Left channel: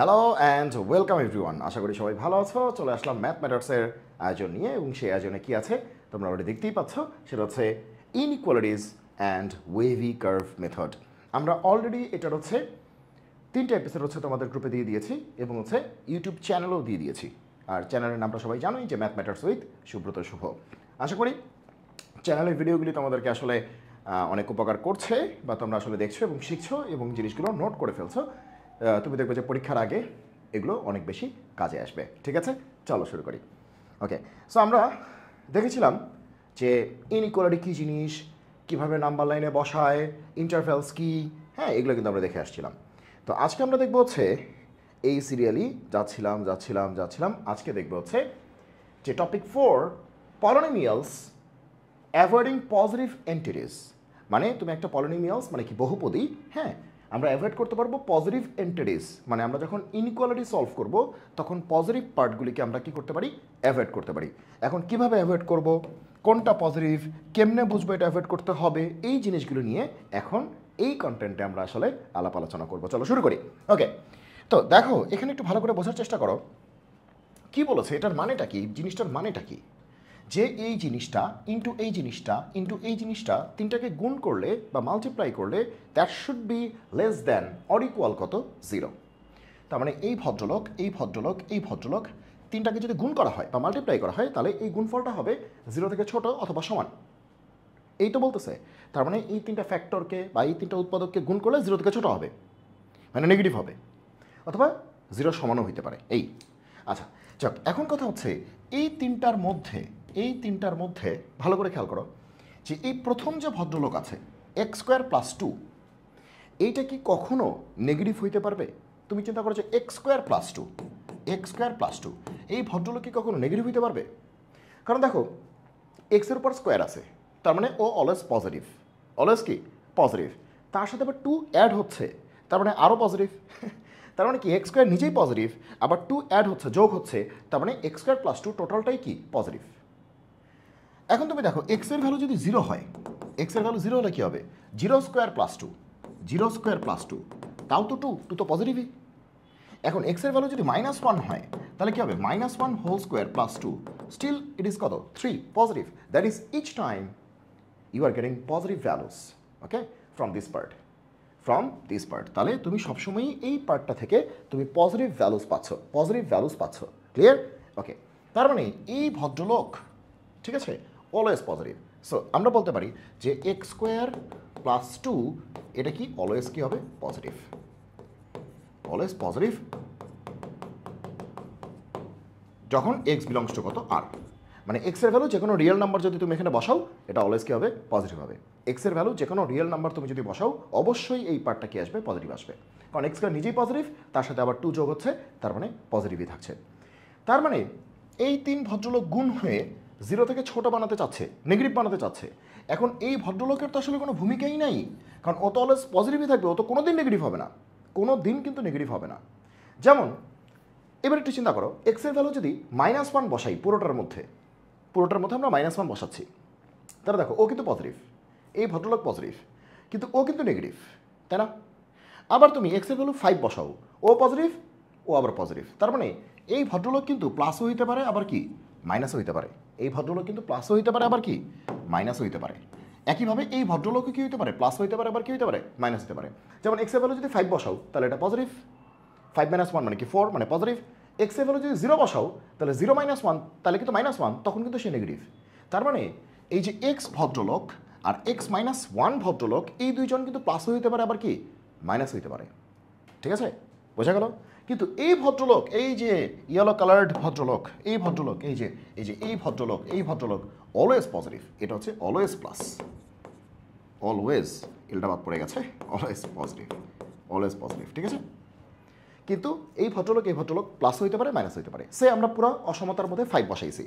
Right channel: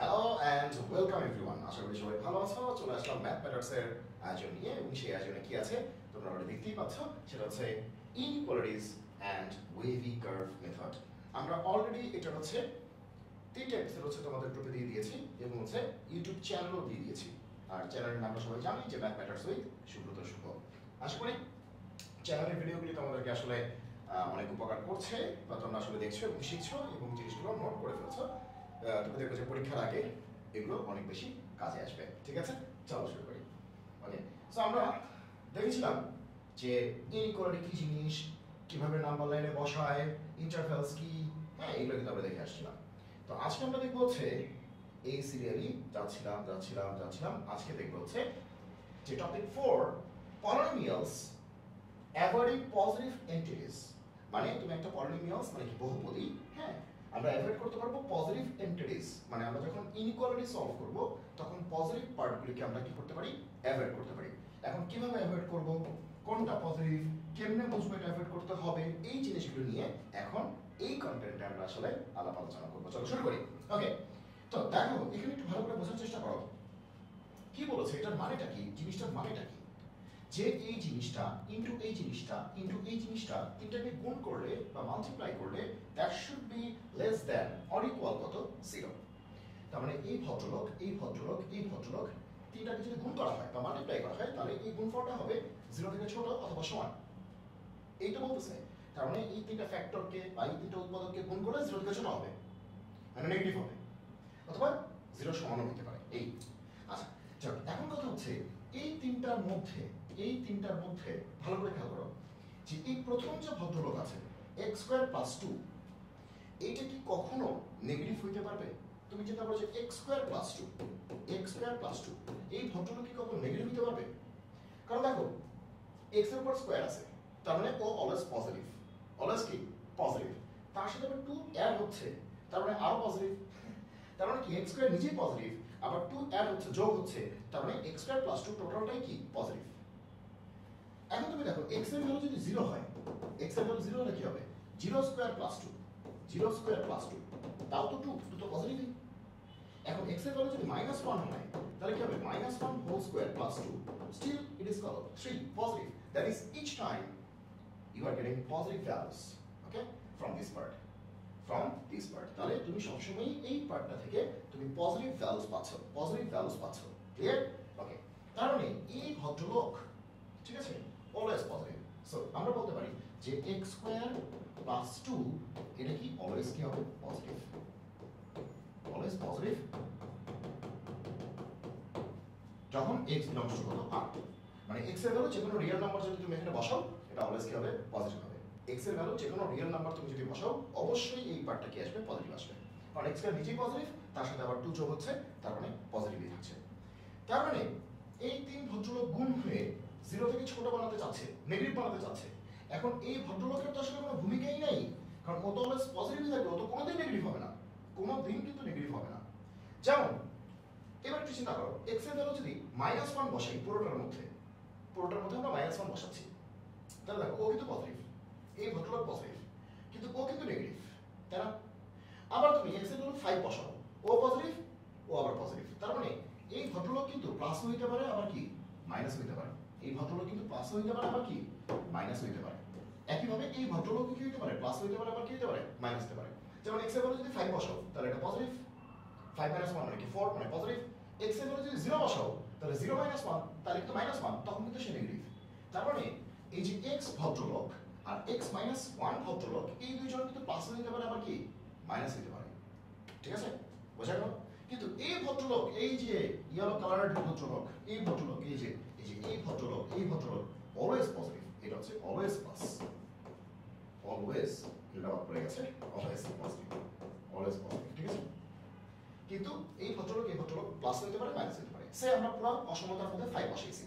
Hello and welcome everyone. আশা করি সবাই ভালো আছো। চলে আসলাম ম্যাথ ম্যাটার্সের আয়োজন নিয়ে, এবং সেই আয়োজনে কি আছে তোমরা অলরেডি দেখতেই পাচ্ছ। সেটা হচ্ছে inequalities and wavy curve method. আমরা অলরেডি এটার হচ্ছে 3টা এপিসোড হচ্ছে তোমাদের গ্রুপে দিয়ে দিয়েছি, এবং হচ্ছে ইউটিউব চ্যানেলও দিয়ে দিয়েছি। আর চ্যানেলের নামটা সবাই জানোই, যে ম্যাথ ম্যাটার্স উইথ সুব্রত শুভ। আশা করি চ্যানেলের ভিডিওগুলি তোমাদেরকে আসলে অনেক উপকার করছে, বা তোমরা আসলে দেখছো এবং শিখছো এবং জিনিসগুলো নোট করে ফেলছো। তুমি দেখবে যে পরীক্ষার আগে এগুলো অনেক বেশি কাজে আসবে। ঠিক আছে, চলো শুরু করি। ওকে, সো আমরা দেখেছিলাম যে ইনইকুয়ালিটি কী জিনিস, কীভাবে নাম্বার লাইনে বসায়, ইন্টারভ্যালস কী, হ্যাঁ এগুলো কিন্তু আমরা দেখে আসছিলাম। তো আজকে আমরা দেখবো হচ্ছে এই সিরিয়ালি যাচ্ছিলাম আজকে দেখবো হচ্ছে যে topic 4, polynomials avoiding positive entities. মানে তুমি একটা পলিনোমিয়ালস মানে কি বহুপদী, হ্যাঁ আমরা অ্যাভয়েড করতে পারবো পজিটিভ এন্টিটিস। মানে আমরা যখন ইনইকুয়ালিটি সলভ করব তখন পজিটিভ পার্টগুলিকে আমরা কি করতে পারি, অ্যাভয়েড করতে পারি। এখন কিভাবে অ্যাভয়েড করব, কোনটা পজিটিভ, কেমনে বুঝবো এটা অ্যাভয়েড করতে হবে, এই জিনিসগুলো নিয়ে এখন এই কন্টেন্টে আমরা আসলে আলাপ আলোচনা করবো। চলো শুরু করি। ওকে, তো দেখো এখানে একটু ভালো করে বোঝার চেষ্টা করো কি বলেছে, এটার মানেটা কি, জিনিসটার মানেটা কি। যে এই জিনিসটা ইন্টু এই জিনিসটা ইন্টু এই জিনিসটা তিনটাকে গুণ করলে বা মাল্টিপ্লাই করলে that should be less than or equal কত, 0। তার মানে এই ভদ্রলোক তিনটাকে যদি গুণ করা হয় বা মাল্টিপ্লাই করা হয়, তাহলে এই গুণফলটা হবে 0 থেকে ছোট অথবা সমান। এই তো বলতেছে। তার মানে এই তিনটা ফ্যাক্টরকে বা এই তিনটা উৎপাদককে গুণ করলে 0 থেকে ছোট হবে, মানে নেগেটিভ হবে, অথবা 0 সমানও হইতে পারে। এই আচ্ছা যাক, এখন কথা হচ্ছে এই তিনটার মধ্যে ভালো করে খেয়াল করো যে এই প্রথম যে ভদ্রলোক আছে x² + 2, এইটা কি কখনো নেগেটিভ হইতে পারবে? তুমি চিন্তা করো যে x² + 2 এই ভদ্রলোক কি কখনো নেগেটিভ হইতে পারবে? কারণ দেখো এক্সের উপর স্কোয়ার আছে, তার মানে ও অলওয়েজ পজিটিভ, অলওয়েজ কি পজিটিভ। তার সাথে আবার 2 অ্যাড হচ্ছে, তার মানে আরও পজিটিভ। তার মানে কি x² নিজেই পজিটিভ, আবার 2 অ্যাড হচ্ছে, যোগ হচ্ছে, তার মানে x² + 2 টোটালটাই কি পজিটিভ। এখন তুমি দেখো এক্স এর ভ্যালু যদি 0 হয়, এক্স এর ভ্যালু 0 হলে কি হবে, 0² + 2 তাও তো 2 তো পজিটিভই। এখন এক্স এর ভ্যালু যদি -1 হয়, তাহলে কি হবে, -1² + 2 স্টিল ইট ইজ কত, 3 positive. That is each time you are getting positive values, okay, from this part. তাহলে তুমি সবসময়ই এই পার্টটা থেকে তুমি পজিটিভ ভ্যালুস পাচ্ছ। ক্লিয়ার? ওকে, তার মানে এই ভদ্রলোক, ঠিক আছে, অলওয়েজ পজিটিভ। সো আমরা বলতে পারি যে x² + 2 এটা কি অলওয়েজ কি হবে, পজিটিভ, অলওয়েজ পজিটিভ যখন x বিলংস টু কত, r। মানে x এর ভ্যালু যে কোনো রিয়েল নাম্বার যদি তুমি এখানে বসাও, এটা অলওয়েজ কি হবে, পজিটিভ হবে। x এর ভ্যালু যে কোনো রিয়েল নাম্বার তুমি যদি বসাও, অবশ্যই এই পার্টটা কি আসবে, পজিটিভ আসবে। কারণ x² নিজেই পজিটিভ, তার সাথে আবার 2 যোগ হচ্ছে, তার মানে পজিটিভই থাকছে। তার মানে এই 3 ভদ্রলোক গুণ হয়ে 0 থেকে ছোট বানাতে চাচ্ছে, নেগেটিভ বানাতে চাচ্ছে। এখন এই ভদ্রলোকের তো আসলে কোনো ভূমিকাই নাই, কারণ ও তো অলওয়েজ পজিটিভই থাকবে, ও তো কোনো দিন নেগেটিভ হবে না, কোনো দিন কিন্তু নেগেটিভ হবে না। যেমন এবার একটু চিন্তা করো, এক্স এর ভ্যালু যদি -1 বসাই, পুরোটার মধ্যে আমরা -1 বসাচ্ছি, তাহলে দেখো ও কিন্তু পজিটিভ, এই ভদ্রলোক পজিটিভ, কিন্তু ও কিন্তু নেগেটিভ, তাই না? আবার তুমি এক্স এর ভ্যালু 5 বসাও, ও পজিটিভ, ও আবার পজিটিভ। তার মানে এই ভদ্রলোক কিন্তু প্লাসও হইতে পারে, আবার কি মাইনাসও হইতে পারে। এই ভদ্রলোক কিন্তু প্লাসও হইতে পারে, আবার কি মাইনাসও হইতে পারে। একইভাবে এই ভদ্রলোকও কি হইতে পারে, প্লাস হইতে পারে, আবার কি হইতে পারে, মাইনাস হতে পারে। যেমন এক্স এর ভ্যালু যদি 5 বসাও, তাহলে এটা পজিটিভ, 5 - 1 মানে কি 4, মানে পজিটিভ। এক্স এর ভ্যালু যদি 0 বসাও, তাহলে 0 - 1 তাহলে কিন্তু -1, তখন কিন্তু সে নেগেটিভ। তার মানে এই যে এক্স ভদ্রলোক আর x-1 ভদ্রলোক, এই দুইজন কিন্তু প্লাসও হইতে পারে, আবার কি মাইনাস হইতে পারে। ঠিক আছে, বোঝা গেল? কিন্তু এই ভদ্রলোক, এই যে ইয়েলো কালার্ড ভদ্রলোক, এই ভদ্রলোক অলওয়েজ পজিটিভ। এটা হচ্ছে অলওয়েজ প্লাস, অলওয়েজ, এলটা বাদ পড়ে গেছে, অলওয়েজ পজিটিভ, ঠিক আছে। কিন্তু এই ভদ্রলোক প্লাস হইতে পারে, মাইনাস হইতে পারে। সে আমরা পুরো অসমতার মধ্যে 5 বসাইছি,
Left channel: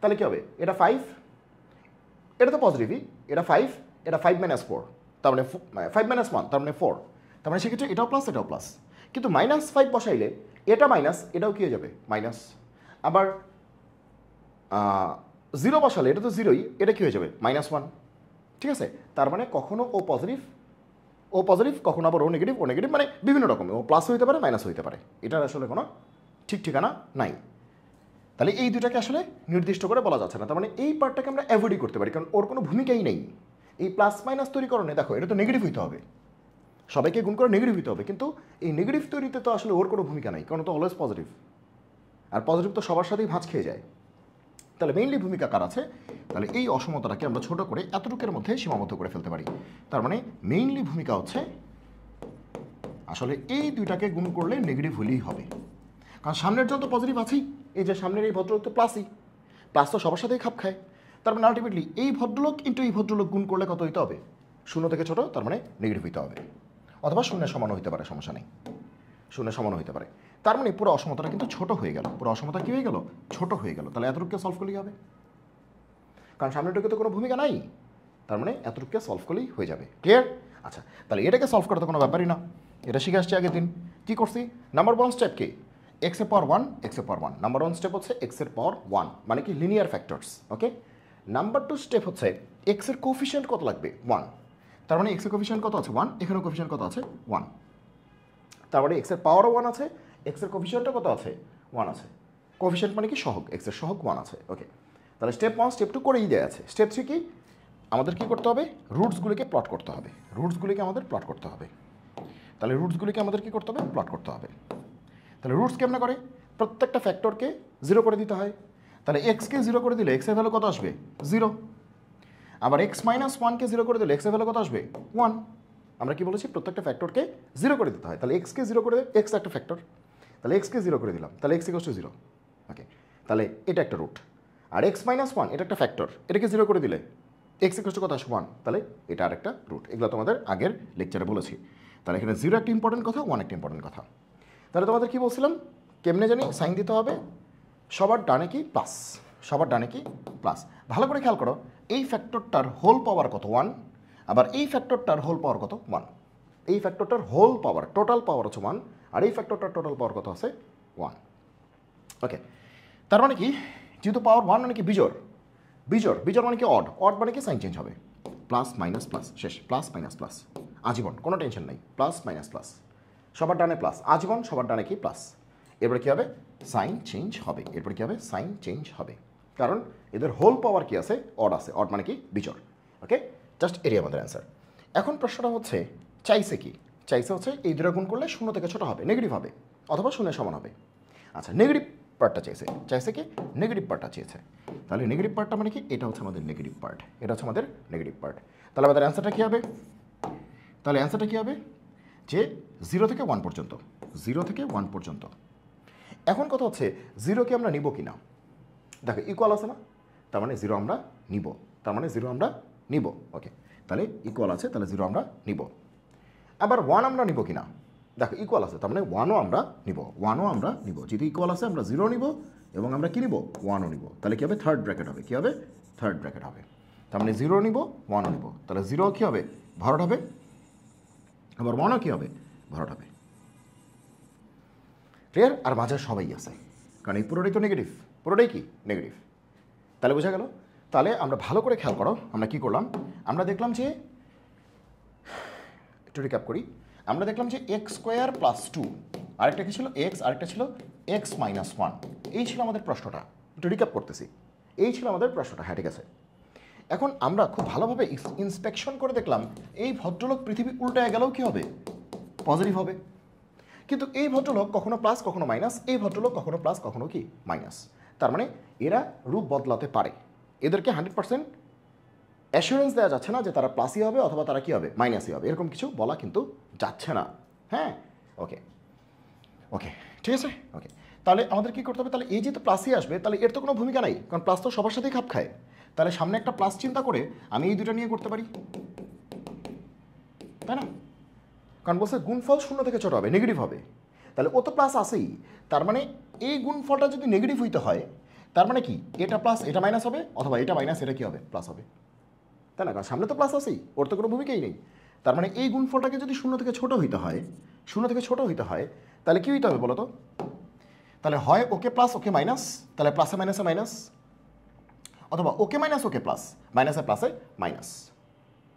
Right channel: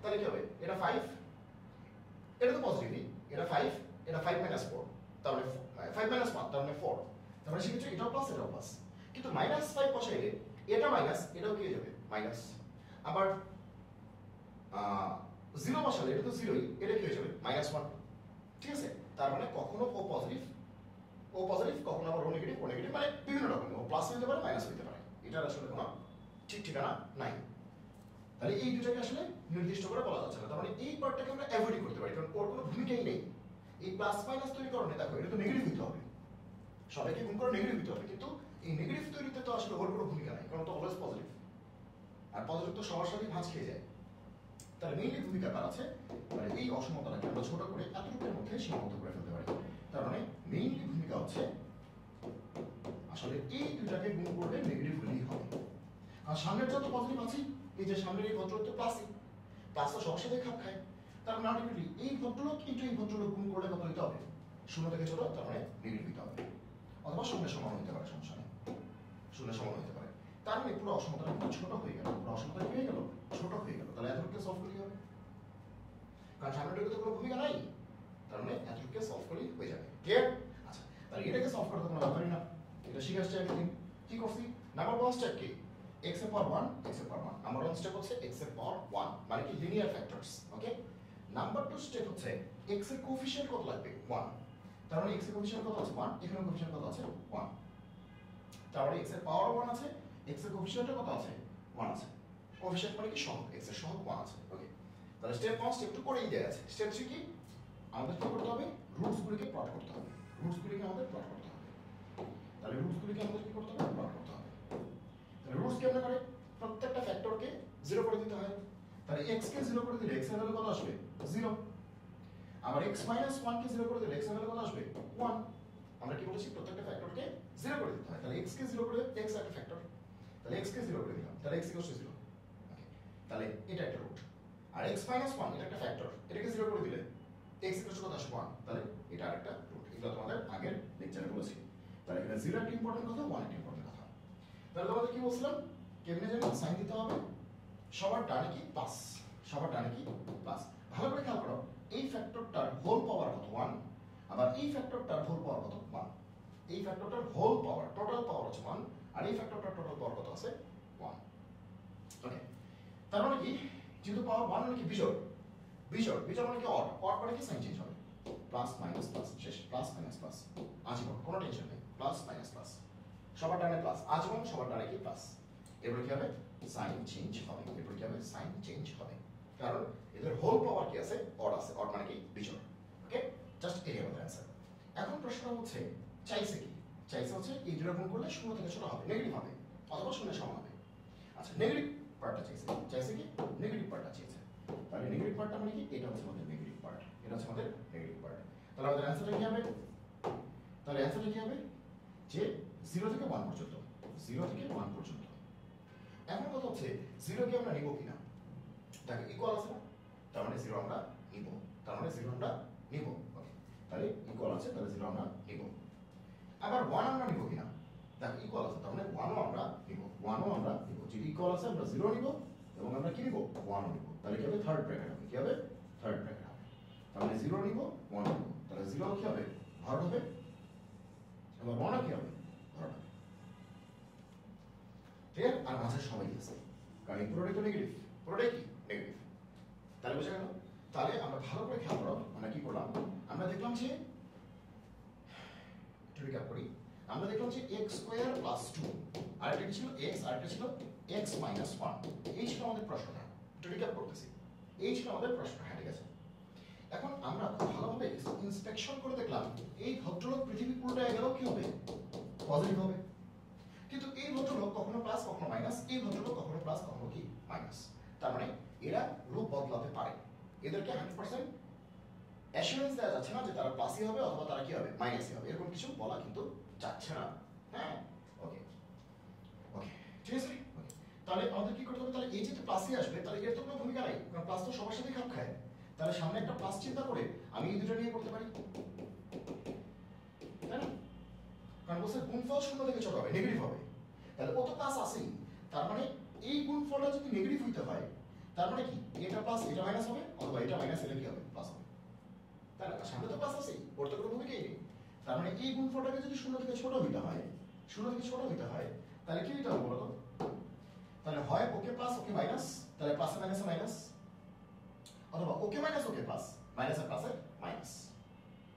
তাহলে কি হবে, এটা 5, এটা তো পজিটিভই, এটা 5, এটা 5 - 4, তার মানে 5 - 1 তার মানে 4, তার মানে সেক্ষেত্রে এটাও প্লাস, এটাও প্লাস। কিন্তু -5 বসাইলে এটা মাইনাস, এটাও কি হয়ে যাবে, মাইনাস। আবার 0 বসালে এটা তো 0ই, এটা কি হয়ে যাবে, -1, ঠিক আছে। তার মানে কখনো ও পজিটিভ, ও পজিটিভ, কখনো আবার ও নেগেটিভ মানে বিভিন্ন রকম, ও প্লাস হইতে পারে মাইনাস হইতে পারে, এটার আসলে কোনো ঠিক ঠিকানা নাই। তাহলে এই দুটাকে আসলে নির্দিষ্ট করে বলা যাচ্ছে না, তার মানে এই পার্টটাকে আমরা অ্যাভয়েডই করতে পারি, কারণ ওর কোনো ভূমিকাই নেই। এই প্লাস মাইনাস তৈরিকরণে দেখো এটা তো নেগেটিভ হইতে হবে, সবাইকে গুণ করে নেগেটিভ হইতে হবে, কিন্তু এই নেগেটিভ তৈরিতে তো আসলে ওর কোনো ভূমিকা নাই, কারণ তো অলওয়েজ পজিটিভ, আর পজিটিভ তো সবার সাথেই ভাঁজ খেয়ে যায়। তাহলে মেইনলি ভূমিকা কার আছে? তাহলে এই অসমতাটাকে আমরা ছোট করে এতটুকের মধ্যে সীমাবদ্ধ করে ফেলতে পারি। তার মানে মেইনলি ভূমিকা হচ্ছে আসলে এই দুইটাকে গুণ করলে নেগেটিভ হলেই হবে, কারণ সামনের জন তো পজিটিভ আছেই, এই যে সামনের এই ভদ্রলোক তো প্লাসই, প্লাস তো সবার সাথেই খাপ খায়। তার মানে আলটিমেটলি এই ভদ্রলোক ইন্টু এই ভদ্রলোক গুণ করলে কত হইতে হবে? শূন্য থেকে ছোট, তার মানে নেগেটিভ হইতে হবে, অথবা শূন্যের সমান হইতে পারে, সমস্যা নেই, শূন্যের সমান হইতে পারে। তার মানে পুরো অসমতাটা কিন্তু ছোট হয়ে গেল, পুরো অসমতা কি হয়ে গেল? ছোট হয়ে গেল। তাহলে এতটুকুকে সলভ করলেই হবে, কারণ সামনেটুকে তো কোনো ভূমিকা নাই, তার মানে এতটুকুকে সলভ করলেই হয়ে যাবে। ক্লিয়ার? আচ্ছা, তাহলে এটাকে সলভ করা তো কোনো ব্যাপারই না, এটা শিখে আসছি আগের দিন। কী করছি? নাম্বার ওয়ান স্টেপ কি? এক্স এর পাওয়ার ওয়ান, এক্স এর power one. Number one step হচ্ছে এক্স এর পাওয়ার ওয়ান, মানে কি লিনিয়ার ফ্যাক্টরস। ওকে, নাম্বার টু স্টেপ হচ্ছে এক্স এর কোফিশিয়েন্ট কত লাগবে? ওয়ান। তার মানে এক্স এর কোফিশিয়েন্ট কত আছে? ওয়ান। এখানে কোফিশিয়েন্ট কত আছে? ওয়ান। তার মানে এক্স এর পাওয়ারও ওয়ান আছে, এক্স এর কোফিশিয়েন্টও কত আছে? ওয়ান আছে। কোফিশিয়েন্ট মানে কি? সহগ, এক্স এর সহগ ওয়ান আছে। ওকে, তাহলে স্টেপ ওয়ান স্টেপ টু করেই দেওয়া আছে। স্টেপ থ্রি কি? আমাদের কী করতে হবে? রুটসগুলিকে প্লট করতে হবে, রুটসগুলিকে আমাদের প্লট করতে হবে। তাহলে রুটসগুলিকে আমাদের কী করতে হবে? প্লট করতে হবে। তাহলে রুটস কেমনে করে? প্রত্যেকটা ফ্যাক্টরকে জিরো করে দিতে হয়। তাহলে এক্সকে জিরো করে দিলে এক্সের ভ্যালু কত আসবে? জিরো। আবার এক্স মাইনাস ওয়ানকে জিরো করে দিলে এক্সের ভ্যালু কত আসবে? ওয়ান। আমরা কি বলেছি? প্রত্যেকটা ফ্যাক্টরকে জিরো করে দিতে হয়। তাহলে এক্সকে জিরো করে, এক্স একটা ফ্যাক্টর, তাহলে এক্সকে জিরো করে দিলাম, তাহলে এক্স ইকুয়ালস টু জিরো। ওকে, তাহলে এটা একটা রুট। আর এক্স মাইনাস ওয়ান এটা একটা ফ্যাক্টর, এটাকে জিরো করে দিলে এক্স ইকুয়ালস টু কত আসবে? ওয়ান, তাহলে এটা আর একটা রুট। এগুলো তোমাদের আগের লেকচারে বলেছি। তাহলে এখানে জিরো একটা ইম্পর্টেন্ট কথা, ওয়ান একটা ইম্পর্টেন্ট কথা। তাহলে তোমাদের কি বলছিলাম? কেমনে জানি সাইন দিতে হবে? সবার ডানে কি প্লাস, সবার ডানে কি প্লাস। ভালো করে খেয়াল করো, এই ফ্যাক্টরটার হোল পাওয়ার কত? ওয়ান। আবার এই ফ্যাক্টরটার হোল পাওয়ার কত? ওয়ান। এই ফ্যাক্টরটার হোল পাওয়ার, টোটাল পাওয়ার হচ্ছে ওয়ান, আর এই ফ্যাক্টরটার টোটাল পাওয়ার কত আছে? ওয়ান। ওকে, তার মানে কি? যেহেতু পাওয়ার ওয়ান মানে কি বিজোড়, বিজোড়, বিজোড় মানে কি অড, অড মানে কি সাইন চেঞ্জ হবে, প্লাস মাইনাস প্লাস, শেষ, প্লাস মাইনাস প্লাস, আজীবন, কোনো টেনশন নাই, প্লাস মাইনাস প্লাস, সবার ডানে প্লাস, আজীবন সবার ডানে কি প্লাস। এরপরে কী হবে? সাইন চেঞ্জ হবে। এরপরে কী হবে? সাইন চেঞ্জ হবে, কারণ এদের হোল পাওয়ার কি আছে? অড আছে। অড মানে কি? বিজোড়। ওকে, জাস্ট এরিয়া আমাদের অ্যান্সার। এখন প্রশ্নটা হচ্ছে চাইছে কি? চাইছে হচ্ছে এই দুটো গুণ করলে শূন্য থেকে ছোটো হবে, নেগেটিভ হবে, অথবা শূন্যের সমান হবে। আচ্ছা, নেগেটিভ পার্টটা চাইছে, চাইছে কি? নেগেটিভ পার্টটা চেয়েছে। তাহলে নেগেটিভ পার্টটা মানে কি? এটা হচ্ছে আমাদের নেগেটিভ পার্ট, এটা হচ্ছে আমাদের নেগেটিভ পার্ট। তাহলে আমাদের অ্যান্সারটা কী হবে? তাহলে অ্যান্সারটা কী হবে? যে জিরো থেকে ওয়ান পর্যন্ত, জিরো থেকে ওয়ান পর্যন্ত। এখন কথা হচ্ছে জিরোকে আমরা নিব কি না? দেখো ইকুয়াল আছে না, তার মানে জিরো আমরা নিব, তার মানে জিরো আমরা নিব। ওকে, তাহলে ইকুয়াল আছে, তাহলে জিরো আমরা নিব। আবার ওয়ান আমরা নিব কি না? দেখো ইকুয়াল আছে, তার মানে ওয়ানও আমরা নিব, ওয়ানও আমরা নিব। যেহেতু ইকুয়াল আছে আমরা জিরো নিব এবং আমরা কী নিব? ওয়ানও নিব। তাহলে কী হবে? থার্ড ব্র্যাকেট হবে। কী হবে? থার্ড ব্র্যাকেট হবে। তার মানে জিরো নিব, ওয়ানও নিব, তাহলে জিরো কী হবে? ভরট হবে, আবার ওয়ানও কী হবে? ভরট হবে। ক্লিয়ার? আর মাঝে সবাই আছে, কারণ এই পুরোটাই তো নেগেটিভ, পুরোটাই কি? নেগেটিভ। তাহলে বোঝা গেল? তাহলে আমরা ভালো করে খেয়াল করো, আমরা কি করলাম? আমরা দেখলাম যে, একটু রিক্যাপ করি, আমরা দেখলাম যে এক্স স্কোয়ার প্লাস টু, আরেকটা কি ছিল? এক্স, আরেকটা ছিল এক্স মাইনাস ওয়ান। এই ছিল আমাদের প্রশ্নটা, একটু রিক্যাপ করতেছি, এই ছিল আমাদের প্রশ্নটা। হ্যাঁ, ঠিক আছে। এখন আমরা খুব ভালোভাবে ইন্সপেকশন করে দেখলাম এই ভদ্রলোক পৃথিবী উল্টায় গেলেও কী হবে? পজিটিভ হবে। কিন্তু এই ভদ্রলোক কখনো প্লাস কখনো মাইনাস, এই ভদ্রলোক কখনো প্লাস কখনো কি মাইনাস। তার মানে এরা রূপ বদলাতে পারে, এদেরকে 100% অ্যাসুরেন্স দেওয়া যাচ্ছে না যে তারা প্লাসই হবে অথবা তারা কী হবে? মাইনাসই হবে, এরকম কিছু বলা কিন্তু যাচ্ছে না। হ্যাঁ, ওকে ওকে, ঠিক আছে। ওকে, তাহলে আমাদের কী করতে হবে? তাহলে এই যেহেতু প্লাসই আসবে, তাহলে এর তো কোনো ভূমিকা নাই, কারণ প্লাস তো সবার সাথেই খাপ খায়। তাহলে সামনে একটা প্লাস চিন্তা করে আমি এই দুটো নিয়ে করতে পারি, তাই না? কারণ বলছে গুণফল শূন্য থেকে ছোট হবে, নেগেটিভ হবে। তাহলে ও তো প্লাস আসেই, তার মানে এই গুণফলটা যদি নেগেটিভ হইতে হয়, তার মানে কি? এটা প্লাস এটা মাইনাস হবে, অথবা এটা মাইনাস এটা কী হবে? প্লাস হবে, তাই না? কারণ সামনে তো প্লাস আসেই, ওর তো কোনো ভূমিকাই নেই। তার মানে এই গুণফলটাকে যদি শূন্য থেকে ছোট হইতে হয়, শূন্য থেকে ছোট হইতে হয়, তাহলে কী হইতে হবে বলো তো? তাহলে হয় ওকে প্লাস ওকে মাইনাস, তাহলে প্লাসে মাইনাসে মাইনাস, অথবা ওকে মাইনাস ওকে প্লাস, মাইনাসে প্লাসে মাইনাস,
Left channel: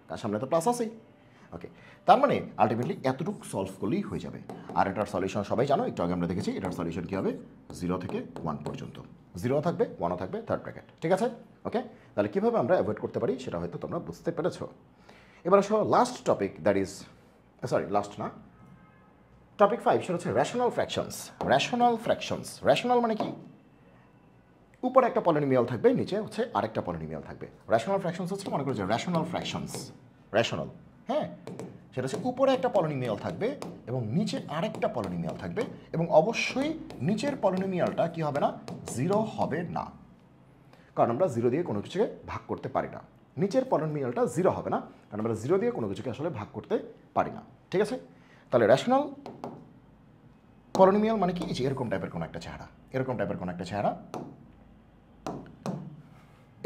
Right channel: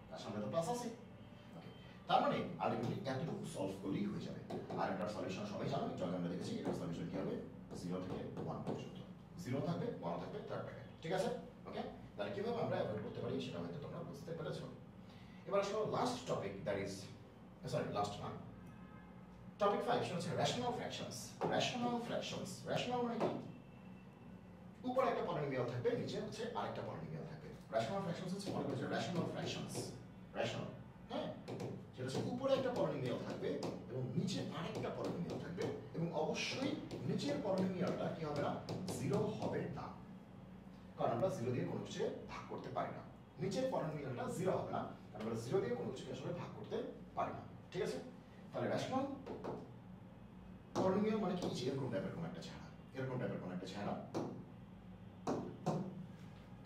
তার সামনে তো প্লাস আসেই। ওকে, তার মানে আলটিমেটলি এতটুকু সলভ করলেই হয়ে যাবে। আর এটার সলিউশন সবাই জানো, একটু আগে আমরা দেখেছি এটার সলিউশন কী হবে, 0 থেকে 1 পর্যন্ত, 0 থাকবে 1ও থাকবে থার্ড ব্র্যাকেট, ঠিক আছে? ওকে, তাহলে কীভাবে আমরা অ্যাভয়েড করতে পারি সেটা হয়তো তোমরা বুঝতে পেরেছো। এবার আসো last topic, that is last না, টপিক 5, সেটা হচ্ছে rational fractions. Rational fractions, rational মানে কি? উপরে একটা পলিনোমিয়াল থাকবে, নিচে হচ্ছে আরেকটা পলিনোমিয়াল থাকবে। রেশনাল ফ্র্যাকশনস হচ্ছে, মনে করো যে রেশনাল ফ্র্যাকশনস, রেশনাল, হ্যাঁ, সেটা হচ্ছে উপরে একটা পলিনোমিয়াল থাকবে এবং নিচে আরেকটা পলিনোমিয়াল থাকবে, এবং অবশ্যই নিচের পলিনোমিয়ালটা কি হবে না, 0 হবে না, কারণ আমরা 0 দিয়ে কোনো কিছুকে ভাগ করতে পারি না। নিচের পলিনোমিয়ালটা 0 হবে না, কারণ আমরা 0 দিয়ে কোনো কিছুকে আসলে ভাগ করতে পারি না, ঠিক আছে? তাহলে রেশনাল পলিনোমিয়াল মানে কি, এরকম টাইপের কোনো একটা চেহারা, এরকম টাইপের কোনো একটা চেহারা,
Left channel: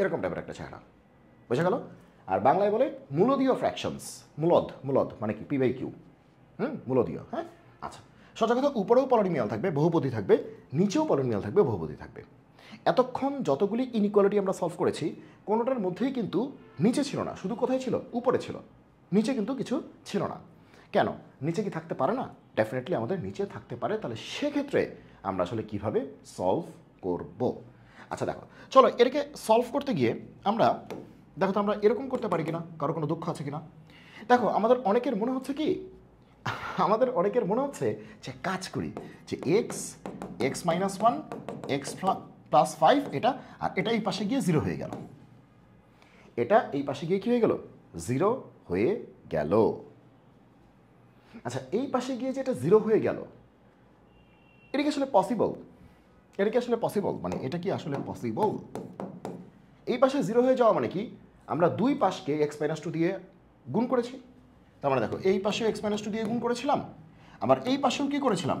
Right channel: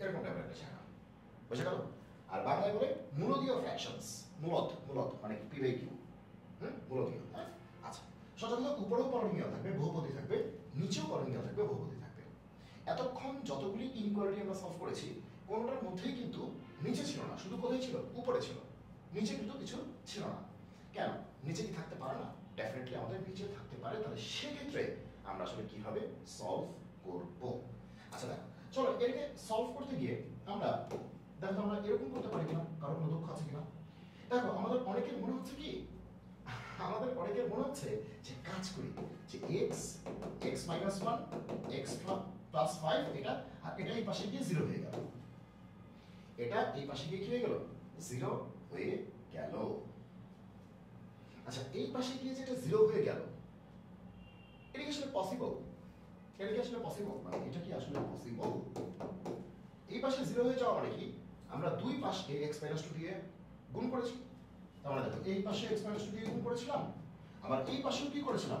এরকম টাইপের একটা চেহারা, বোঝা গেল? আর বাংলায় বলে মূলদীয় ফ্র্যাকশনস, মূলদ মানে কি, P/Q, মূলদীয়, হ্যাঁ। আচ্ছা, সোজা কথা, উপরেও পলিনোমিয়াল থাকবে, বহুপদী থাকবে, নিচেও পলিনোমিয়াল থাকবে, বহুপদী থাকবে। এতক্ষণ যতগুলি ইনইকুয়ালিটি আমরা সলভ করেছি, কোনোটার মধ্যেই কিন্তু নিচে ছিল না, শুধু কোথায় ছিল, উপরে ছিল, নিচে কিন্তু কিছু ছিল না। কেন নিচে কি থাকতে পারে না? ডেফিনেটলি আমাদের নিচে থাকতে পারে। তাহলে সেক্ষেত্রে আমরা আসলে কিভাবে সলভ করব? আচ্ছা দেখো, চলো এটাকে সলভ করতে গিয়ে আমরা দেখো তো আমরা এরকম করতে পারি কিনা, কারো কোনো দুঃখ আছে কিনা। দেখো আমাদের অনেকের মনে হচ্ছে কি, আমাদের অনেকের মনে হচ্ছে যে কাজ করি, যে এক্স মাইনাস 1 এক্স প্লাস 5 এটা, আর এটা এই পাশে গিয়ে 0 হয়ে গেল, এটা এই পাশে গিয়ে কি হয়ে গেল, 0 হয়ে গেল। আচ্ছা, এই পাশে গিয়ে যে এটা 0 হয়ে গেল, এটা কি আসলে পসিবল? এটা কি আসলে পসিবল? মানে এটা কি আসলে পসিবল? এই পাশে 0 হয়ে যাওয়া মানে কি, আমরা দুই পাশকে x-2 দিয়ে গুণ করেছি। তার মানে দেখো, এই পাশে x-2 দিয়ে গুণ করেছিলাম, আবার এই পাশেও কি করেছিলাম,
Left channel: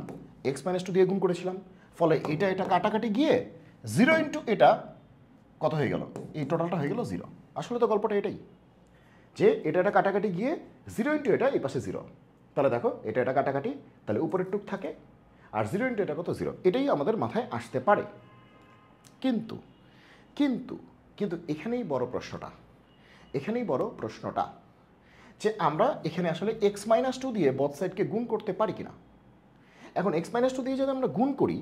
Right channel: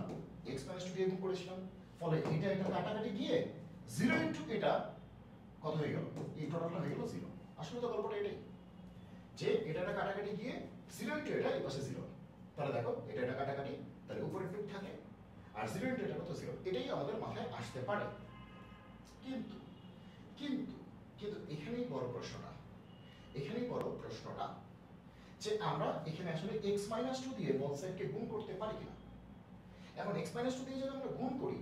x-2 দিয়ে গুণ করেছিলাম। ফলে এটা এটা কাটাকাটি গিয়ে 0 ইন্টু এটা কত হয়ে গেল, এই টোটালটা হয়ে গেল 0। আসলে তো গল্পটা এটাই, যে এটা এটা কাটাকাটি গিয়ে 0 ইন্টু এটা এই পাশে 0। তাহলে দেখো, এটা এটা কাটাকাটি, তাহলে উপরের টুক থাকে, আর 0 ইন্টু এটা কত, 0। এটাই আমাদের মাথায় আসতে পারে। কিন্তু কিন্তু কিন্তু এখানেই বড় প্রশ্নটা, যে আমরা এখানে আসলে x-2 দিয়ে বোথ সাইডকে গুণ করতে পারি কিনা। এখন x-2 দিয়ে যদি আমরা গুণ করি,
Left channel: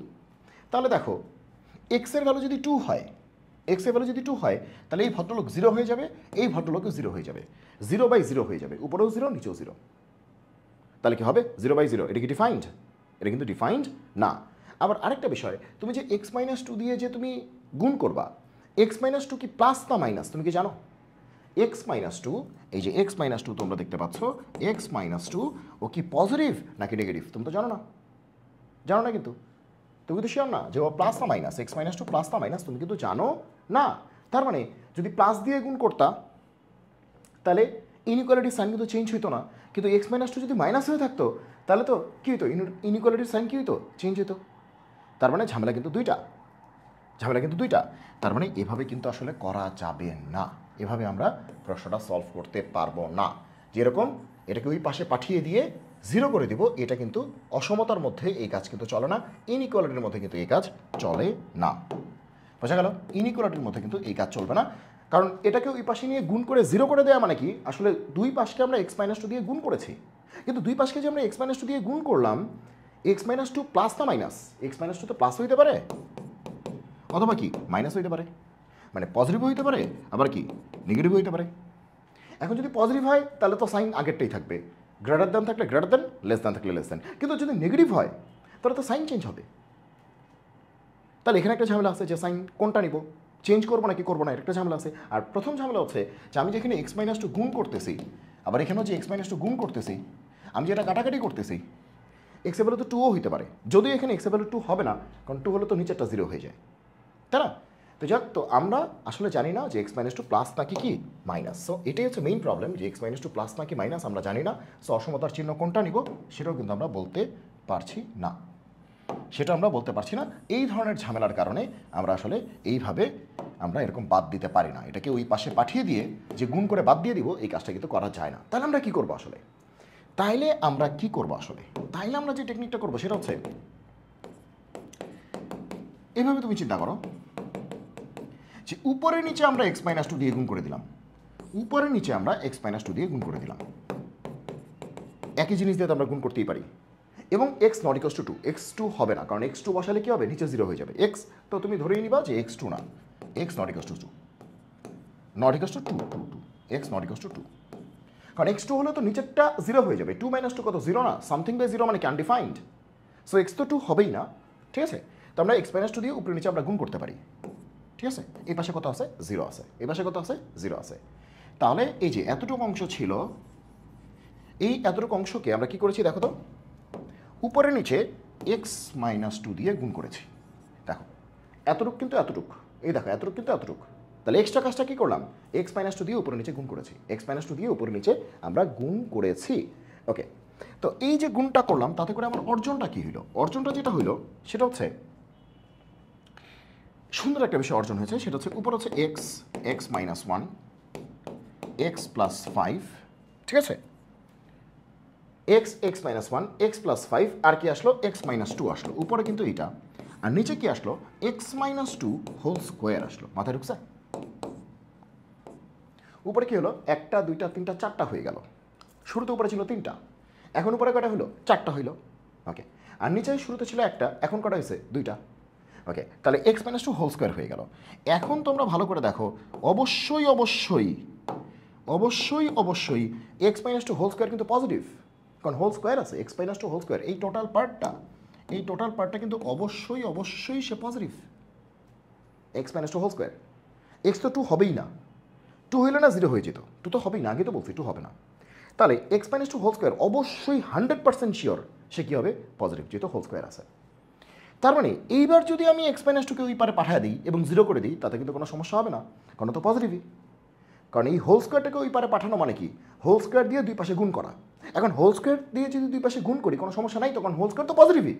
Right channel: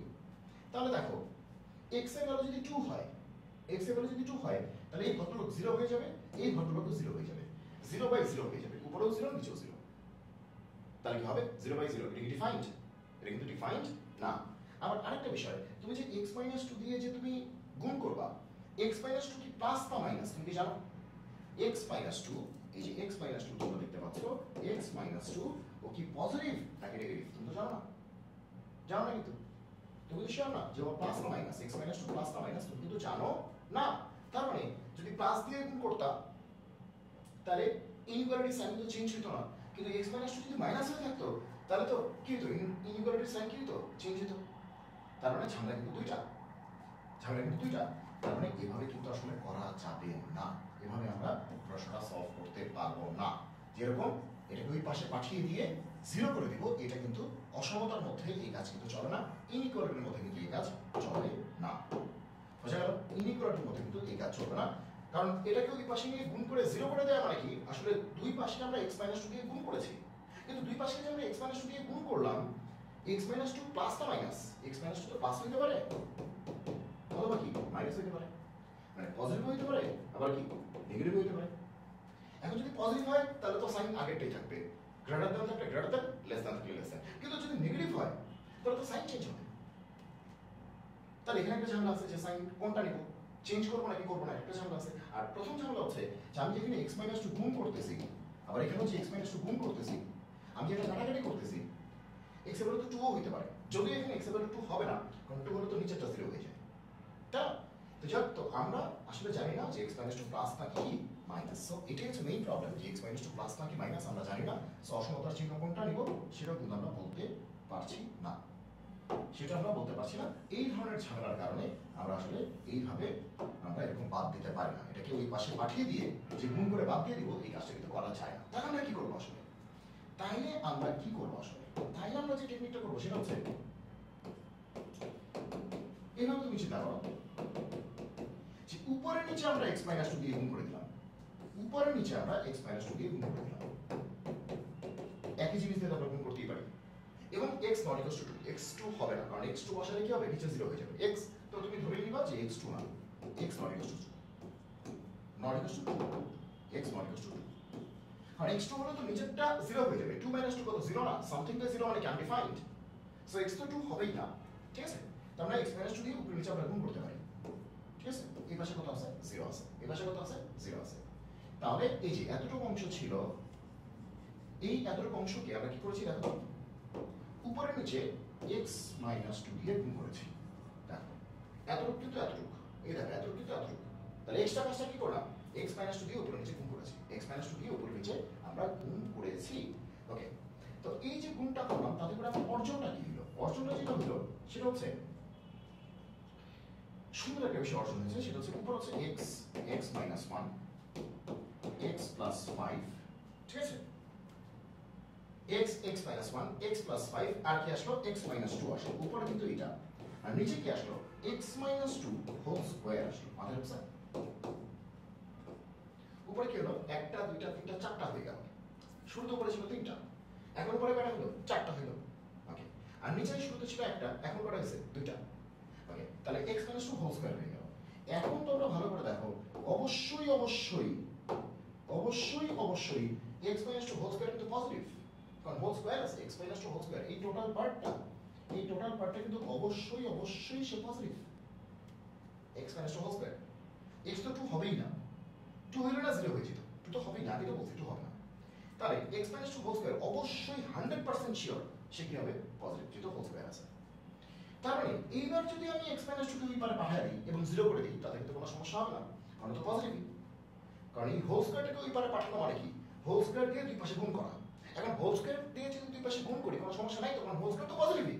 তাহলে দেখো x এর ভ্যালু যদি 2 হয়, তাহলে এই ভদ্রলোক 0 হয়ে যাবে, এই ভদ্রলোকও 0 হয়ে যাবে, 0/0 হয়ে যাবে, উপরেও 0 নিচেও 0। তাহলে কি হবে, 0/0। এটা কি ডিফাইন্ড? এটা কিন্তু ডিফাইন্ড না। আবার আরেকটা বিষয়, তুমি যে x-2 দিয়ে যে তুমি গুণ করবা, x-2 কি প্লাস না মাইনাস, তুমি কি জানো? x-2, এই যে x-2 তোমরা দেখতে পাচ্ছ, x-2 ও কি পজিটিভ নাকি নেগেটিভ, তুমি তো জানো না, কিন্তু তুমি তো শিওর না যে ও প্লাস না মাইনাস, x-2 প্লাস না মাইনাস, তুমি কিন্তু জানো না। তার মানে যদি প্লাস দিয়ে গুণ করতা, তাহলে ইনইকুয়ালিটির সাইন কিন্তু চেঞ্জ হইতো না। কিন্তু x-2 যদি মাইনাস হয়ে থাকতো, তাহলে তো কী হতো, ইনইকুয়ালিটির সাইন কী হতো, চেঞ্জ হতো। তার মানে ঝামেলা কিন্তু দুইটা। তার মানে এভাবে কিন্তু আসলে করা যাবে না, এভাবে আমরা প্রশ্নটা সলভ করতে পারবো না। যেরকম এটাকে ওই পাশে পাঠিয়ে দিয়ে 0 করে দিব, এটা কিন্তু অসমতার মধ্যে এই কাজ কিন্তু চলে না, ইনইকুয়ালিটির মধ্যে কিন্তু এই কাজ চলে না। বোঝা গেল? ইনইকুয়ালিটির মধ্যে কিন্তু এই কাজ চলবে না, কারণ এটাকে ওই পাশে নিয়ে গুণ করে 0 করে দেওয়া মানে কি, আসলে দুই পাশকে আমরা x-2 দিয়ে গুণ করেছি, কিন্তু দুই পাশকে যে আমরা x-2 দিয়ে গুণ করলাম, x-2 প্লাস না মাইনাস, x-2 তো প্লাস হইতে পারে অথবা কি মাইনাস হইতে পারে, মানে পজিটিভ হইতে পারে, আবার কি নেগেটিভ হইতে পারে। এখন যদি পজিটিভ হয় তাহলে তো সাইন আগেরটাই থাকবে, গ্রেটার দ্যান থাকলে গ্রেটার দ্যান, লেস দ্যান থাকলে লেস দ্যান। কিন্তু যদি নেগেটিভ হয় তাহলে তো সাইন চেঞ্জ হবে। তাহলে এখানে একটা ঝামেলা আছে যে সাইন কোনটা নিব, চেঞ্জ করবো নাকি করবো না, একটা ঝামেলা আছে। আর প্রথম ঝামেলা হচ্ছে যে আমি যেখানে x-2 গুণ করতেছি, আবার এখানেও যে x-2 গুণ করতেছি, আমি যেটা কাটাকাটি করতেছি, x এর ভ্যালু তো 2ও হইতে পারে, যদিও এখানে x এর ভ্যালু 2 হবে না, কারণ 2 হলে তো নিচেরটা 0 হয়ে যায়, তাই না? তো যাক, তো আমরা আসলে জানি না যে x-2 প্লাস নাকি কি মাইনাস। সো এটাই হচ্ছে মেইন প্রবলেম, যে x-2 প্লাস নাকি মাইনাস আমরা জানি না। সো অসমতার চিহ্ন কোনটা নিব সেটাও কিন্তু আমরা বলতে পারছি না, এই ধরনের ঝামেলার কারণে আমরা আসলে এইভাবে আমরা এরকম বাদ দিতে পারি না, এটাকে ওই পাশে পাঠিয়ে দিয়ে যে গুণ করে বাদ দিয়ে দিব, এই কাজটা কিন্তু করা যায় না। তাহলে আমরা কি করবো আসলে, তাইলে আমরা যে টেকনিকটা করবো সেটা হচ্ছে এইভাবে। তুমি চিন্তা করো যে উপরে নিচে আমরা x-2 দিয়ে গুণ করে দিলাম, একই জিনিস দিয়ে তো আমরা গুণ করতেই পারি। এবং x not equals to two, x two হবে না, কারণ এক্স টু বসালে কী হবে, নিচে 0 হয়ে যাবে। এক্স তো তুমি ধরেই নিবা যে এক্স টু না, x not equals to two, not equals to two two two, x not equals to two, কারণ এক্স টু হলে তো নিচেরটা 0 হয়ে যাবে। 2 - 2 কত, 0 না, সামথিং বাই 0 মানে কি আনডিফাইন্ড। সো এক্স তো 2 হবেই না, ঠিক আছে। তো আমরা এক্স মাইনাস 2 দিয়ে উপরে নিচে আমরা গুণ করতে পারি, ঠিক আছে। এই পাশে কত আছে, 0 আছে, এই পাশে কত আছে, 0 আছে। তাহলে এই যে এতটুকু অংশ ছিল, এই এতটুকু অংশকে আমরা কি করেছি দেখো তো, উপরে নিচে এক্স মাইনাস 2 দিয়ে গুণ করেছি। দেখো এতটুক কিন্তু এতটুক, এই দেখো এতটুক কিন্তু এতটুক। তাহলে এক্সট্রা কাজটা কী করলাম, এক্স মাইনাস 2 দিয়ে উপরে নিচে গুণ করেছি, এক্স মাইনাস 2 দিয়ে উপরে নিচে আমরা গুণ করেছি। ওকে, তো এই যে গুণটা করলাম তাতে করে আমার অর্জনটা কী হইলো, অর্জনটা যেটা হইলো সেটা হচ্ছে সুন্দর একটা বিষয় অর্জন হয়েছে। সেটা হচ্ছে উপরে হচ্ছে x, x minus 1, x plus 5, ঠিক আছে। X, x minus 1, x plus 5, আর কি আসলো, এক্স মাইনাস 2 আসলো। উপরে কিন্তু এটা, আর নিচে কি আসলো, এক্স মাইনাস 2 হোল স্কোয়ার আসলো। মাথায় ঢুকছে? উপরে কি হলো, 1টা 2টা 3টা 4টা হয়ে গেল। শুরুতে উপরে ছিল 3টা, এখন উপরে কটা হলো, 4টা হইলো। ওকে, আর নিচে শুরুতে ছিল 1টা, এখন কটা হয়েছে, 2টা। ওকে, তাহলে এক্স মাইনাস 2 হোল স্কোয়ার হয়ে গেল। এখন তোমরা ভালো করে দেখো, অবশ্যই অবশ্যই অবশ্যই অবশ্যই এক্স মাইনাস 2 হোল স্কোয়ার কিন্তু পজিটিভ, কারণ হোল স্কোয়ার আছে, এক্স মাইনাস 2 হোল স্কোয়ার, এই টোটাল পার্টটা কিন্তু অবশ্যই অবশ্যই সে positive. X minus 2 whole square, X তো 2 হবেই না, 2 হইলে না 0 হয়ে যেত, 2 তো হবেই না, আগে তো বলছি 2 হবে না। তাহলে এক্স মাইনাস 2 হোল স্কোয়ার অবশ্যই 100% শিওর সে কী হবে, পজিটিভ, যেহেতু হোল স্কোয়ার আছে। তার মানে এইবার যদি আমি এক্স মাইনাস 2কে ওই পারে পাঠিয়ে দিই এবং 0 করে দিই, তাতে কিন্তু কোনো সমস্যা হবে না, কারণ তো পজিটিভই। কারণ এই হোল স্কোয়ারটাকে ওই পারে পাঠানো মানে কি, হোল স্কোয়ার দিয়ে দুই পাশে গুণ করা। এখন হোল স্কোয়ার দিয়ে যদি দুই পাশে গুণ করি কোনো সমস্যা নাই, তখন হোল স্কোয়ার তো পজিটিভই,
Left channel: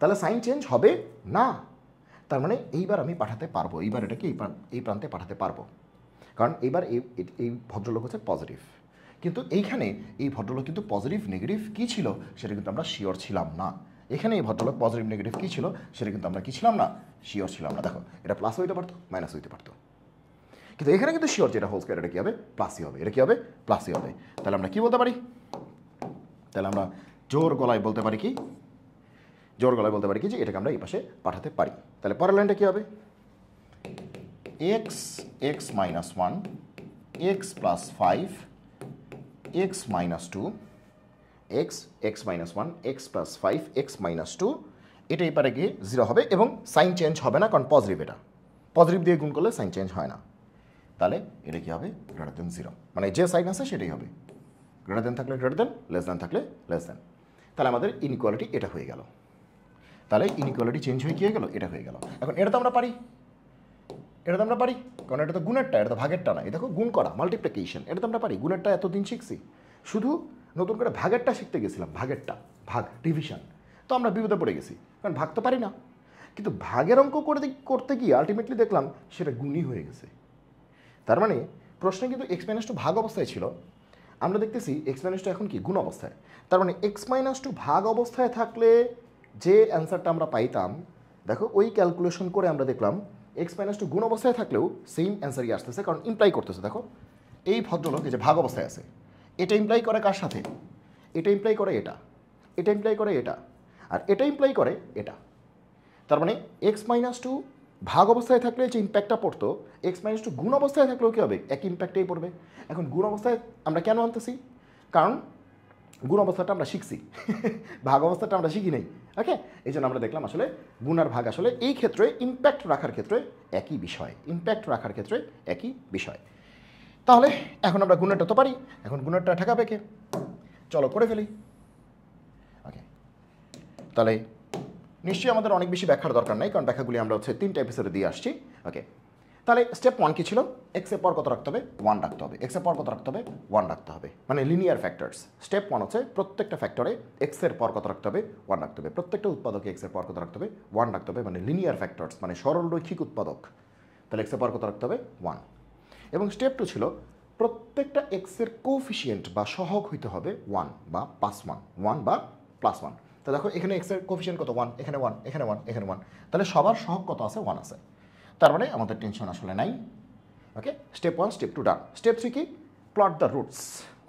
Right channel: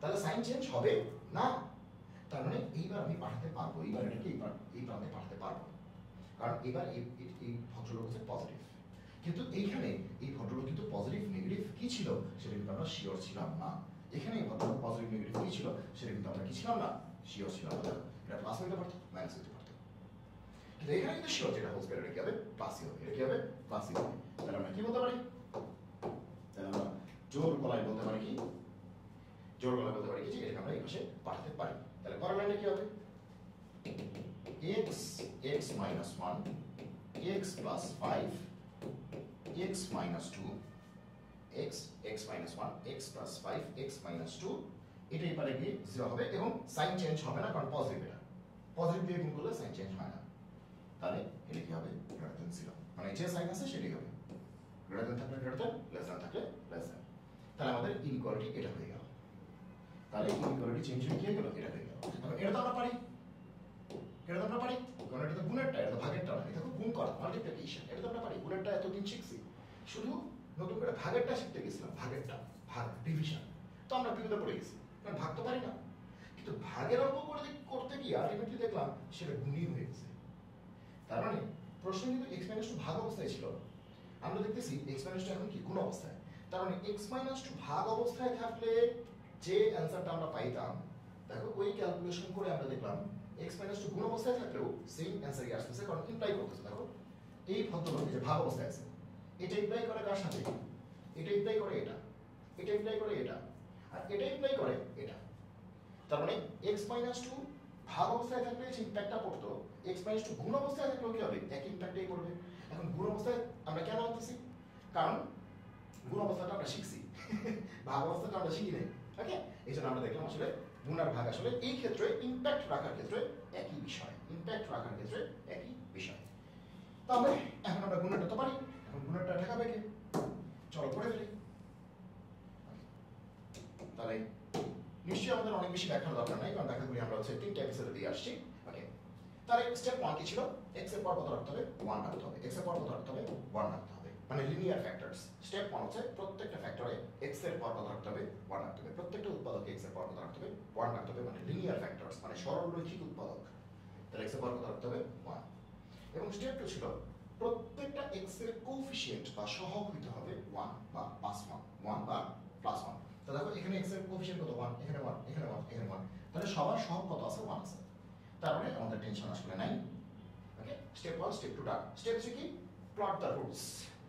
তাহলে সাইন চেঞ্জ হবে না। তার মানে এইবার আমি পাঠাতে পারবো, এইবার এটাকে এই প্রান্তে পাঠাতে পারবো, কারণ এইবার এই ভদ্রলোক হচ্ছে পজিটিভ। কিন্তু এইখানে এই ভদ্রলোক কিন্তু পজিটিভ নেগেটিভ কী ছিল সেটা কিন্তু আমরা শিওর ছিলাম না। এখানে এই ভদ্রলোক পজিটিভ নেগেটিভ কী ছিল সেটা কিন্তু আমরা কী ছিলাম না, শিওর ছিলাম না। দেখো এটা প্লাস হইতে পারতো, মাইনাস হইতে পারতো, কিন্তু এখানে কিন্তু শিওর যেটা হোল স্কোয়ার, এটা কী হবে, প্লাসই হবে, এটা কী হবে, প্লাসই হবে। তাহলে আমরা কী বলতে পারি, তাহলে আমরা জোর গলায় বলতে পারি কি, জোর গলায় বলতে পারি কি যে এটাকে আমরা এই পাশে পাঠাতে পারি। তাহলে পরের লাইনটা কী হবে, x, x minus 1, x plus 5, x minus 2, x, x minus 1, x plus 5, x minus 2, এটা এই পারে গিয়ে 0 হবে এবং সাইন চেঞ্জ হবে না, কারণ পজিটিভ, এটা পজিটিভ দিয়ে গুণ করলে সাইন চেঞ্জ হয় না। তাহলে এটা কী হবে, গ্রেটার দেন 0, মানে যে সাইন আছে সেটাই হবে, গ্রেটার দেন থাকলে গ্রেটার দেন, লেস দেন থাকলে লেস দেন। তাহলে আমাদের ইনইকুয়ালিটি এটা হয়ে গেল। তাহলে ইনইকুয়ালিটি চেঞ্জ হয়ে কী হয়ে গেল, এটা হয়ে গেল। এখন এটা তো আমরা পারি, এটা তো আমরা পারি, কারণ এটা তো গুণেরটা, এটা তো ভাগেরটা না। এই দেখো গুণ করা, মাল্টিপ্লিকেশন, এটা তো আমরা পারি। গুণেরটা এতদিন শিখছি, শুধু নতুন করে ভাগেরটা শিখতে গেছিলাম, ভাগেরটা, ভাগ, ডিভিশন, তো আমরা বিপদে পড়ে গেছি, কারণ ভাগ তো পারি না। কিন্তু ভাগের অঙ্ক করতে গিয়ে আলটিমেটলি দেখলাম সেটা গুণই হয়ে গেছে। তার মানে প্রশ্নে কিন্তু এক্স মাইনাস 2 ভাগ অবস্থায় ছিল, আমরা দেখতেছি এক্স মাইনাস 2 এখন কি গুণ অবস্থায়। তার মানে এক্স মাইনাস 2 ভাগ অবস্থায় থাকলে যে অ্যান্সারটা আমরা পাইতাম, দেখো ওই ক্যালকুলেশন করে আমরা দেখলাম এক্স মাইনাস 2 গুণ অবস্থায় থাকলেও সেম অ্যান্সারই আসতেছে, কারণ ইমপ্লাই করতেছে। দেখো এই ভদ্রলোক এই যে ভাগ অবস্থায় আছে, এটা ইমপ্লাই করে কার সাথে, এটা ইমপ্লাই করে এটা, এটা ইমপ্লাই করে এটা, আর এটা ইমপ্লাই করে এটা। তার মানে এক্স মাইনাস 2 ভাগ অবস্থায় থাকলে যে ইম্প্যাক্টটা পড়তো, এক্স মাইনাস 2 গুণ অবস্থায় থাকলেও কী হবে, একই ইম্প্যাক্টেই পড়বে। এখন গুণ অবস্থায় আমরা কেন আনতেছি, কারণ গুণ অবস্থাটা আমরা শিখছি, ভাগ অবস্থাটা আমরা শিখি নাই। ওকে, এই জন্য আমরা দেখলাম আসলে গুণ আর ভাগ আসলে এই ক্ষেত্রে ইম্প্যাক্ট রাখার ক্ষেত্রে একই বিষয়, ইম্প্যাক্ট রাখার ক্ষেত্রে একই বিষয়। তাহলে এখন আমরা গুণেরটা তো পারি, এখন গুণেরটা ঠেকাবে কে, চলো করে ফেলি। ওকে, তাহলে নিশ্চয়ই আমাদের অনেক বেশি ব্যাখ্যার দরকার নাই, কারণ ব্যাখ্যাগুলি আমরা হচ্ছে 3টা এপিসোডে দিয়ে আসছি। ওকে, তাহলে স্টেপ 1 কি ছিল, এক্সের পর কত রাখতে হবে, 1 রাখতে হবে, এক্সের পর কত রাখতে হবে, 1 রাখতে হবে, মানে লিনিয়ার ফ্যাক্টরস। স্টেপ 1 হচ্ছে প্রত্যেকটা ফ্যাক্টরে এক্সের পর কত রাখতে হবে, 1 রাখতে হবে, প্রত্যেকটা উৎপাদকে এক্সের পর কত রাখতে হবে, 1 রাখতে হবে, মানে লিনিয়ার ফ্যাক্টরস, মানে সরলরৈখিক উৎপাদক। তাহলে এক্সের পর কত রাখতে হবে, 1। এবং স্টেপ 2 ছিল প্রত্যেকটা এক্সের কোফিসিয়েন্ট বা সহগ হইতে হবে 1 বা প্লাস 1, 1 বা প্লাস 1। তো দেখো এখানে এক্সের কোফিসিয়েন্ট কত, 1, এখানে 1, এখানে 1, এখানে 1, তাহলে সবার সহগ কত আছে, 1 আছে। তার মানে আমাদের টেনশন আসলে নাই। ওকে, স্টেপ 1 স্টেপ 2 ডান। স্টেপ 3 কি, plot the roots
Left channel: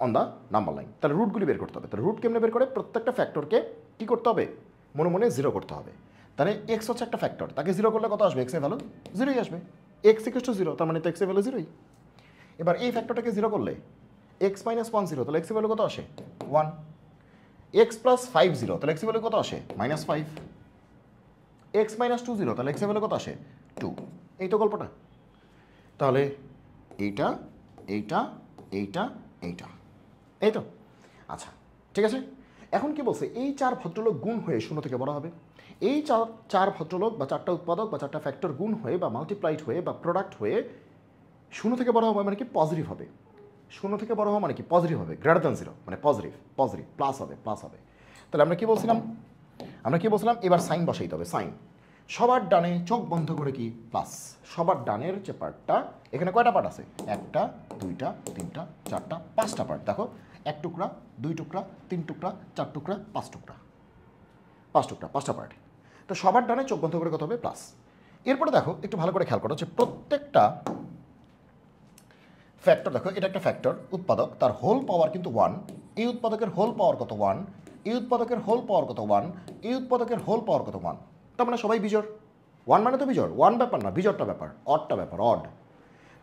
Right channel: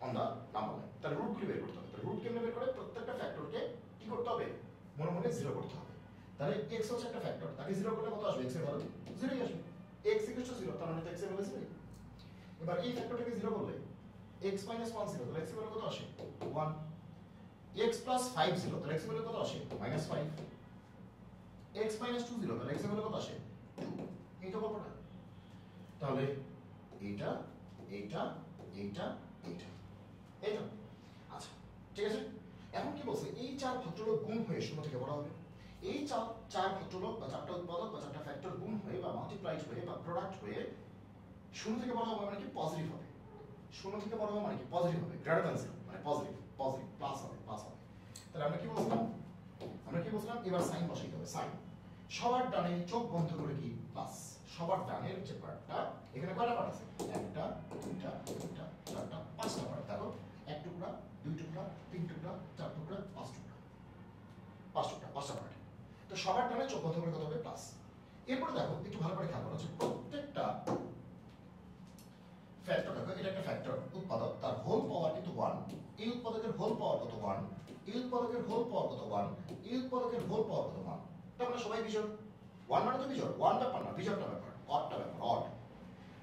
on the number line. তাহলে রুটগুলি বের করতে হবে। তাহলে রুট কেমনে বের করে? প্রত্যেকটা ফ্যাক্টরকে কী করতে হবে? মনে মনে জিরো করতে হবে। তাহলে এক্স হচ্ছে একটা ফ্যাক্টর, তাকে জিরো করলে কত আসবে? এক্সের ভ্যালু জিরোই আসবে। এক্স ইকুয়াল টু জিরো, তার মানে তো এক্সের ভ্যালু জিরোই। এবার এই ফ্যাক্টরটাকে জিরো করলে এক্স মাইনাস 1 জিরো, তাহলে এক্সের ভ্যালু কত আসে? 1। এক্স প্লাস 5 জিরো, তাহলে এক্সের ভ্যালু কত আসে? -5। এক্স মাইনাস 2 জিরো, তাহলে এক্সের ভ্যালু কত আসে? 2। এই তো গল্পটা। তাহলে এইটা এইটা এইটা এইটা, এই তো। আচ্ছা ঠিক আছে, এখন কি বলছে? এই 4 ভদ্রলোক গুণ হয়ে 0 থেকে বড় হবে। এই চার ভদ্রলোক বা 4টা উৎপাদক বা 4টা ফ্যাক্টর গুণ হয়ে বা মাল্টিপ্লাইড হয়ে বা প্রোডাক্ট হয়ে 0 থেকে বড় হবে মানে কি? পজিটিভ হবে। 0 থেকে বড় হওয়া মানে কি? পজিটিভ হবে। গ্রেটার দ্যান 0 মানে পজিটিভ, পজিটিভ প্লাস হবে, প্লাস হবে। তাহলে আমরা কি বলছিলাম? এবার সাইন বসাইতে হবে। সাইন সবার ডানে চোখ বন্ধ করে কি? প্লাস। সবার ডানের যে পার্টটা, এখানে কয়টা পার্ট আছে? 1টা 2টা 3টা 4টা 5টা পার্ট। দেখো, 1 টুকরা 2 টুকরা 3 টুকরা 4 টুকরা 5 টুকরা 5 টুকরা 5টা পার্ট। তো সবার ডানে চোখ বন্ধ করে কত হবে? প্লাস। এরপরে দেখো একটু ভালো করে খেয়াল করো যে প্রত্যেকটা ফ্যাক্টর, দেখো এটা একটা ফ্যাক্টর উৎপাদক, তার হোল পাওয়ার কিন্তু 1। এই উৎপাদকের হোল পাওয়ার কত? 1। এই উৎপাদকের হোল পাওয়ার কত? 1। এই উৎপাদকের হোল পাওয়ার কত? 1। তার মানে সবাই বিজোড়। 1 মানে তো বিজোড়। 1 ব্যাপার না, বিজোড়টা ব্যাপার, অডটা ব্যাপার, অড।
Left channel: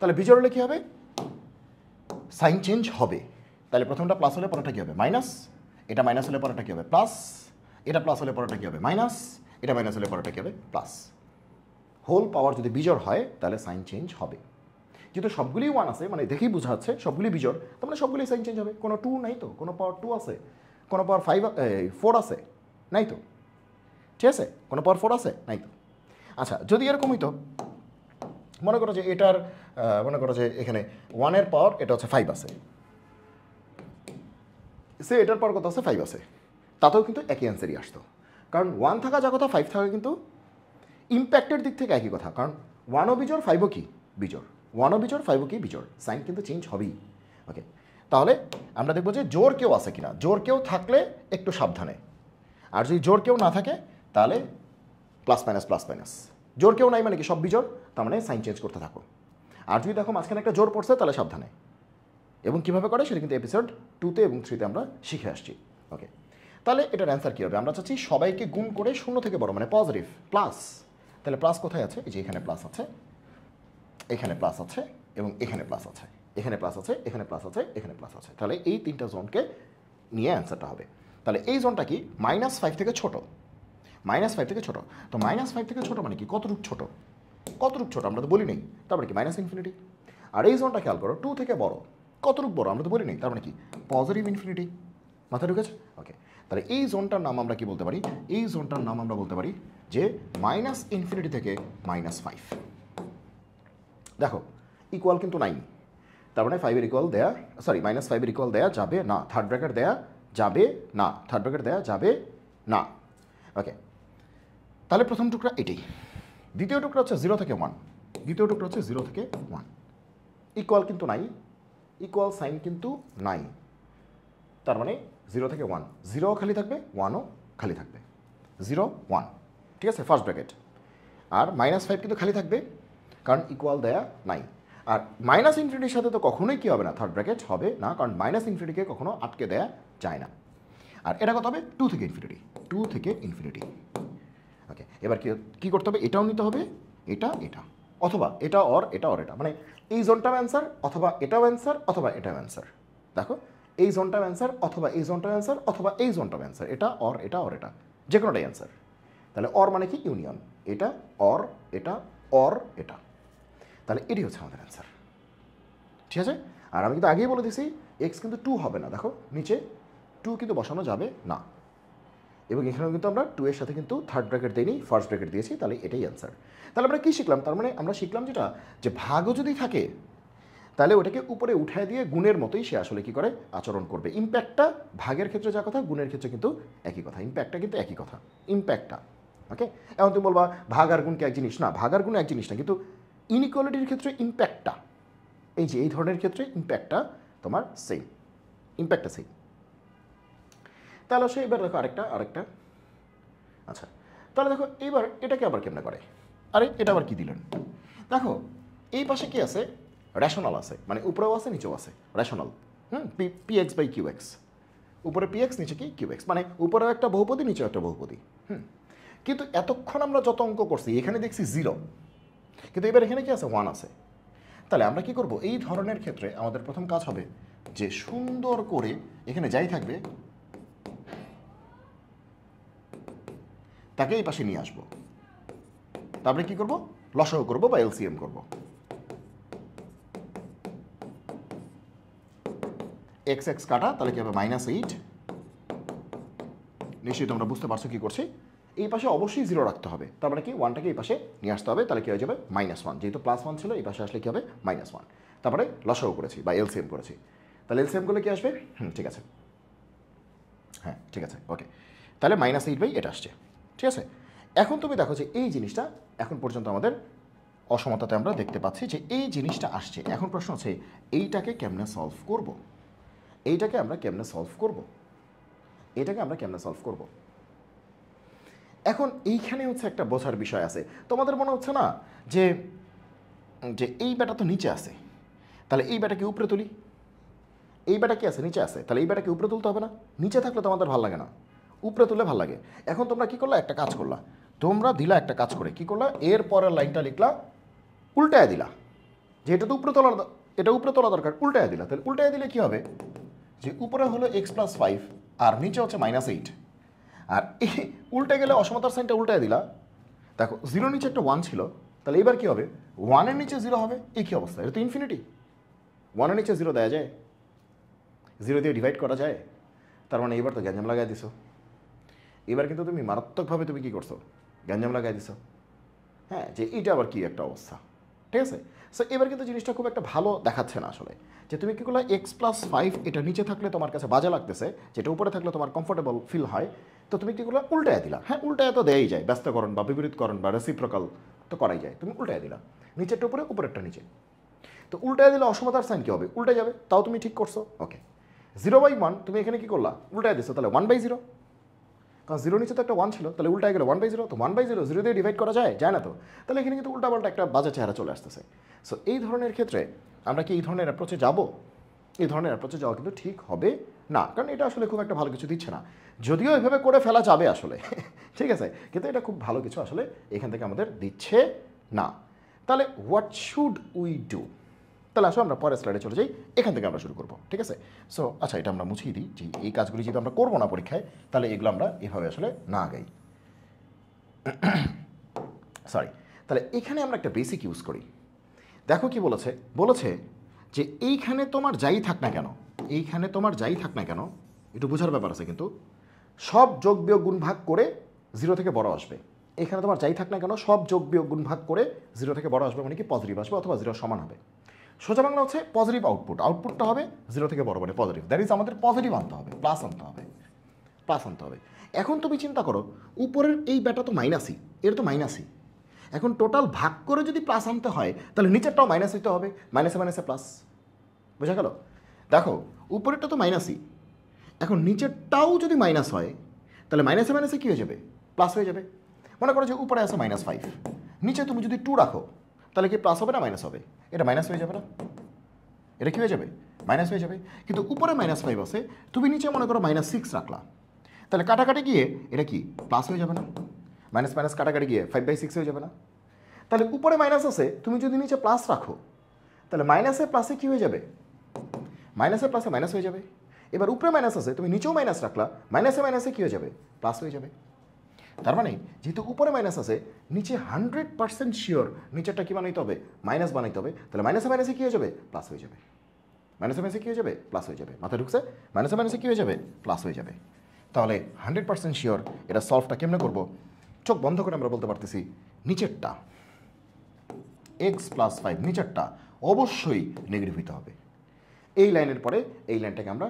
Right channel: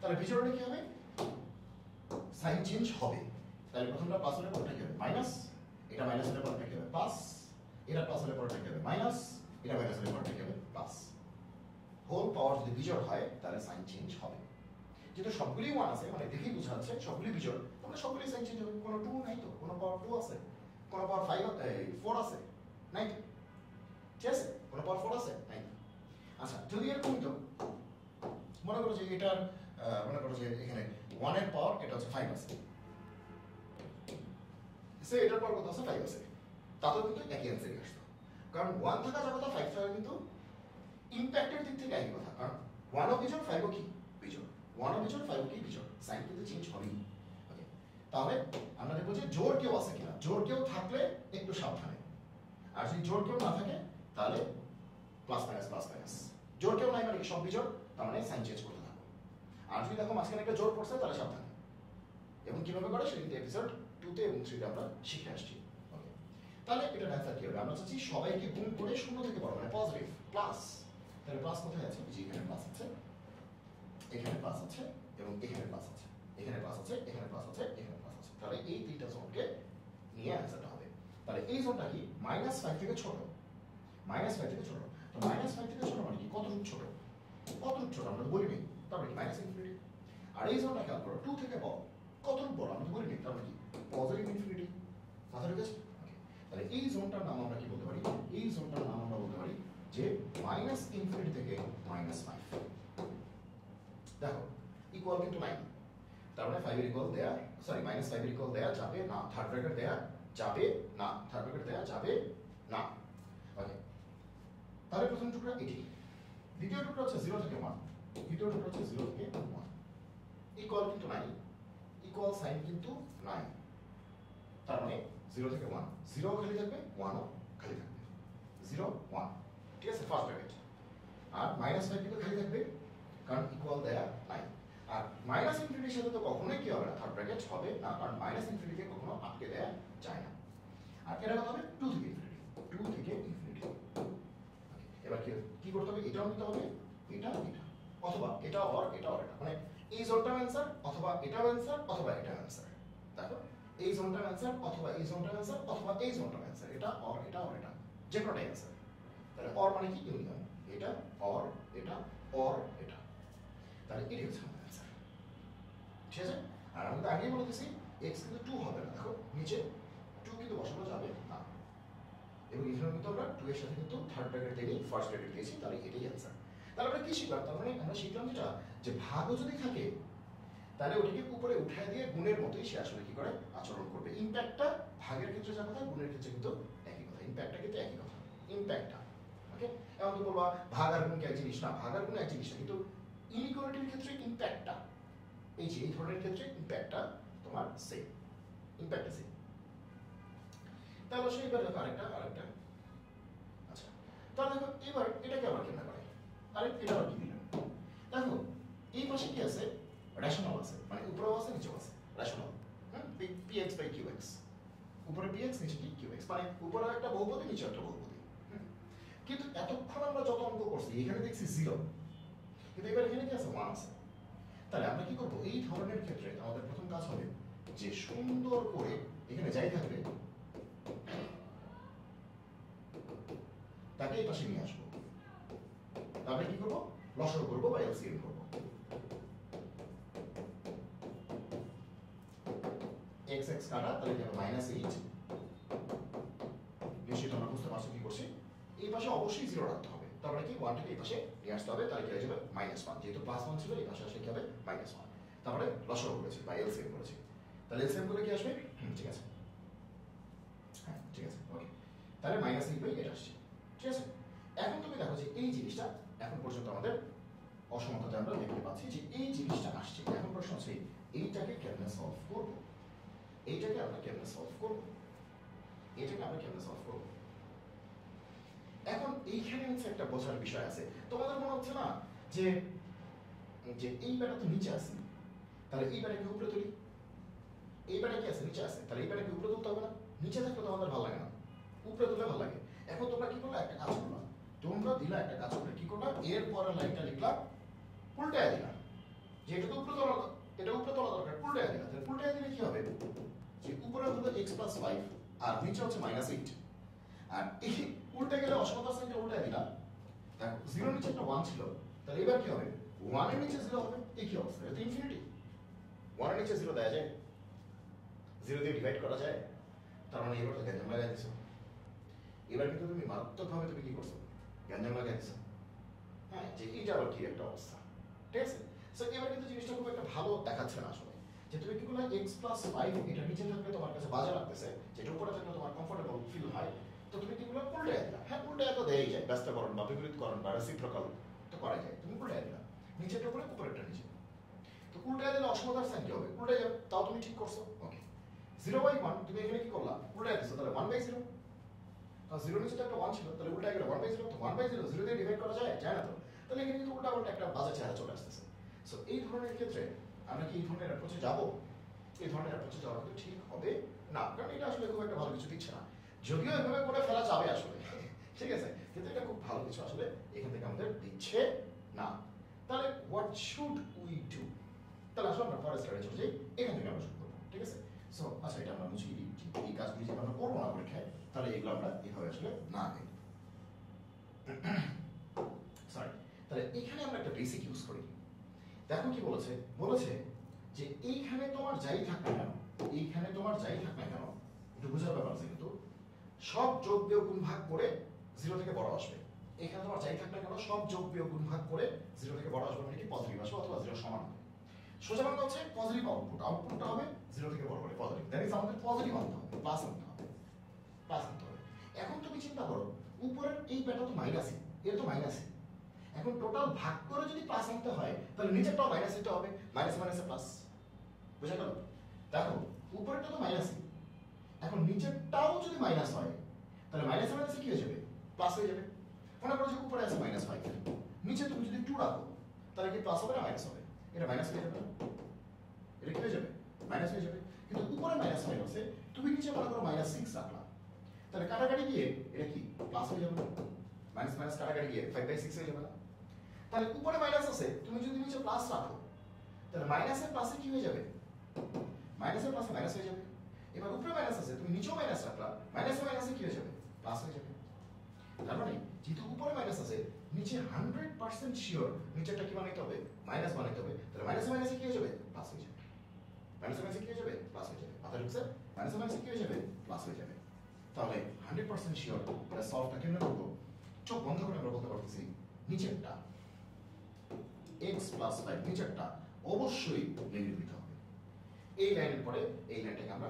তাহলে বিজোড় হলে কী হবে? সাইন চেঞ্জ হবে। তাহলে প্রথমটা প্লাস হলে পরেরটা কী হবে? মাইনাস। এটা মাইনাস হলে পরেরটা কী হবে? প্লাস। এটা প্লাস হলে পরেরটা কী হবে? মাইনাস। এটা মাইনাস হলে পরেরটা কী হবে? প্লাস। হোল পাওয়ার যদি বিজোড় হয় তাহলে সাইন চেঞ্জ হবে। যেহেতু সবগুলি 1 আছে, মানে দেখেই বোঝা যাচ্ছে সবগুলি বিজোড়, তার মানে সবগুলি সাইন চেঞ্জ হবে। কোনো 2 নাই তো, কোনো পাওয়ার 2 আছে, কোনো পাওয়ার 4 আছে নাই তো, ঠিক আছে? কোনো পাওয়ার 4 আছে নাই তো। আচ্ছা, যদি এরকম হইতো, মনে করো যে এটার মনে করো যে এখানে 1-এর পাওয়ার এটা হচ্ছে 5 আছে, সে এটার পাওয়ার কত আছে? 5 আছে, তাতেও কিন্তু একই অ্যান্সারই আসতো। কারণ 1 থাকা যা কথা 5 থাকা কিন্তু ইম্প্যাক্টের দিক থেকে একই কথা। কারণ 1ও বিজোড় 5ও কি? বিজোড়। 1ও বিজোড় 5ও কি? বিজোড়। সাইন কিন্তু চেঞ্জ হবেই। ওকে, তাহলে আমরা দেখবো যে জোর কেউ আছে কিনা। জোর কেউ থাকলে একটু সাবধানে, আর যদি জোর কেউ না থাকে তাহলে প্লাস মাইনাস প্লাস মাইনাস। জোর কেউ নাই মানে কি? সব বিজোড়, তার মানে সাইন চেঞ্জ করতে থাকো। আর যদি দেখো মাঝখানে একটা জোর পড়ছে তাহলে সাবধানে। এবং কীভাবে করে সেটা কিন্তু এপিসোড 2তে এবং 3তে আমরা শিখে আসছি। ওকে, তাহলে এটার অ্যান্সার কী হবে? আমরা চাচ্ছি সবাইকে গুণ করে 0 থেকে বড় মানে পজিটিভ, প্লাস। তাহলে প্লাস কোথায় আছে? এই যে এখানে প্লাস আছে, এখানে প্লাস আছে এবং এখানে প্লাস আছে, এখানে প্লাস আছে, এখানে প্লাস আছে, এখানে প্লাস আছে। তাহলে এই 3টা জোনকে নিয়ে অ্যান্সারটা হবে। তাহলে এই জোনটা কি? -5 থেকে ছোট। -5 থেকে ছোট। তো -5 থেকে ছোট মানে কি? কতটুক ছোট? কতটুক ছোট আমরা তো বলি নেই, তারপরে কি? ∞। আর এই জোনটা খেয়াল করো, 2 থেকে বড়। কতটুক বড় আমরা তো বলি নেই, তার মানে কি? Positive infinity. মাথা ঢুকেছে? ওকে, তাহলে এই জোনটার নাম আমরা কি বলতে পারি? এই জোনটার নাম আমরা বলতে পারি যে -∞ থেকে -5। দেখো ইকুয়াল কিন্তু নাই, তার মানে 5-এর ইকুয়াল দেয়া, সরি -5-এর ইকুয়াল দেয়া যাবে না, থার্ড ব্র্যাকেট দেয়া যাবে না, থার্ড ব্র্যাকেট দেয়া যাবে না। ওকে, তাহলে প্রথম টুকরা এটি। দ্বিতীয় টুকরা হচ্ছে 0 থেকে 1। দ্বিতীয় টুকরা হচ্ছে 0 থেকে 1। ইকুয়াল কিন্তু নাই, ইকুয়াল সাইন কিন্তু নাই, তার মানে 0 থেকে 1। 0ও খালি থাকবে, 1ও খালি থাকবে। 0 1, ঠিক আছে, ফার্স্ট ব্র্যাকেট। আর -5 কিন্তু খালি থাকবে, কারণ ইকুয়াল দেয়া নাই। আর -∞ সাথে তো কখনোই কী হবে না? থার্ড ব্র্যাকেট হবে না, কারণ -∞কে কখনো আটকে দেয়া যায় না। আর এটা কত হবে? 2 থেকে ইনফিনিটি। 2 থেকে ইনফিনিটি। ওকে, এবার কী করতে হবে? এটাও নিতে হবে, এটা এটা, অথবা এটা অর এটা অর এটা, মানে এই জোনটাও অ্যান্সার, অথবা এটাও অ্যান্সার, অথবা এটাও অ্যান্সার। দেখো, এই জোনটাও অ্যান্সার, অথবা এই জোনটাও অ্যান্সার, অথবা এই জোনটাও অ্যান্সার। এটা অর এটা অর এটা, যে কোনোটাই অ্যান্সার। তাহলে অর মানে কি? ইউনিয়ন। এটা অর এটা অর এটা, তাহলে এটি হচ্ছে আমাদের অ্যান্সার। ঠিক আছে? আর আমি কিন্তু আগেই বলে দিছি এক্স কিন্তু 2 হবে না। দেখো নিচে 2 কিন্তু বসানো যাবে না, এবং এখানেও কিন্তু আমরা 2 এর সাথে কিন্তু থার্ড ব্র্যাকেট দিইনি, ফার্স্ট ব্র্যাকেট দিয়েছি, তাহলে এটাই অ্যান্সার। তাহলে আমরা কী শিখলাম? তার মানে আমরা শিখলাম যেটা, যে ভাগও যদি থাকে তাহলে ওটাকে উপরে উঠায় দিয়ে গুণের মতোই সে আসলে কী করে? আচরণ করবে। ইম্প্যাক্টটা ভাগের ক্ষেত্রে যা কথা, গুণের ক্ষেত্রে কিন্তু একই কথা। ইম্প্যাক্টটা কিন্তু একই কথা, ইম্প্যাক্টটা। ওকে, এখন তুমি বলবা ভাগ আর গুণ কি এক জিনিস? না, ভাগ আর গুণ এক জিনিস না, কিন্তু ইনইকুয়ালিটির ক্ষেত্রে ইম্প্যাক্টটা, এই যে এই ধরনের ক্ষেত্রে ইম্প্যাক্টটা তোমার সেম, ইম্প্যাক্টটা সেম। তাহলে সে এবার দেখো আরেকটা। আচ্ছা, তাহলে দেখো এবার এটাকে আবার কেমনে করে? আরে এটা আবার কি দিলেন? দেখো এই পাশে কি আছে? রেশনাল আছে, মানে উপরেও আছে নিচেও আছে, rational. P x by q x, উপরে পি এক্স নিচে কি কিউ এক্স, মানে উপরে একটা বহুপদী নিচে একটা বহুপদী। কিন্তু এতক্ষণ আমরা যত অঙ্ক করছি এখানে দেখছি 0, কিন্তু এবার এখানে কি আছে 1 আছে। তাহলে আমরা কি করব, এই ধরনের ক্ষেত্রে আমাদের প্রথম কাজ হবে যে সুন্দর করে এখানে যাই থাকবে তাকে এই পাশে নিয়ে আসবো। তারপরে কি করব, লসাগু করব বা এলসিএম করব। এক্স এক্স কাটা, তাহলে কি হবে -8। নিশ্চয়ই তোমরা বুঝতে পারছো কি করছি। এই পাশে অবশ্যই 0 রাখতে হবে, তারপরে কি 1টাকে এই পাশে নিয়ে আসতে হবে, তাহলে কি হয়ে যাবে -1। যেহেতু +1 ছিল এই পাশে আসলে কি হবে -1। তারপরে লসাগু করেছি বা এলসিএম করেছি, তাহলে এলসিএম করলে কি আসবে, ঠিক আছে, হ্যাঁ ঠিক আছে, ওকে। তাহলে -8 এটা আসছে, ঠিক আছে। এখন তুমি দেখো যে এই জিনিসটা এখন পর্যন্ত আমাদের অসমতাতে আমরা দেখতে পাচ্ছি যে এই জিনিসটা আসছে। এখন প্রশ্ন হচ্ছে এইটাকে কেমনে সলভ করব, এইটাকে আমরা কেমনে সলভ করব, এটাকে আমরা কেমনে সলভ করব। এখন এইখানে হচ্ছে একটা বোঝার বিষয় আছে। তোমাদের মনে হচ্ছে না যে যে এই ব্যাটা তো নিচে আছে, তাহলে এই ব্যাটাকে উপরে তুলি, এই ব্যাটা কি আছে নিচে আছে, তাহলে এই ব্যাটাকে উপরে তুলতে হবে না? নিচে থাকলে তো আমাদের ভালো লাগে না, উপরে তুললে ভালো লাগে। এখন তোমরা কি করলা, একটা কাজ করলা, তোমরা দিলা একটা কাজ করে কি করলা, এর পরের লাইনটা লিখলা উল্টায় দিলা, যে এটা তো উপরে তোলার, এটা উপরে তোলা দরকার, উল্টায় দিলা। তাহলে উল্টায় দিলে কি হবে, যে উপরে হলো x+5 আর নিচে হচ্ছে -8, আর এই উল্টে গেলে অসমতার সাইনটা উল্টায় দিলা। দেখো 0 নিচে একটা 1 ছিল, তাহলে এবার কি হবে, 1-এর নিচে 0 হবে। এই কি অবস্থা, এটা তো ইনফিনিটি। 1-এর নিচে 0 দেওয়া যায়, 0 দিয়ে ডিভাইড করা যায়। তার মানে এবার তো গ্যাঞ্জাম লাগাই দিছো, এবার কিন্তু তুমি মারাত্মকভাবে তুমি কি করছো, গ্যাঞ্জাম লাগাই দিছো। হ্যাঁ, যে এইটা আবার কি একটা অবস্থা, ঠিক আছে। সো এবার কিন্তু জিনিসটা খুব একটা ভালো দেখাচ্ছে না আসলে, যে তুমি কি করলে x+5 এটা নিচে থাকলে তোমার কাছে বাজে লাগতেছে, যেটা উপরে থাকলে তোমার কমফোর্টেবল ফিল হয়, তো তুমি কি করলে উল্টায় দিলা। হ্যাঁ, উল্টায় তো দেয়াই যায়, ব্যস্তকরণ বা বিপরীতকরণ বা রেসিপ্রোকাল তো করাই যায়। তুমি উল্টায় দিলা, নিচেরটা উপরে উপরেরটা নিচে, তো উল্টায় দিলে অসমতার সাইন কি হবে, উল্টে যাবে। তাও তুমি ঠিক করছো, ওকে। 0/1 তুমি এখানে কি করলা, উল্টায় দিছো, তাহলে 1/0, কারণ 0 নিচে তো একটা 1 ছিল, তাহলে উল্টায় গেলে 1/0, তো 1/0 0 দিয়ে ডিভাইড করা যায়, যায় না তো। তাহলে এখানে কিন্তু উল্টাপাল্টা একটা বাজে চেহারা চলে আসতেছে। সো এই ধরনের ক্ষেত্রে আমরা কি এই ধরনের অ্যাপ্রোচে যাব, এই ধরনের অ্যাপ্রোচে যাওয়া কিন্তু ঠিক হবে না, কারণ এটা আসলে খুব একটা ভালো কিছু দিচ্ছে না। যদিও এভাবে করে ফেলা যাবে আসলে ঠিক আছে, কিন্তু এটা খুব ভালো কিছু আসলে এখান থেকে আমাদের দিচ্ছে না। তাহলে হোয়াট শুড উই ডু, তাহলে আসো আমরা পরের স্লাইডে চলে যাই, এখান থেকে আমরা শুরু করবো, ঠিক আছে। সো আচ্ছা, এটা আমরা মুছিয়ে দিই যে এই কাজগুলি যদি আমরা করবো না পরীক্ষায়, তাহলে এগুলো আমরা এভাবে আসলে না আগাই। সরি, তাহলে এখানে আমরা একটা বেসিক ইউজ করি। দেখো কি বলেছে, বলেছে যে এইখানে তোমার যাই থাক না কেন, এইখানে তোমার যাই থাক না কেন, একটু বোঝার ব্যাপার আছে কিন্তু, সব যোগ বিয়োগ গুণ ভাগ করে 0 থেকে বড় আসবে। এখানে তোমার যাই থাক না কেন সব যোগ বিয়োগ গুণ ভাগ করে 0 থেকে বড় আসবে, মানে কি পজিটিভ আসবে অথবা 0 সমান হবে। সোজা বাংলা হচ্ছে পজিটিভ আউটপুট, আউটপুটটা হবে 0 থেকে বড় মানে পজিটিভ, দ্যাট ইজ আমাদের পজিটিভ আনতে হবে, প্লাস আনতে হবে, প্লাস আনতে হবে। এখন তুমি চিন্তা করো, উপরের এই ব্যাটা তো মাইনাসই, এর তো মাইনাসই, এখন টোটাল ভাগ করে যদি প্লাস আনতে হয় তাহলে নিচেরটাও মাইনাস হইতে হবে, মাইনাসে মাইনাসে প্লাস, বোঝা গেল। দেখো উপরেরটা তো মাইনাসই, এখন নিচেরটাও যদি মাইনাস হয় তাহলে মাইনাসে মাইনাসে কী হয়ে যাবে, প্লাস হয়ে যাবে। মনে করো যে উপরে আছে -5, নিচে তুমি যদি 2 রাখো তাহলে কি প্লাস হবে না মাইনাস হবে, এটা মাইনাস হয়ে যাবে না, এটা কী হয়ে যাবে, মাইনাস হয়ে যাবে। কিন্তু উপরে -5 আছে, তুমি নিচে মনে করো -6 রাখলা, তাহলে কাটাকাটি গিয়ে এটা কি প্লাস হয়ে যাবে না, মাইনাস মাইনাস কাটাকাটি গিয়ে 5/6 হয়ে যাবে না। তাহলে উপরে মাইনাস আছে, তুমি যদি নিচে প্লাস রাখো তাহলে মাইনাসে প্লাসে কী হয়ে যাবে, মাইনাসে প্লাসে মাইনাস হয়ে যাবে। এবার উপরে মাইনাস আছে, তুমি নিচেও মাইনাস রাখলা, মাইনাসে মাইনাসে কী হয়ে যাবে, প্লাস হয়ে যাবে। তার মানে যেহেতু উপরে মাইনাস আছে, নিচে 100% শিওর নিচেরটা কী বানাইতে হবে, মাইনাস বানাইতে হবে, তাহলে মাইনাসে মাইনাসে কী হয়ে যাবে, প্লাস হয়ে যাবে, মাইনাসে মাইনাসে কী হয়ে যাবে, প্লাস হয়ে যাবে। মাথায় ঢুকছে, মাইনাসে মাইনাসে কী হয়ে যাবে, প্লাস হয়ে যাবে। তাহলে 100% শিওর এটা সলভটা কেমনে করবো, চোখ বন্ধ করে আমরা বলতে পারতেছি নিচেরটা x+5 নিচেরটা অবশ্যই নেগেটিভ হইতে হবে। এই লাইনের পরে এই লাইনটাকে আমরা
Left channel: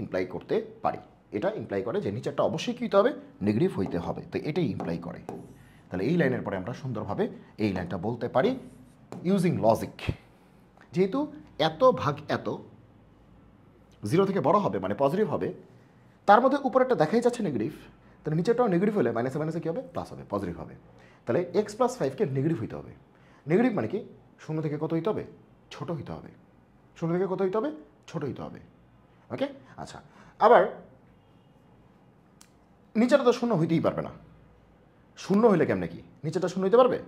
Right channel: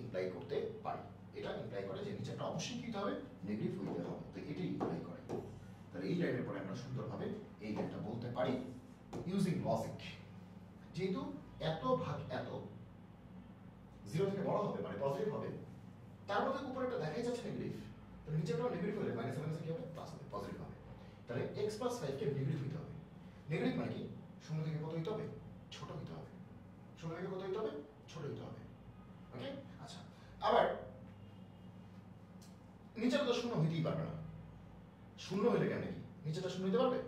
ইমপ্লাই করতে পারি, এটা ইমপ্লাই করে যে নিচেরটা অবশ্যই কী হতে হবে, নেগেটিভ হইতে হবে, তো এটাই ইমপ্লাই করে। তাহলে এই লাইনের পরে আমরা সুন্দরভাবে এই লাইনটা বলতে পারি ইউজিং লজিক, যেহেতু এত ভাগ এত 0 থেকে বড় হবে মানে পজিটিভ হবে, তার মধ্যে উপরেরটা দেখাই যাচ্ছে নেগেটিভ, তাহলে নিচেরটাও নেগেটিভ হলে মাইনাসে মাইনাসে কী হবে, প্লাস হবে, পজিটিভ হবে। তাহলে x+5কে নেগেটিভ হইতে হবে। নেগেটিভ মানে কি, 0 থেকে কত হইতে হবে, ছোটো হইতে হবে, 0 থেকে কত হইতে হবে, ছোটো হইতে হবে। ওকে, আচ্ছা, আবার নিচেটা তো শূন্য হইতেই পারবে না। শূন্য হইলে কেমনে কি নিচেটা শূন্য হইতে পারবে?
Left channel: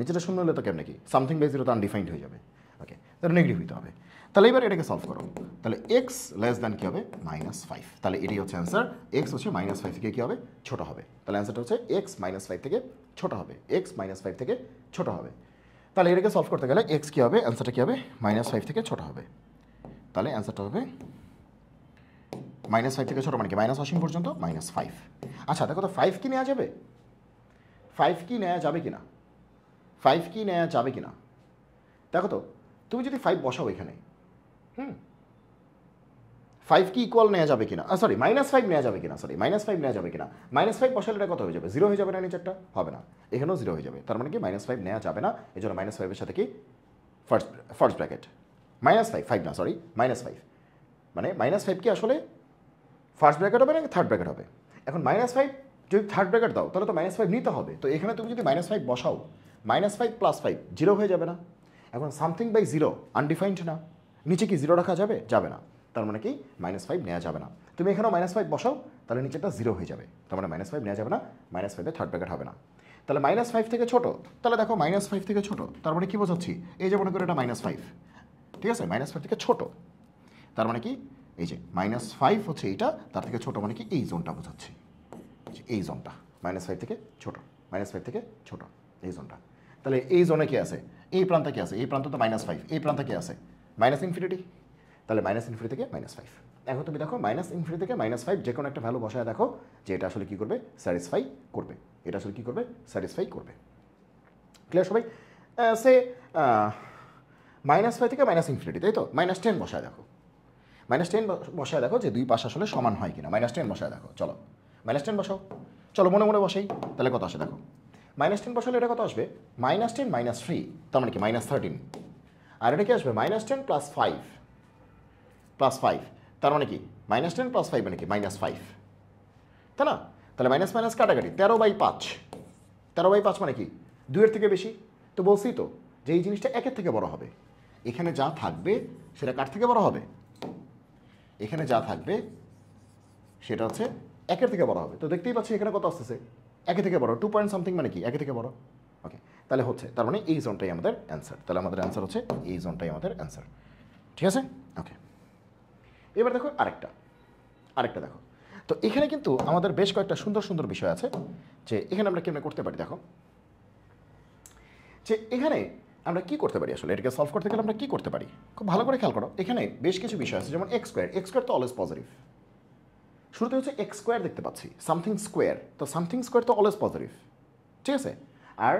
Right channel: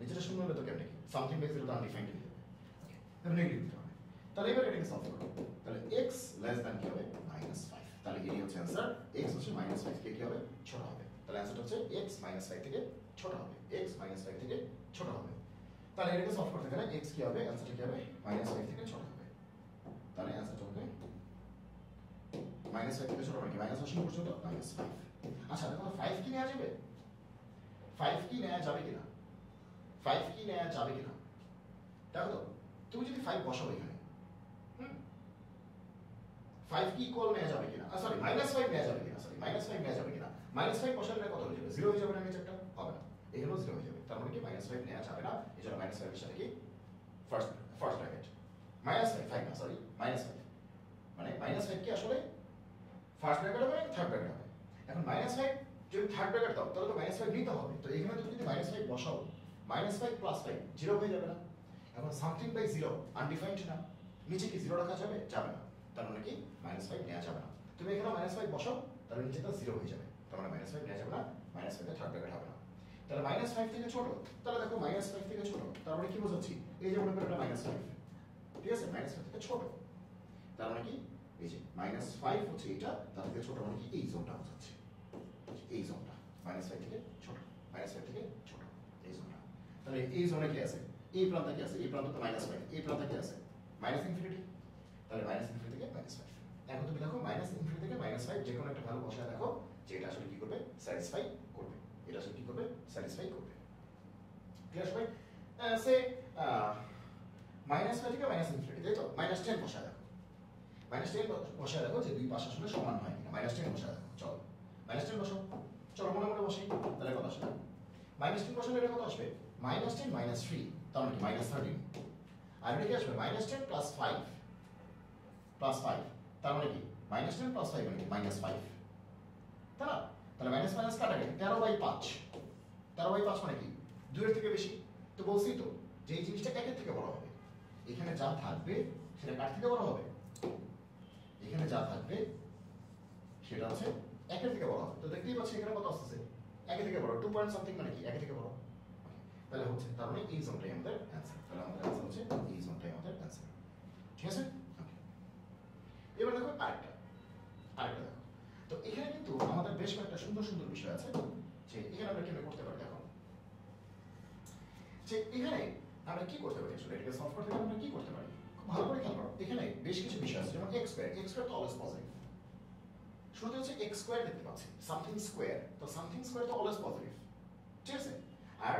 নিচেটা শূন্য হলে তো কেমনে কি সামথিং বাই জিরো তো আনডিফাইন্ড হয়ে যাবে। ওকে, তাহলে নেগেটিভ হইতে হবে। তাহলে এবার এটাকে সলভ করো। তাহলে এক্স লেস দ্যান কী হবে? -5। তাহলে এটাই হচ্ছে অ্যান্সার। এক্স হচ্ছে -5 থেকে কী হবে? ছোট হবে। তাহলে অ্যান্সারটা হচ্ছে এক্স -5 থেকে ছোট হবে। এক্স -5 থেকে ছোট হবে। তাহলে এটাকে সলভ করতে গেলে এক্স কী হবে? অ্যান্সারটা কী হবে? -5 থেকে ছোট হবে। তাহলে অ্যান্সারটা হবে -5 থেকে ছোট মানে কি মাইনাস অসীম পর্যন্ত -5। আচ্ছা দেখো তো 5 কি নেওয়া যাবে? 5 কি নেওয়া যাবে কি না? 5 কি নেওয়া যাবে কি না? দেখো তো, তুমি যদি 5 বসাও এখানে, 5 কি ইকুয়াল নেওয়া যাবে কিনা, সরি -5 নেওয়া যাবে কিনা, সরি -5 নেওয়া যাবে কিনা, -5 বসালে এটা কত হয়ে যাবে? 0 হয়ে যাবে না? নিচেরটা হবে না, এখানেও 0 হয়ে যাবে। তার মানে কি -5 নেওয়া যাবে না, এই জন্য -5 এর সাথে কি ফার্স্ট ব্র্যাকেট -5 না, সরি -5 মানে -5 কি আসলে ফার্স্ট ব্র্যাকেট হবে না থার্ড ব্র্যাকেট হবে? এখন -5 যদি থার্ড ব্র্যাকেট দাও তাহলে তো -5 নিতে হবে। তো এখানে তুমি যদি -5 বসাও, -5 + 5 0 হয়ে যাবে না? এখন সামথিং বাই জিরো আনডিফাইন্ড না, নিচে কি 0 রাখা যাবে? যাবে না। তার মানে কি -5 নেওয়া যাবে না। তুমি এখানেও -5 বসাও, তাহলে নিচেটা 0 হয়ে যাবে। তার মানে -5 নেওয়া যাবে না, -5 থার্ড ব্র্যাকেট হবে না। তাহলে -5 থেকে ছোট, তাহলে দেখো -5 থেকে ছোট তার মানে কি বোঝাচ্ছি? এই যে মনে করো এটা -5, ঠিক আছে, -5 থেকে ছোট তার মানে কি এই যে -5 হচ্ছে এইটা, তার থেকে ছোট মানে কি এই জোনটা বোঝাচ্ছি, এই জোনটা -5 থেকে ছোট, -5 থেকে ছোট এই জোনটা। তাহলে এই জোনে কি আছে? এই প্রান্তে কি আছে? এই প্রান্ত তো -5, এই প্রান্তে কি আছে? ∞। তাহলে -∞ থেকে -5। এখন তুমি দেখো -∞ থেকে -5 যে কোনো একটা ভ্যালু বসায় দেখো যে এটা আসলে কি করবে? স্যাটিসফাই করবে। এটা আসলে কি করবে? স্যাটিসফাই করবে। ক্লিয়ার সবাই? সে -5 থেকে -∞, তাই তো? -10 বসায় দেখো, -10 বসায় দেখো যে দুই পাশ আসলে সমান হয় কিনা। -10 বসায় দেখো, চলো -10 বসাও, চলো মনে মনে বসাই, তাহলে কত আসে দেখো। -10 বসালে এটা কত আসবে? -10 -3, তার মানে কি -13। আর এটা কি আসবে? -10 + 5 তার মানে কি -10 + 5 মানে কি -5, তাই না? তাহলে মাইনাস মাইনাস কাটাকাটি 13/5, 13/5 মানে কি 2-এর থেকে বেশি। তো বলছি তো যে এই জিনিসটা 1-এর থেকে বড় হবে। এখানে যা থাকবে সেটা কার থেকে বড় হবে? এখানে যা থাকবে সেটা হচ্ছে 1-এর থেকে বড় হবে। তো দেখতেই পাচ্ছি এখানে কত আসতেছে? 1-এর থেকে বড়, 2 পয়েন্ট সামথিং মানে কি 1-এর থেকে বড়। ওকে, তাহলে হচ্ছে তার মানে এই জোনটাই আমাদের অ্যান্সার। তাহলে আমাদের অ্যান্সার হচ্ছে এই জোনটাই আমাদের অ্যান্সার। ঠিক আছে? ওকে, এবার দেখো আরেকটা দেখো। তো এখানে কিন্তু আমাদের বেশ কয়েকটা সুন্দর সুন্দর বিষয় আছে যে এখানে আমরা কেমনে করতে পারি। দেখো যে এখানে আমরা কি করতে পারি, আসলে এটাকে সলভ করতে গেলে আমরা কি করতে পারি, খুব ভালো করে খেয়াল করো। এখানে বেশ কিছু বিষয় আছে, যেমন এক্স স্কোয়ার তো অলওয়েজ পজিটিভ। শুরুতে হচ্ছে এক্স স্কোয়ার দেখতে পাচ্ছি, সামথিং স্কোয়ার, তো সামথিং স্কোয়ার তো অলওয়েজ পজিটিভ, ঠিক আছে। আর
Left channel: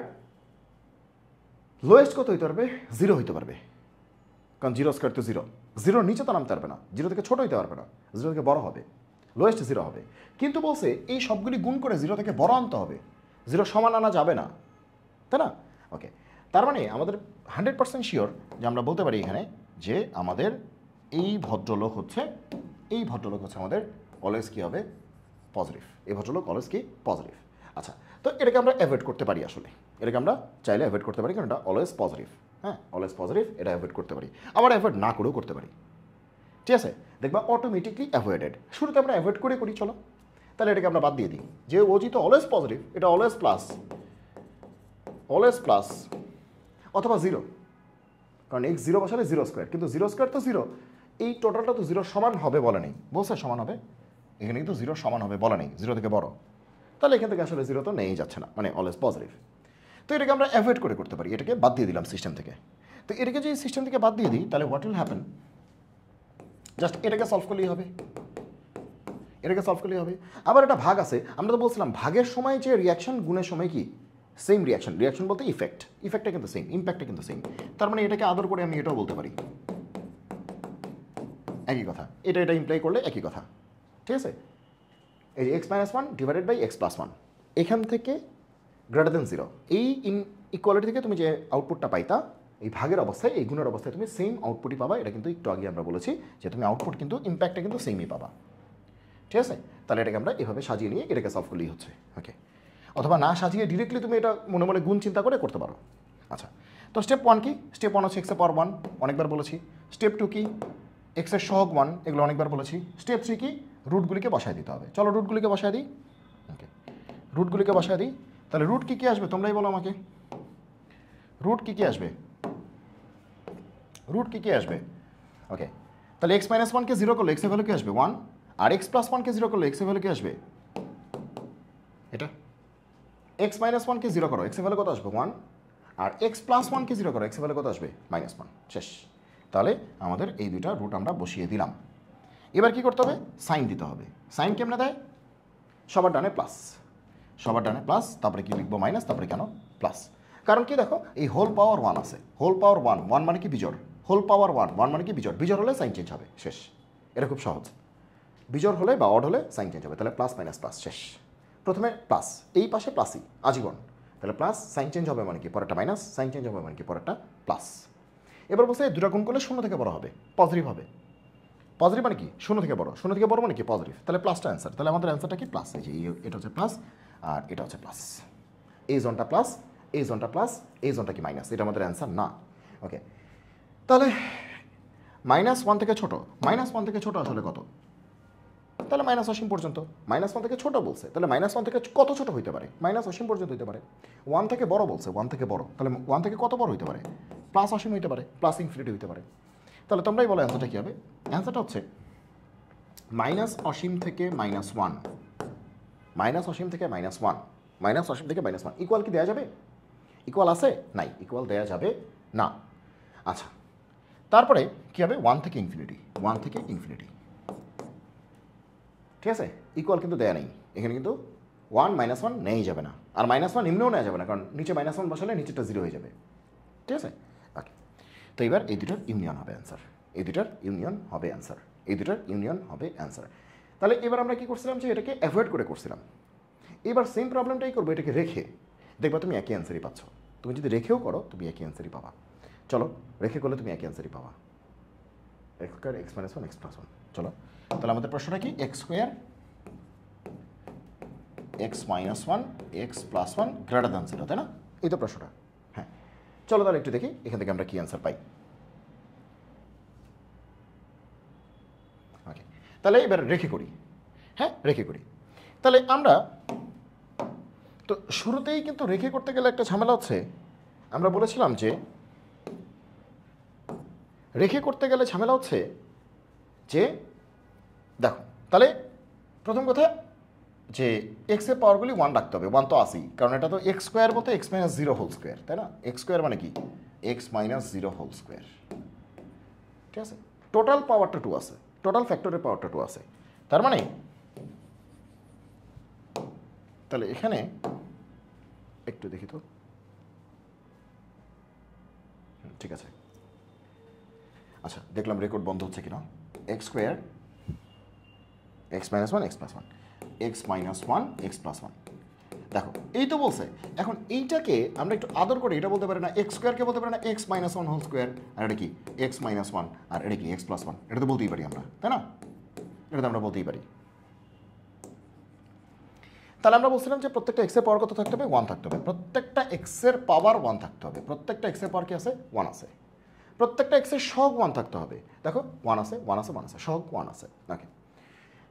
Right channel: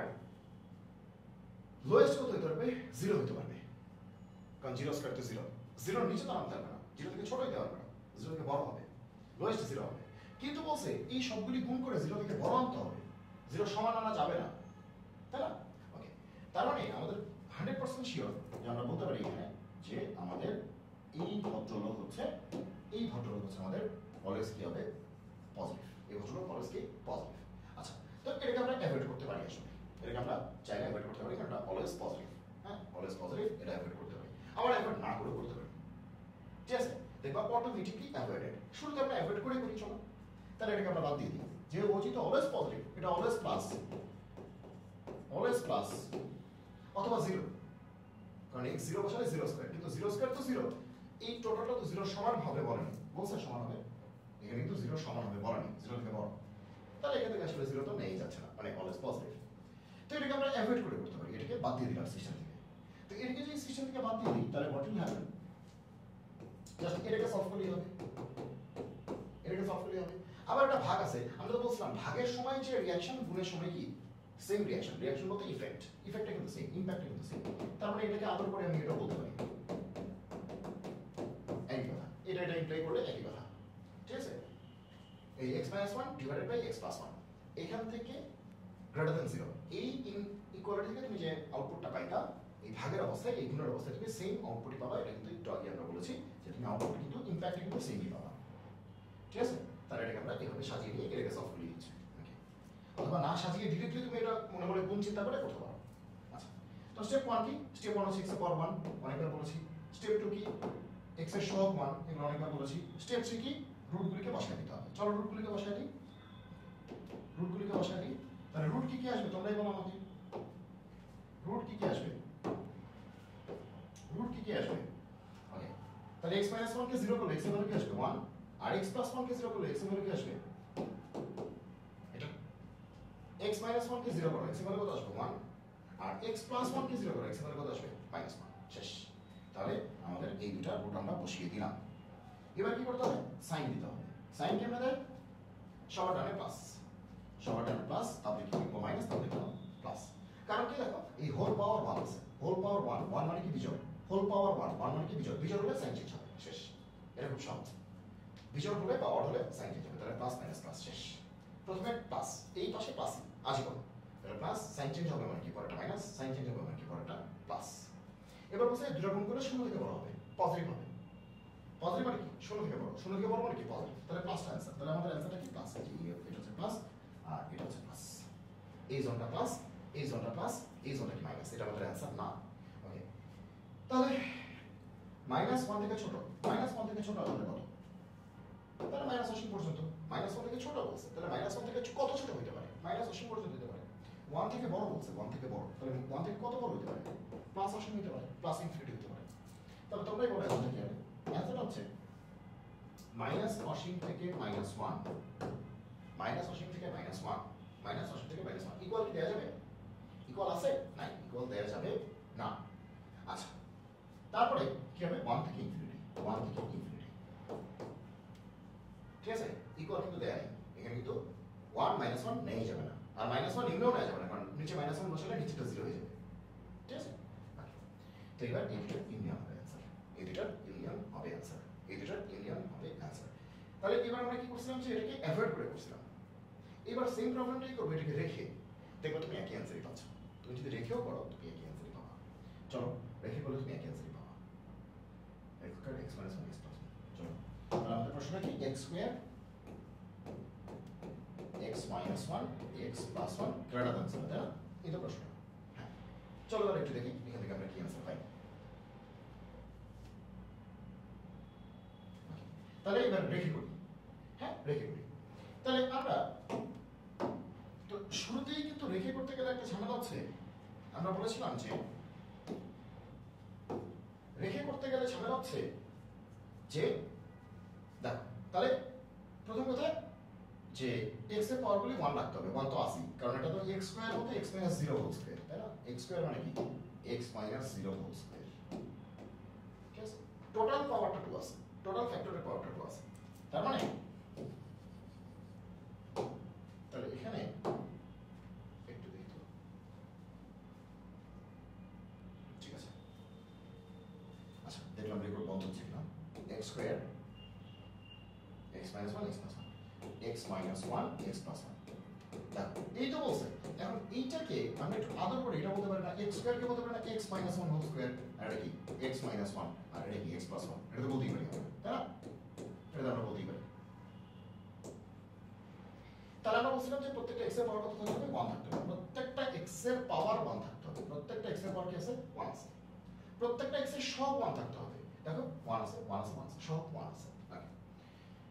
লোয়েস্ট কত হইতে পারবে? 0 হইতে পারবে, কারণ 0 স্কোয়ার তো 0, 0 নিচে তো নামতে পারবে না, 0 থেকে ছোট হইতে পারবে না, 0 থেকে বড় হবে, লোয়েস্ট 0 হবে। কিন্তু বলছে এই সবগুলি গুণ করে 0 থেকে বড় আনতে হবে, 0 সমান আনা যাবে না, তাই না? ওকে, তার মানে আমাদের 100% শিওর যে আমরা বলতে পারি এখানে যে আমাদের এই ভদ্রলোক হচ্ছে আমাদের অলওয়েজ কী হবে? পজিটিভ। এই ভদ্রলোক অলওয়েজ কি? পজিটিভ। আচ্ছা, তো এটাকে আমরা অ্যাভয়েড করতে পারি, আসলে এটাকে আমরা চাইলে অ্যাভয়েড করতে পারি, কারণ এটা অলওয়েজ পজিটিভ। হ্যাঁ, অলওয়েজ পজিটিভ, এটা অ্যাভয়েড করতে পারি, আবার অ্যাভয়েড না করেও করতে পারি। ঠিক আছে, দেখবা অটোমেটিকলি অ্যাভয়েডেড। শুরুতে আমরা অ্যাভয়েড করে করি, চলো তাহলে এটাকে আমরা বাদ দিয়ে দিই, যে ও যেহেতু অলওয়েজ পজিটিভ, এটা অলওয়েজ প্লাস অথবা 0, কারণ x 0 বসালে 0 স্কোয়ার, কিন্তু 0 স্কোয়ার তো 0, এই টোটালটা তো 0 সমান হবে বলে নেই, বলছে সমান হবে, এখানে কিন্তু 0 সমান হবে বলে নেই, 0 থেকে বড়, তাহলে এখান থেকে আসলে 0 তো নেই যাচ্ছে না, মানে অলওয়েজ পজিটিভ। তো এটাকে আমরা অ্যাভয়েড করে করতে পারি, এটাকে বাদ দিয়ে দিলাম সিস্টেম থেকে। তো এটাকে যদি সিস্টেম থেকে বাদ দিয়ে দিই তাহলে হোয়াট উইল হ্যাপেন? জাস্ট এটাকে সলভ করলেই হবে, আবার এটা ভাগ আছে, আমরা তো বলছিলাম ভাগের সময় যে রিয়াকশন গুণের সময় কি সেম রিয়াকশন বলতে ইফেক্টটা কিন্তু সেম, ইম্প্যাক্টটা কিন্তু সেম। তার মানে এটাকে আদর করে আমি এটাও বলতে পারি একই কথা, এটা ইমপ্লাই করলে একই কথা। ঠিক আছে, এই x - 1 ডিভাইডেড বাই x + 1, এখান থেকে গ্রেটার দেন 0, এই ইকুয়ালিটি থেকে তুমি যে আউটপুটটা পাইতা এই ভাগের অবস্থায়, এই গুণের অবস্থায় তুমি সেম আউটপুটই পাবা। এটা কিন্তু একটু আগে আমরা বলেছি যে তুমি আউটপুট কিন্তু ইম্প্যাক্টটা কিন্তু সেমই পাবা। ঠিক আছে, তাহলে এটাকে আমরা এভাবে সাজিয়ে নিয়ে এটাকে সলভ করলেই হচ্ছে। ওকে, অথবা না সাজিয়ে ডিরেক্টলি তুমি এটা মনে মনে গুণ চিন্তা করে করতে পারো। আচ্ছা, তো স্টেপ 1 কি? স্টেপ 1 হচ্ছে x⁴ 1, অনেকবার বলেছি। স্টেপ 2 কি? এক্সের সহগ 1, এগুলো অনেকবার বলেছি। স্টেপ 3 কি, রুটগুলিকে বসায় দিতে হবে। চলো রুটগুলিকে বসায় দিই। ওকে, রুটগুলিকে বসায় দিই। তাহলে রুট কী কী আসবে তোমরাই বলো আমাকে, রুট কী কী আসবে, রুট কী কী আসবে? ওকে, তাহলে এক্স মাইনাস ওয়ানকে জিরো করলে এক্সের ভ্যালু কী আসবে 1, আর এক্স প্লাস ওয়ানকে জিরো করলে এক্সের ভ্যালু কী আসবে? এটা এক্স মাইনাস ওয়ানকে জিরো করো, এক্সের ভ্যালু কত আসবে 1, আর এক্স প্লাস ওয়ানকে জিরো করো, এক্সের ভ্যালু কত আসবে -1। শেষ। তাহলে আমাদের এই দুইটা রুট আমরা বসিয়ে দিলাম। এবার কি করতে হবে, সাইন দিতে হবে। সাইন কেমনে দেয়, সবার ডানে প্লাস, সবার ডানে প্লাস, তারপরে কি লিখবো মাইনাস, তারপরে কেন প্লাস? কারণ কি দেখো, এই হোল পাওয়ার 1 আছে, হোল পাওয়ার 1, 1 মানে কি বিজোড়, হোল পাওয়ার 1, 1 মানে কি বিজোড়, বিজোড় হলে সাইন চেঞ্জ হবে। শেষ। এটা খুব সহজ, বিজোড় হলে বা অড হলে সাইন চেঞ্জ হবে। তাহলে প্লাস মাইনাস প্লাস, শেষ। প্রথমে প্লাস, এই পাশে প্লাসই আজীবন। তাহলে প্লাস, সাইন চেঞ্জ হবে মানে কি, পরেরটা মাইনাস, সাইন চেঞ্জ হবে মানে কি, পরেরটা প্লাস। এবার বলছে দুটা গুণ করলে শূন্য থেকে বড় হবে, পজিটিভ হবে। পজিটিভ মানে কি, শূন্য থেকে বড়, শূন্য থেকে বড় মানে কি পজিটিভ। তাহলে প্লাসটা অ্যান্সার। তাহলে আমাদের অ্যান্সারটা কি প্লাস, এই যে এটা হচ্ছে প্লাস আর এটা হচ্ছে প্লাস। এই জোনটা প্লাস, এই জোনটা প্লাস, এই জোনটা কি মাইনাস, এটা আমাদের অ্যান্সার না। ওকে, তাহলে -1 থেকে ছোট, -1 থেকে ছোট আসলে কত? তাহলে মাইনাস অসীম পর্যন্ত। -1 থেকে ছোট বলছে, তাহলে -1 থেকে কত ছোট হইতে পারে? মাইনাস অসীম পর্যন্ত হইতে পারে। 1 থেকে বড় বলছে, 1 থেকে বড়, তাহলে 1 থেকে কত বড় হইতে পারে? প্লাস অসীম হইতে পারে, প্লাস ইনফিনিটি হইতে পারে। তাহলে তোমরাই বলো অ্যান্সারটা কী হবে? অ্যান্সারটা হচ্ছে মাইনাস অসীম থেকে -1, মাইনাস অসীম থেকে -1, মাইনাস অসীম থেকে -1। ইকুয়াল কি দেওয়া যাবে? ইকুয়াল আছে? নাই, ইকুয়াল দেওয়া যাবে না। আচ্ছা, তারপরে কী হবে, 1 থেকে ইনফিনিটি, 1 থেকে ইনফিনিটি। ঠিক আছে, ইকুয়াল কিন্তু দেয়া নেই এখানে, কিন্তু 1 -1 নেই যাবে না, আর -1 নিম্নেও নেওয়া যাবে না, কারণ নিচে -1 বসালে নিচেটা 0 হয়ে যাবে। ঠিক আছে, ওকে। তো এবার এই দুটোর ইউনিয়ন হবে অ্যান্সার, এই দুটোর ইউনিয়ন হবে অ্যান্সার, এই দুটোর ইউনিয়ন হবে অ্যান্সার। তাহলে এবার আমরা কি করছিলাম, যে এটাকে অ্যাভয়েড করে করছিলাম। এবার সেম প্রবলেমটাই করবো, এটাকে রেখে, দেখবা তুমি একই অ্যান্সারই পাচ্ছ। তুমি যদি রেখেও করো তুমি একই অ্যান্সারই পাবা। চলো রেখে করলে তুমি একই অ্যান্সারই পাবা, x square x minus one x plus one. চলো তাহলে আমাদের প্রশ্নটা কি, x square x minus one x plus one greater than 0, তাই না? এই তো প্রশ্নটা। হ্যাঁ, চলো তাহলে একটু দেখি এখান থেকে আমরা কি অ্যান্সার পাই। ওকে, তাহলে এবার রেখে করি। হ্যাঁ, রেখে করি। তাহলে আমরা তো শুরুতেই কিন্তু রেখে করতে গেলে একটা ঝামেলা হচ্ছে, আমরা বলেছিলাম যে রেখে করতে গেলে ঝামেলা হচ্ছে যে, দেখো তাহলে প্রথম কথা যে এক্সের পাওয়ারগুলি 1 রাখতে হবে, 1 তো আসি, কারণ এটা তো এক্স স্কোয়ার বলতে এক্স মাইনাস 0 হোল স্কোয়ার, তাই না? এক্স স্কোয়ার মানে কি, এক্স মাইনাস 0 হোল স্কোয়ার। ঠিক আছে, টোটাল পাওয়ারটা 2 আছে, টোটাল ফ্যাক্টরের পাওয়ারটা 2 আছে। তার মানে তাহলে এখানে একটু দেখি তো, ঠিক আছে। আচ্ছা, দেখলাম রেকর্ড বন্ধ হচ্ছে কিনা। X square x minus one x plus one, x minus one x plus one. দেখো এই তো বলছে, এখন এইটাকে আমরা একটু আদর করে এটা বলতে পারি না, এক্স স্কোয়ারকে বলতে পারি না X minus one whole square, আর এটা কি এক্স মাইনাস ওয়ান, আর এটা কি এক্স প্লাস ওয়ান, এটা তো বলতেই পারি আমরা, তাই না? এটা তো আমরা বলতেই পারি। তাহলে আমরা বলছিলাম যে প্রত্যেকটা এক্সের পাওয়ার কত থাকতে হবে, 1 থাকতে হবে, প্রত্যেকটা এক্সের পাওয়ার 1 থাকতে হবে, প্রত্যেকটা এক্সের পাওয়ার কি আছে, 1 আছে, প্রত্যেকটা এক্সের সহগ 1 থাকতে হবে। দেখো 1 আছে 1 আছে 1 আছে, সহগ 1 আছে। ওকে,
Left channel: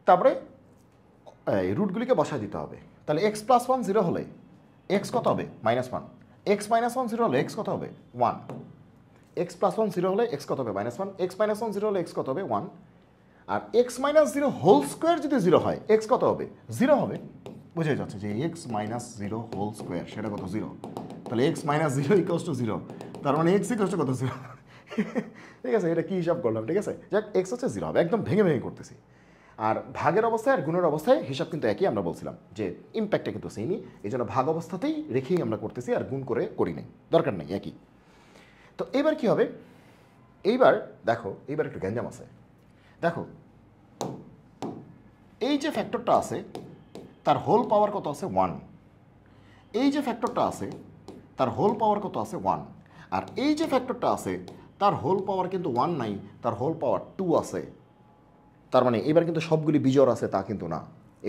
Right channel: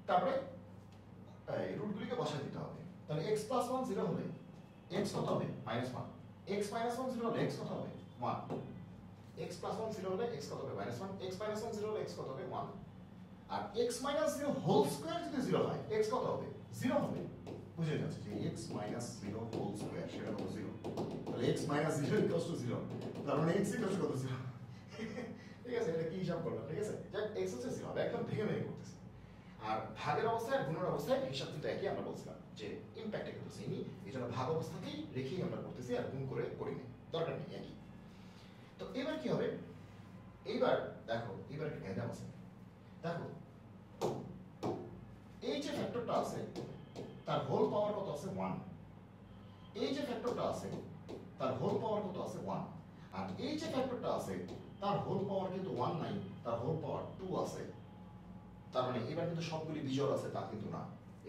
তারপরে এই রুটগুলিকে বসায় দিতে হবে। তাহলে এক্স প্লাস ওয়ান 0 হলে এক্স কত হবে, -1, এক্স মাইনাস ওয়ান 0 হলে এক্স কত হবে 1, এক্স প্লাস ওয়ান 0 হলে এক্স কত হবে -1, এক্স মাইনাস ওয়ান 0 হলে এক্স কত হবে 1, আর এক্স মাইনাস 0 হোল স্কোয়ার যদি 0 হয় এক্স কত হবে, 0 হবে। বুঝে যাচ্ছে যে এক্স মাইনাস 0 হোল স্কোয়ার সেটা কত, 0। তাহলে এক্স মাইনাস 0 ইকুয়ালস টু 0, তার মানে এক্স ইকুয়ালস টু কত, 0। ঠিক আছে, এটা কি হিসাব করলাম, ঠিক আছে, যাক এক্স হচ্ছে 0 হবে, একদম ভেঙে ভেঙে করতেছি। আর ভাগের অবস্থায় আর গুণের অবস্থায় হিসাব কিন্তু একই, আমরা বলছিলাম যে ইম্প্যাক্টটা কিন্তু সেমই, এই জন্য ভাগ অবস্থাতেই রেখেই আমরা করতেছি, আর গুণ করে করি নাই, দরকার নেই, একই। তো এবার কি হবে, এইবার দেখো এইবার একটু গ্যাঞ্জাম আছে। দেখো এই যে ফ্যাক্টরটা আছে তার হোল পাওয়ার কত আছে, 1। এই যে ফ্যাক্টরটা আছে তার হোল পাওয়ার কত আছে, 1। আর এই যে ফ্যাক্টরটা আছে তার হোল পাওয়ার কিন্তু 1 নাই, তার হোল পাওয়ার 2 আছে। তার মানে এবার কিন্তু সবগুলি বিজোড় আছে তা কিন্তু না,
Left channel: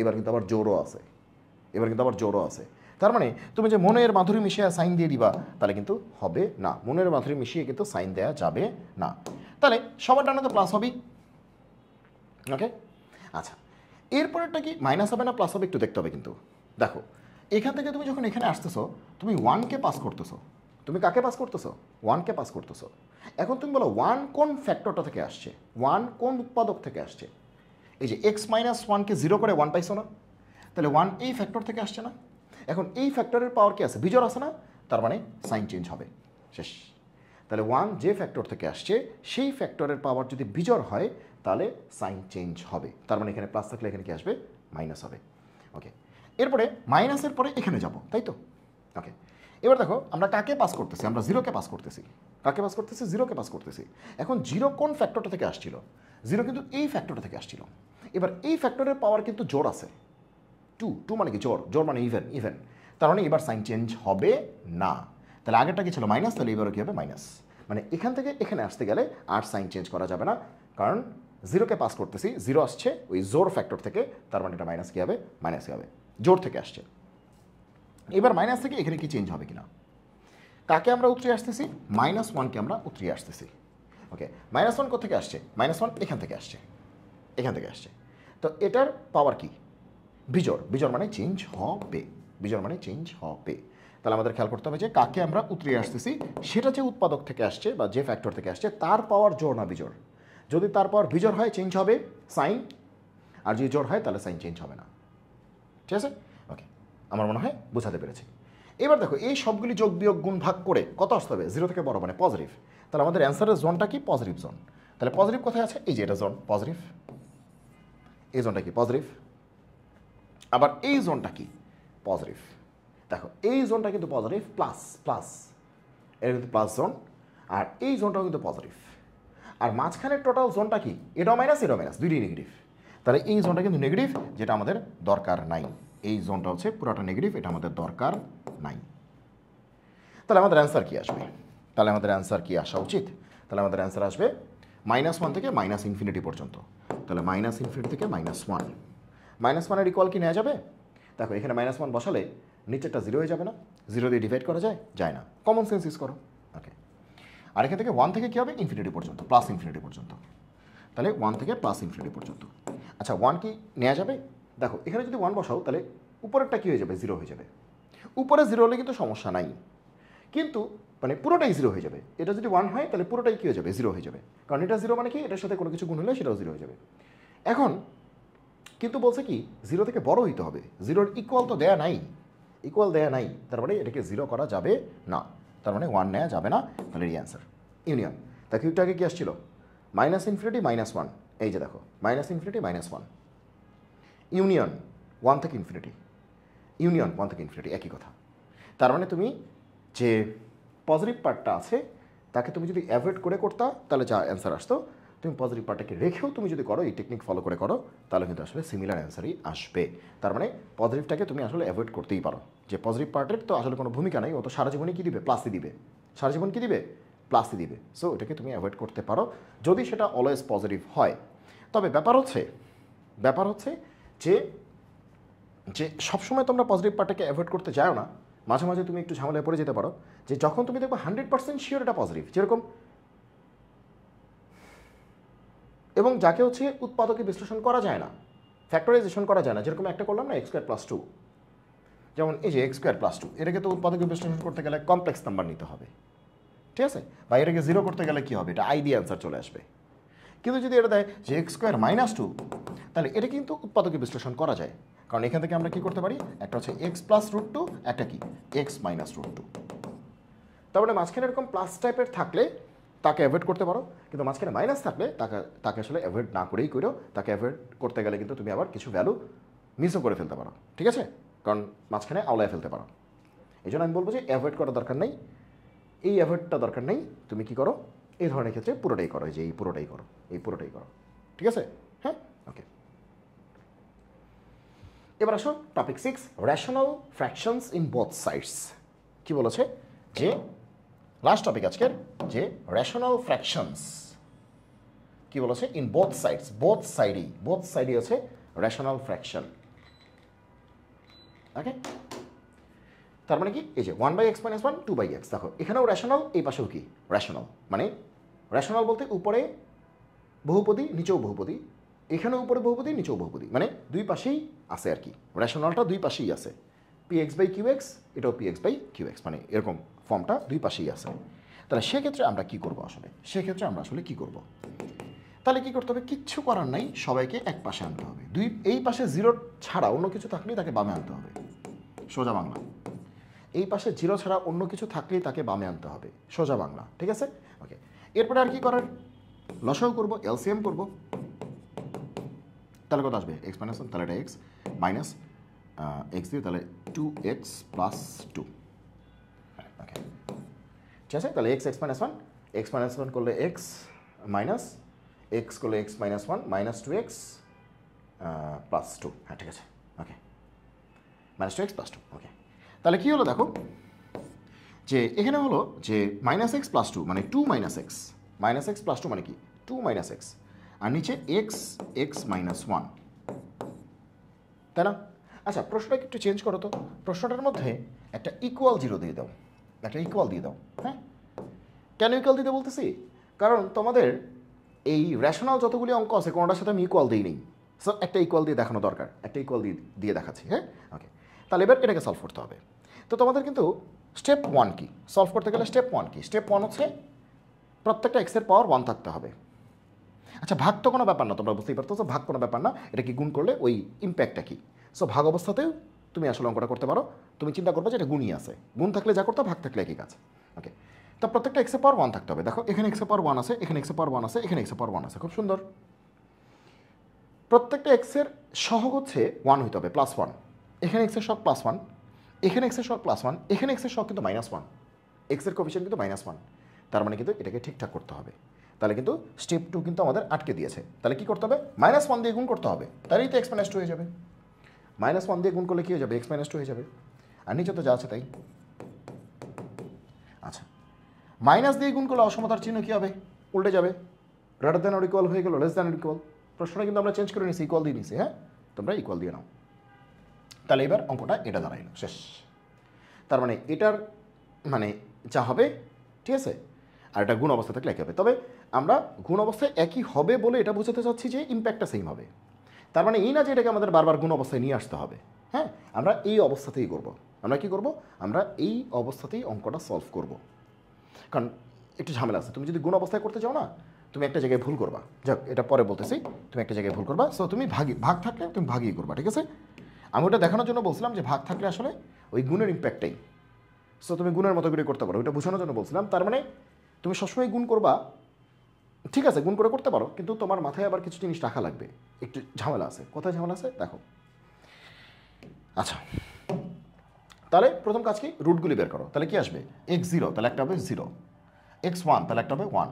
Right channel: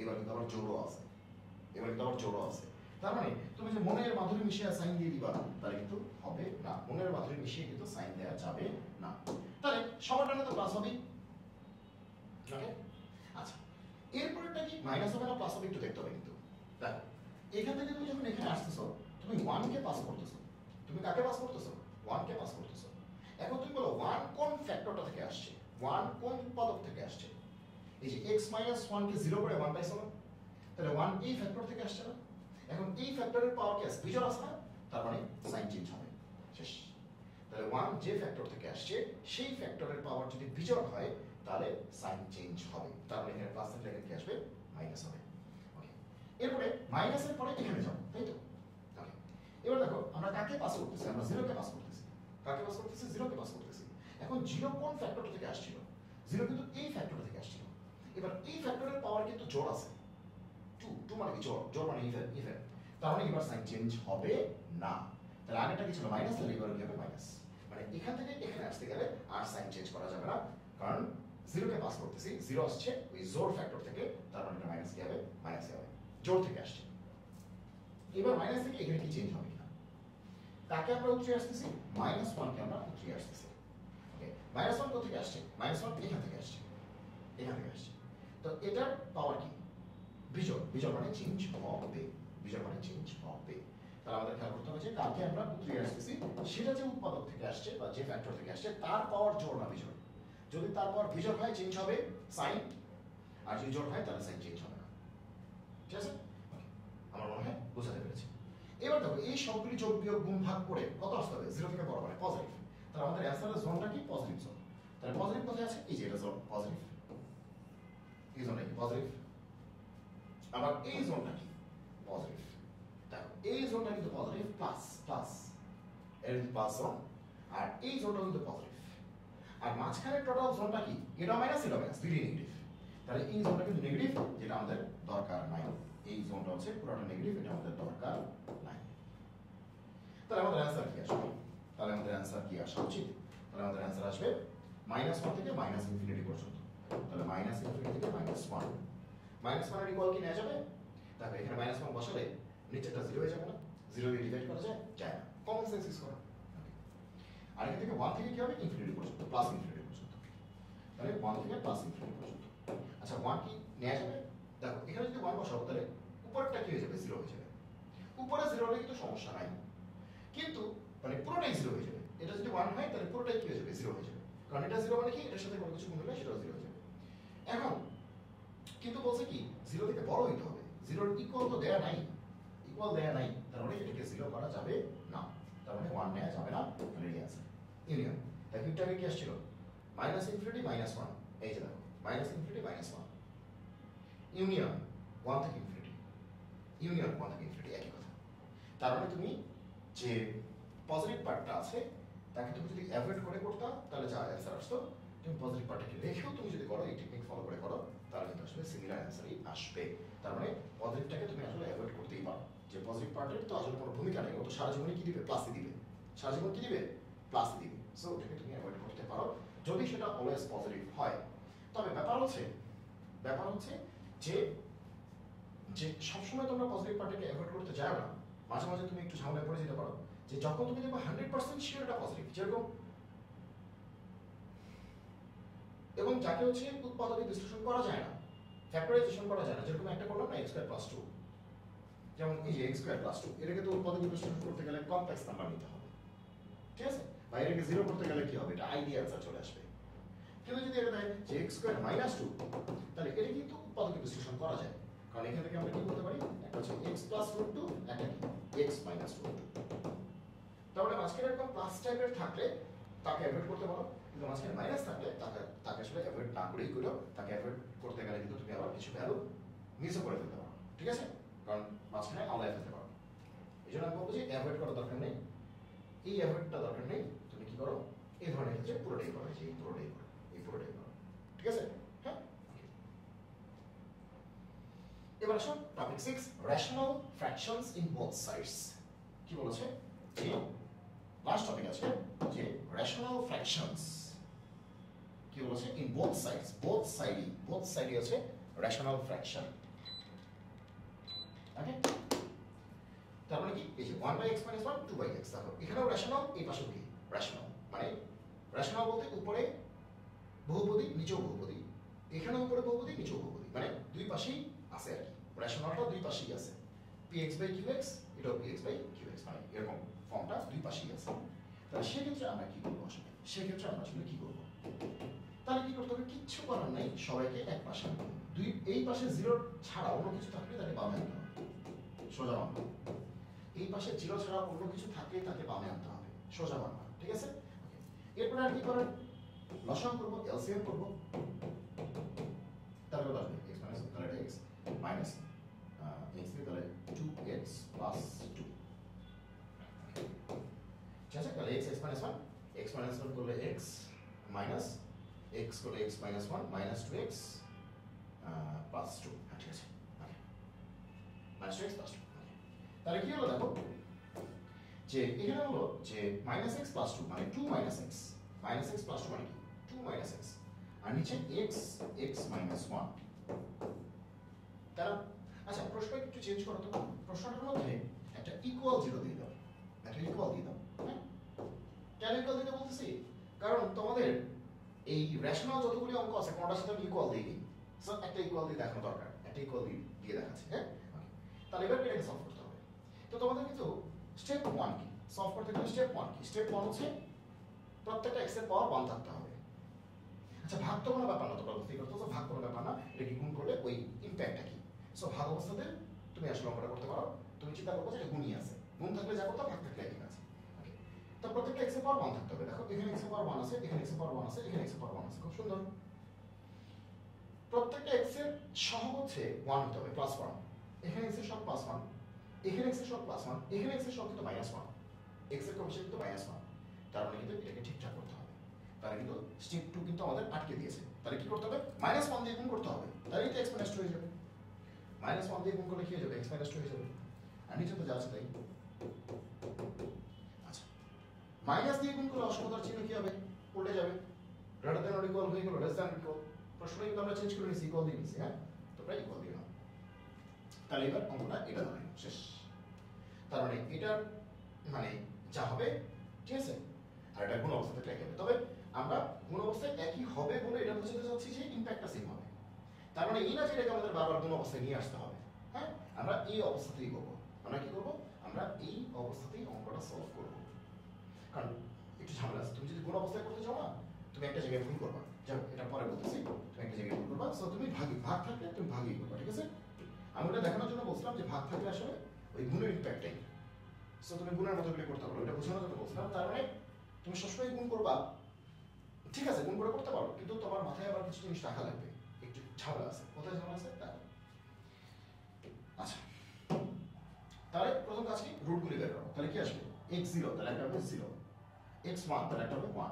এবার কিন্তু আবার জোরও আছে, এবার কিন্তু আবার জোরও আছে। তার মানে তুমি যে মনের মাধুরী মিশিয়ে সাইন দিয়ে দিবা তাহলে কিন্তু হবে না, মনের মাধুরী মিশিয়ে কিন্তু সাইন দেওয়া যাবে না। তাহলে সবার ডানে তো প্লাস হবেই, ওকে, আচ্ছা এরপরেরটা কি মাইনাস হবে না প্লাস হবে একটু দেখতে হবে কিন্তু। দেখো এখান থেকে তুমি যখন এখানে আসতেছো তুমি ওয়ানকে পাস করতেছো। তুমি কাকে পাস করতেছো? ওয়ানকে পাস করতেছো। এখন তুমি বলো ওয়ান কোন ফ্যাক্টরটা থেকে আসছে, ওয়ান কোন উৎপাদক থেকে আসছে? এই যে এক্স মাইনাস ওয়ানকে জিরো করে ওয়ান পাইছো না, তাহলে ওয়ান এই ফ্যাক্টর থেকে আসছে না। এখন এই ফ্যাক্টরের পাওয়ার কি আছে? বিজোড় আছে না, তার মানে সাইন চেঞ্জ হবে, শেষ। তাহলে ওয়ান যে ফ্যাক্টর থেকে আসছে সেই ফ্যাক্টরের পাওয়ার যদি বিজোড় হয় তাহলে সাইন চেঞ্জ হবে, তার মানে এখানে প্লাস থাকলে এখানে কি আসবে? মাইনাস হবে। ওকে, এরপরে মাইনাসের পরে এখানে যাব, তাই তো? ওকে, এবার দেখো আমরা কাকে পাস করতেছি? আমরা জিরোকে পাস করতেছি। কাকে পাস করতেছি? জিরোকে পাস করতেছি। এখন জিরো কোন ফ্যাক্টরটা থেকে আসছিল? জিরো কিন্তু এই ফ্যাক্টরটা থেকে আসছিল। এবার এই ফ্যাক্টরের পাওয়ার কিন্তু জোর আছে, টু, টু মানে কি? জোর, জোর মানে ইভেন, ইভেন, তার মানে এবার সাইন চেঞ্জ হবে না। তাহলে আগেরটা কি ছিল? মাইনাস, তাহলে এবারও কি হবে? মাইনাস। মানে এখান থেকে এখানে আসতে গেলে আর সাইন চেঞ্জ করা যাবে না, কারণ জিরোকে পাস করতেছি, জিরো আসছে ওই জোর ফ্যাক্টর থেকে, তার মানে এটা মাইনাস কি হবে? মাইনাস কি হবে? জোর থেকে আসছে। এবার মাইনাস থেকে এখানে কি চেঞ্জ হবে কিনা? কাকে আমরা উতরিয়ে আসতেছি? মাইনাস ওয়ানকে আমরা উতরিয়ে আসতেছি। ওকে, মাইনাস ওয়ান কোথা থেকে আসছে? মাইনাস ওয়ান এখান থেকে আসছে, এখান থেকে আসছে। তো এটার পাওয়ার কি? বিজোড়, বিজোড় মানে চেঞ্জ হবে, বিজোড় মানে চেঞ্জ হবে। তাহলে আমাদের খেয়াল করতে হবে যে কাকে আমরা উতরিয়ে আসতেছি সেটা যে উৎপাদক থেকে আসছে বা যে ফ্যাক্টর থেকে আসছে তার পাওয়ার জোড় না বিজোড়। যদি তার পাওয়ার বিজোড় হয় চেঞ্জ হবে সাইন, আর যদি জোড় হয় তাহলে সাইন চেঞ্জ হবে না। ঠিক আছে? ওকে, আমার মনে হয় বোঝাতে পেরেছি। এবার দেখো এই সবগুলি যোগ বিয়োগ গুণ ভাগ করে কত আসতে হবে? জিরো থেকে বড় মানে পজিটিভ। তাহলে আমাদের অ্যান্সারের জোনটা কি? Positive zone. তাহলে পজিটিভ কোথায় আছে? এই যে এটা জোন পজিটিভ, এই জোনটা কি? পজিটিভ। আবার এই জোনটা কি? পজিটিভ। দেখো এই জোনটা কিন্তু পজিটিভ, প্লাস প্লাস, এটা কিন্তু প্লাস জোন, আর এই জোনটাও কিন্তু পজিটিভ। আর মাঝখানের টোটাল জোনটা কি? এটাও মাইনাস, এটাও মাইনাস, দুইটাই নেগেটিভ। তাহলে এই জোনটা কিন্তু নেগেটিভ, যেটা আমাদের দরকার নাই। এই জোনটা হচ্ছে পুরোটা নেগেটিভ, এটা আমাদের দরকার নাই। তাহলে আমাদের অ্যান্সার কি আসবে? তাহলে আমাদের অ্যান্সার কি আসা উচিত? তাহলে আমাদের অ্যান্সার আসবে মাইনাস ওয়ান থেকে মাইনাস ইনফিনিটি পর্যন্ত। তাহলে মাইনাস ইনফিনিটি থেকে মাইনাস ওয়ান। মাইনাস ওয়ানের ইকুয়াল কি নেওয়া যাবে? দেখো এখানে মাইনাস ওয়ান বসালে নিচেরটা জিরো হয়ে যাবে না? জিরো দিয়ে ডিভাইড করা যায়? যায় না। কমন সেন্স ইউজ করো। ওকে, আর এখান থেকে ওয়ান থেকে কী হবে? ইনফিনিটি পর্যন্ত, প্লাস ইনফিনিটি পর্যন্ত। তাহলে ওয়ান থেকে প্লাস ইনফিনিটি পর্যন্ত। আচ্ছা ওয়ান কি নেওয়া যাবে? দেখো এখানে যদি ওয়ান বসাও তাহলে উপরেরটা কী হয়ে যাবে? জিরো হয়ে যাবে। উপরে জিরো হলে কিন্তু সমস্যা নাই, কিন্তু মানে পুরোটাই জিরো হয়ে যাবে। এটা যদি ওয়ান হয় তাহলে পুরোটাই কী হয়ে যাবে? জিরো হয়ে যাবে, কারণ এটা জিরো মানে কি? এটার সাথে কোনো কিছু গুণ হলে সেটাও জিরো হয়ে যাবে। এখন কিন্তু বলছে কি জিরো থেকে বড় হইতে হবে, জিরোর ইকুয়াল তো দেয়া নাই, ইকুয়াল দেয়া নাই, তার মানে এটাকে জিরো করা যাবে না, তার মানে ওয়ান নেওয়া যাবে না। তাহলে এই অ্যান্সার ইউনিয়ন। তা কিউটা আগে কি আসছিল? মাইনাস ইনফিনিটি মাইনাস ওয়ান, এই যে দেখো minus infinity minus one, union one থেকে ইনফিনিটি, ইউনিয়ন ওয়ান থেকে ইনফিনিটি, একই কথা। তার মানে তুমি যে পজিটিভ পার্টটা আছে তাকে তুমি যদি অ্যাভয়েড করে করতা তাহলে যা অ্যান্সার আসতো, তুমি পজিটিভ পার্টটাকে রেখেও তুমি যদি করো, এই টেকনিক ফলো করে করো, তাহলে কিন্তু আসলে সিমিলার অ্যান্সারই আসবে। তার মানে পজিটিভটাকে তুমি আসলে অ্যাভয়েড করতেই পারো। যে পজিটিভ পার্টের তো আসলে কোনো ভূমিকা নেই, ও তো সারা জীবনে কী দিবে? প্লাসই দিবে, সারা জীবন কী দিবে? প্লাসই দিবে। সো এটাকে তুমি অ্যাভয়েড করতে পারো যদি সেটা অলওয়েজ পজিটিভ হয়। তবে ব্যাপার হচ্ছে যে যে সবসময় তোমরা পজিটিভ পার্টটাকে অ্যাভয়েড করতে যাও না, মাঝে মাঝে তুমি একটু ঝামেলায় পড়ে যেতে পারো। যে যখন তুমি দেখবে 100% শিওর এটা পজিটিভ, যেরকম এবং যাকে হচ্ছে উৎপাদকে বিশ্লেষণ করা যায় না, ফ্যাক্টরাইজেশন করা যায় না, যেরকম একটা করলাম না এক্স স্কোয়ার প্লাস টু, যেমন এই যে এক্স স্কোয়ার প্লাস টু, এটাকে তো উৎপাদকে বিশ্লেষণ করতে গেলে কমপ্লেক্স নাম্বার নিতে হবে, ঠিক আছে? বা এটাকে জিরো করতে গেলে কী হবে? এটা আই দিয়ে অ্যান্সার চলে আসবে। কিন্তু যদি এটা দেয় যে এক্স স্কোয়ার মাইনাস টু, তাহলে এটা কিন্তু উৎপাদকে বিশ্লেষণ করা যায়, কারণ এখান থেকে আমরা কী করতে পারি? একটা হচ্ছে এক্স প্লাস রুট টু, একটা কি এক্স মাইনাস রুট টু। তারপরে মাঝখানে এরকম প্লাস টাইপের থাকলে তাকে অ্যাভয়েড করতে পারো, কিন্তু মাঝখানে মাইনাস থাকলে তাকে আসলে অ্যাভয়েড না করেই করো। তাকে অ্যাভয়েড করতে গেলে কিন্তু তুমি আবার কিছু ভ্যালু মিসও করে ফেলতে পারো, ঠিক আছে? কারণ মাঝখানে আওলায় ফেলতে পারো। এই জন্য আমি বলবো যে অ্যাভয়েড করার দরকার নেই, এই অ্যাভয়েডটা দরকার নেই। তুমি কি করো এই ধরনের ক্ষেত্রে? পুরোটাই করো, যে এই পুরোটাই করো, এই পুরোটাই করো, ঠিক আছে? হ্যাঁ, ওকে। এবার আসো topic 6, rational fractions in both sides. কি বলেছে? যে লাস্ট টপিক আজকের, যে রেশনাল ফ্র্যাকশনস কি বলেছে? ইন বোথ সাইডস, বোথ সাইডই হচ্ছে রেশনাল ফ্র্যাকশন। ওকে, তার মানে কি? এই যে 1/x - 1 2/x, দেখো এখানেও রেশনাল, এই পাশেও কি রেশনাল। মানে রেশনাল বলতে উপরে বহুপদী নিচেও বহুপদী, এখানে উপরে বহুপদী নিচেও বহুপদী, মানে দুই পাশেই আছে আর কি, রেশনালটা দুই পাশেই আছে, px বাই qx, এটাও px বাই qx, মানে এরকম ফর্মটা দুই পাশেই আছে। তাহলে সেক্ষেত্রে আমরা কি করব আসলে, সেক্ষেত্রে আমরা আসলে কি করব, তাহলে কি করতে হবে, কিচ্ছু করার নাই, সবাইকে এক পাশে আনতে হবে। এই পাশে জিরো ছাড়া অন্য কিছু থাকলেই তাকে বামে আনতে হবে, সোজা বাংলা। এই পাশে জিরো ছাড়া অন্য কিছু থাকলেই তাকে বামে আনতে হবে, সোজা বাংলা, ঠিক আছে। ওকে, এরপরে আর কি করার, লসাগু করবো, এলসিএম করবো, তাহলে কত আসবে, এক্স মাইনাস ওয়ান, তাহলে এটা এক্স মাইনাস এক্স দিয়ে, তাহলে 2x প্লাস 2। ওকে, ঠিক আছে। তাহলে x minus one, x minus one করলে এক্স মাইনাস এক্স করলে x minus one minus 2x plus 2, হ্যাঁ ঠিক আছে। ওকে, মাইনাস 2x প্লাস 2। ওকে, তাহলে কী হলো দেখো, যে এখানে হলো যে মাইনাস এক্স প্লাস 2 মানে 2 minus x, minus x plus 2 মানে কি 2 মাইনাস এক্স, আর নিচে এক্স এক্স মাইনাস 1, তাই না? আচ্ছা, প্রশ্নটাকে একটু চেঞ্জ করো তো, প্রশ্নটার মধ্যে একটা ইকুয়াল জিরো দিয়ে দাও, একটা ইকুয়াল দিয়ে দাও। হ্যাঁ, কেন ইকুয়াল দিতে বলতেছি, কারণ তোমাদের এই রেশনাল যতগুলি অঙ্ক আছে কোনোটার সাথে আমি ইকুয়াল দিই নেই, সো একটা ইকুয়াল দিয়ে দেখানো দরকার, একটা ইকুয়াল দিয়ে দেখাচ্ছি। হ্যাঁ, ওকে, তাহলে এবার এটাকে সলভ করতে হবে। তো তোমাদের কিন্তু স্টেপ 1 কি, সলভ করতে গেলে স্টেপ 1 কি, স্টেপ 1 হচ্ছে প্রত্যেকটা এক্সের পাওয়ার 1 থাকতে হবে। আচ্ছা, ভাগ তো কোনো ব্যাপার না, তোমরা বুঝতেই পারতো, ভাগ কোনো ব্যাপার না, এটা কি গুণ করলে ওই ইম্প্যাক্টটা কি, সো ভাগ অবস্থাতেও তুমি আসলে অঙ্কটা করতে পারো। তুমি চিন্তা করবে যে এটা গুণই আছে, গুণ থাকলে যা করতে, ভাগ থাকলে একই কাজ। ওকে, তো প্রত্যেকটা এক্সের পাওয়ার 1 থাকতে হবে। দেখো এখানে এক্সের পাওয়ার 1 আছে, এখানে এক্সের পাওয়ার 1 আছে, এখানে এক্সের পাওয়ার 1 আছে, খুব সুন্দর। প্রত্যেকটা এক্সের সহগ হচ্ছে 1 হতে হবে, +1। এখানে এক্সের সহগ +1, এখানে এক্সের সহগ +1, এখানে এক্সের সহগ কিন্তু -1, এক্সের কোএফিশিয়েন্ট কিন্তু -1, তার মানে কিন্তু এটাকে ঠিকঠাক করতে হবে। তাহলে কিন্তু স্টেপ 2 কিন্তু আমাদের আটকে দিয়েছে। তাহলে কি করতে হবে, -1 দিয়ে গুণ করতে হবে, তাহলেই তো x - 2 হয়ে যাবে। -1 দিয়ে গুণ করলে কি হয়ে যাবে, x - 2 হয়ে যাবে, আর নিচে তো যা আছে তাই। আচ্ছা, মাইনাস দিয়ে গুণ করলে অসমতার চিহ্ন কী হবে, উল্টে যাবে, গ্রেটার দ্যান অর ইকুয়াল হয়ে গেল লেস দ্যান অর ইকুয়াল। প্রশ্নটা কিন্তু আমরা চেঞ্জ করে নিয়েছি, ইকুয়াল দিয়ে নিয়েছি। হ্যাঁ, তোমরা ইকুয়াল দিয়ে নাও। তাহলে এবার অঙ্কটা এটা দাঁড়াইল, শেষ। তার মানে এটার মানে যা হবে, ঠিক আছে, আর এটা গুণ অবস্থা থাকলে একই হবে। তবে আমরা গুণ অবস্থায় একই হবে বলে এটা বোঝাতে চাচ্ছি যে ইম্প্যাক্টটা সেম হবে। তার মানে এই না যে এটাকে আমাদের বারবার গুণ অবস্থায় নিয়ে আসতে হবে। হ্যাঁ, আমরা এই অবস্থাতেই করব। আমরা কি করব, আমরা এই অবস্থাতেই অঙ্কটা সলভ করব। কারণ একটু ঝামেলা আছে, তুমি যদি গুণ অবস্থায় করতে চাও না, তুমি একটা জায়গায় ভুল করবা। যাক, এটা পরে বলতেছি, তুমি একটা জায়গায় ভুল করবা, সো তুমি ভাগ থাকলে তুমি ভাগই করবা, ঠিক আছে। আমি ওটা দেখানোর জন্য বলছিলাম যে ভাগ থাকলে আসলে ওই গুণের ইম্প্যাক্টটাই, সো তুমি গুণের মতো করে করতে পারো, ওইটা বোঝানোর জন্য বলছিলাম। তার মানে তুমি সবসময় গুণ করবা, ঠিক আছে, গুণ করে করতে পারো, কিন্তু তোমার মাথায় আবার কিছু জিনিস রাখা লাগবে, একটু ঝামেলা আছে। কোথায় ঝামেলা আছে দেখো। আচ্ছা, তাহলে প্রথম কাজ কি, রুটগুলি বের করো। তাহলে কি আসবে, x0, তাহলে একটা হবে 0, x1, তাহলে একটা হবে 1,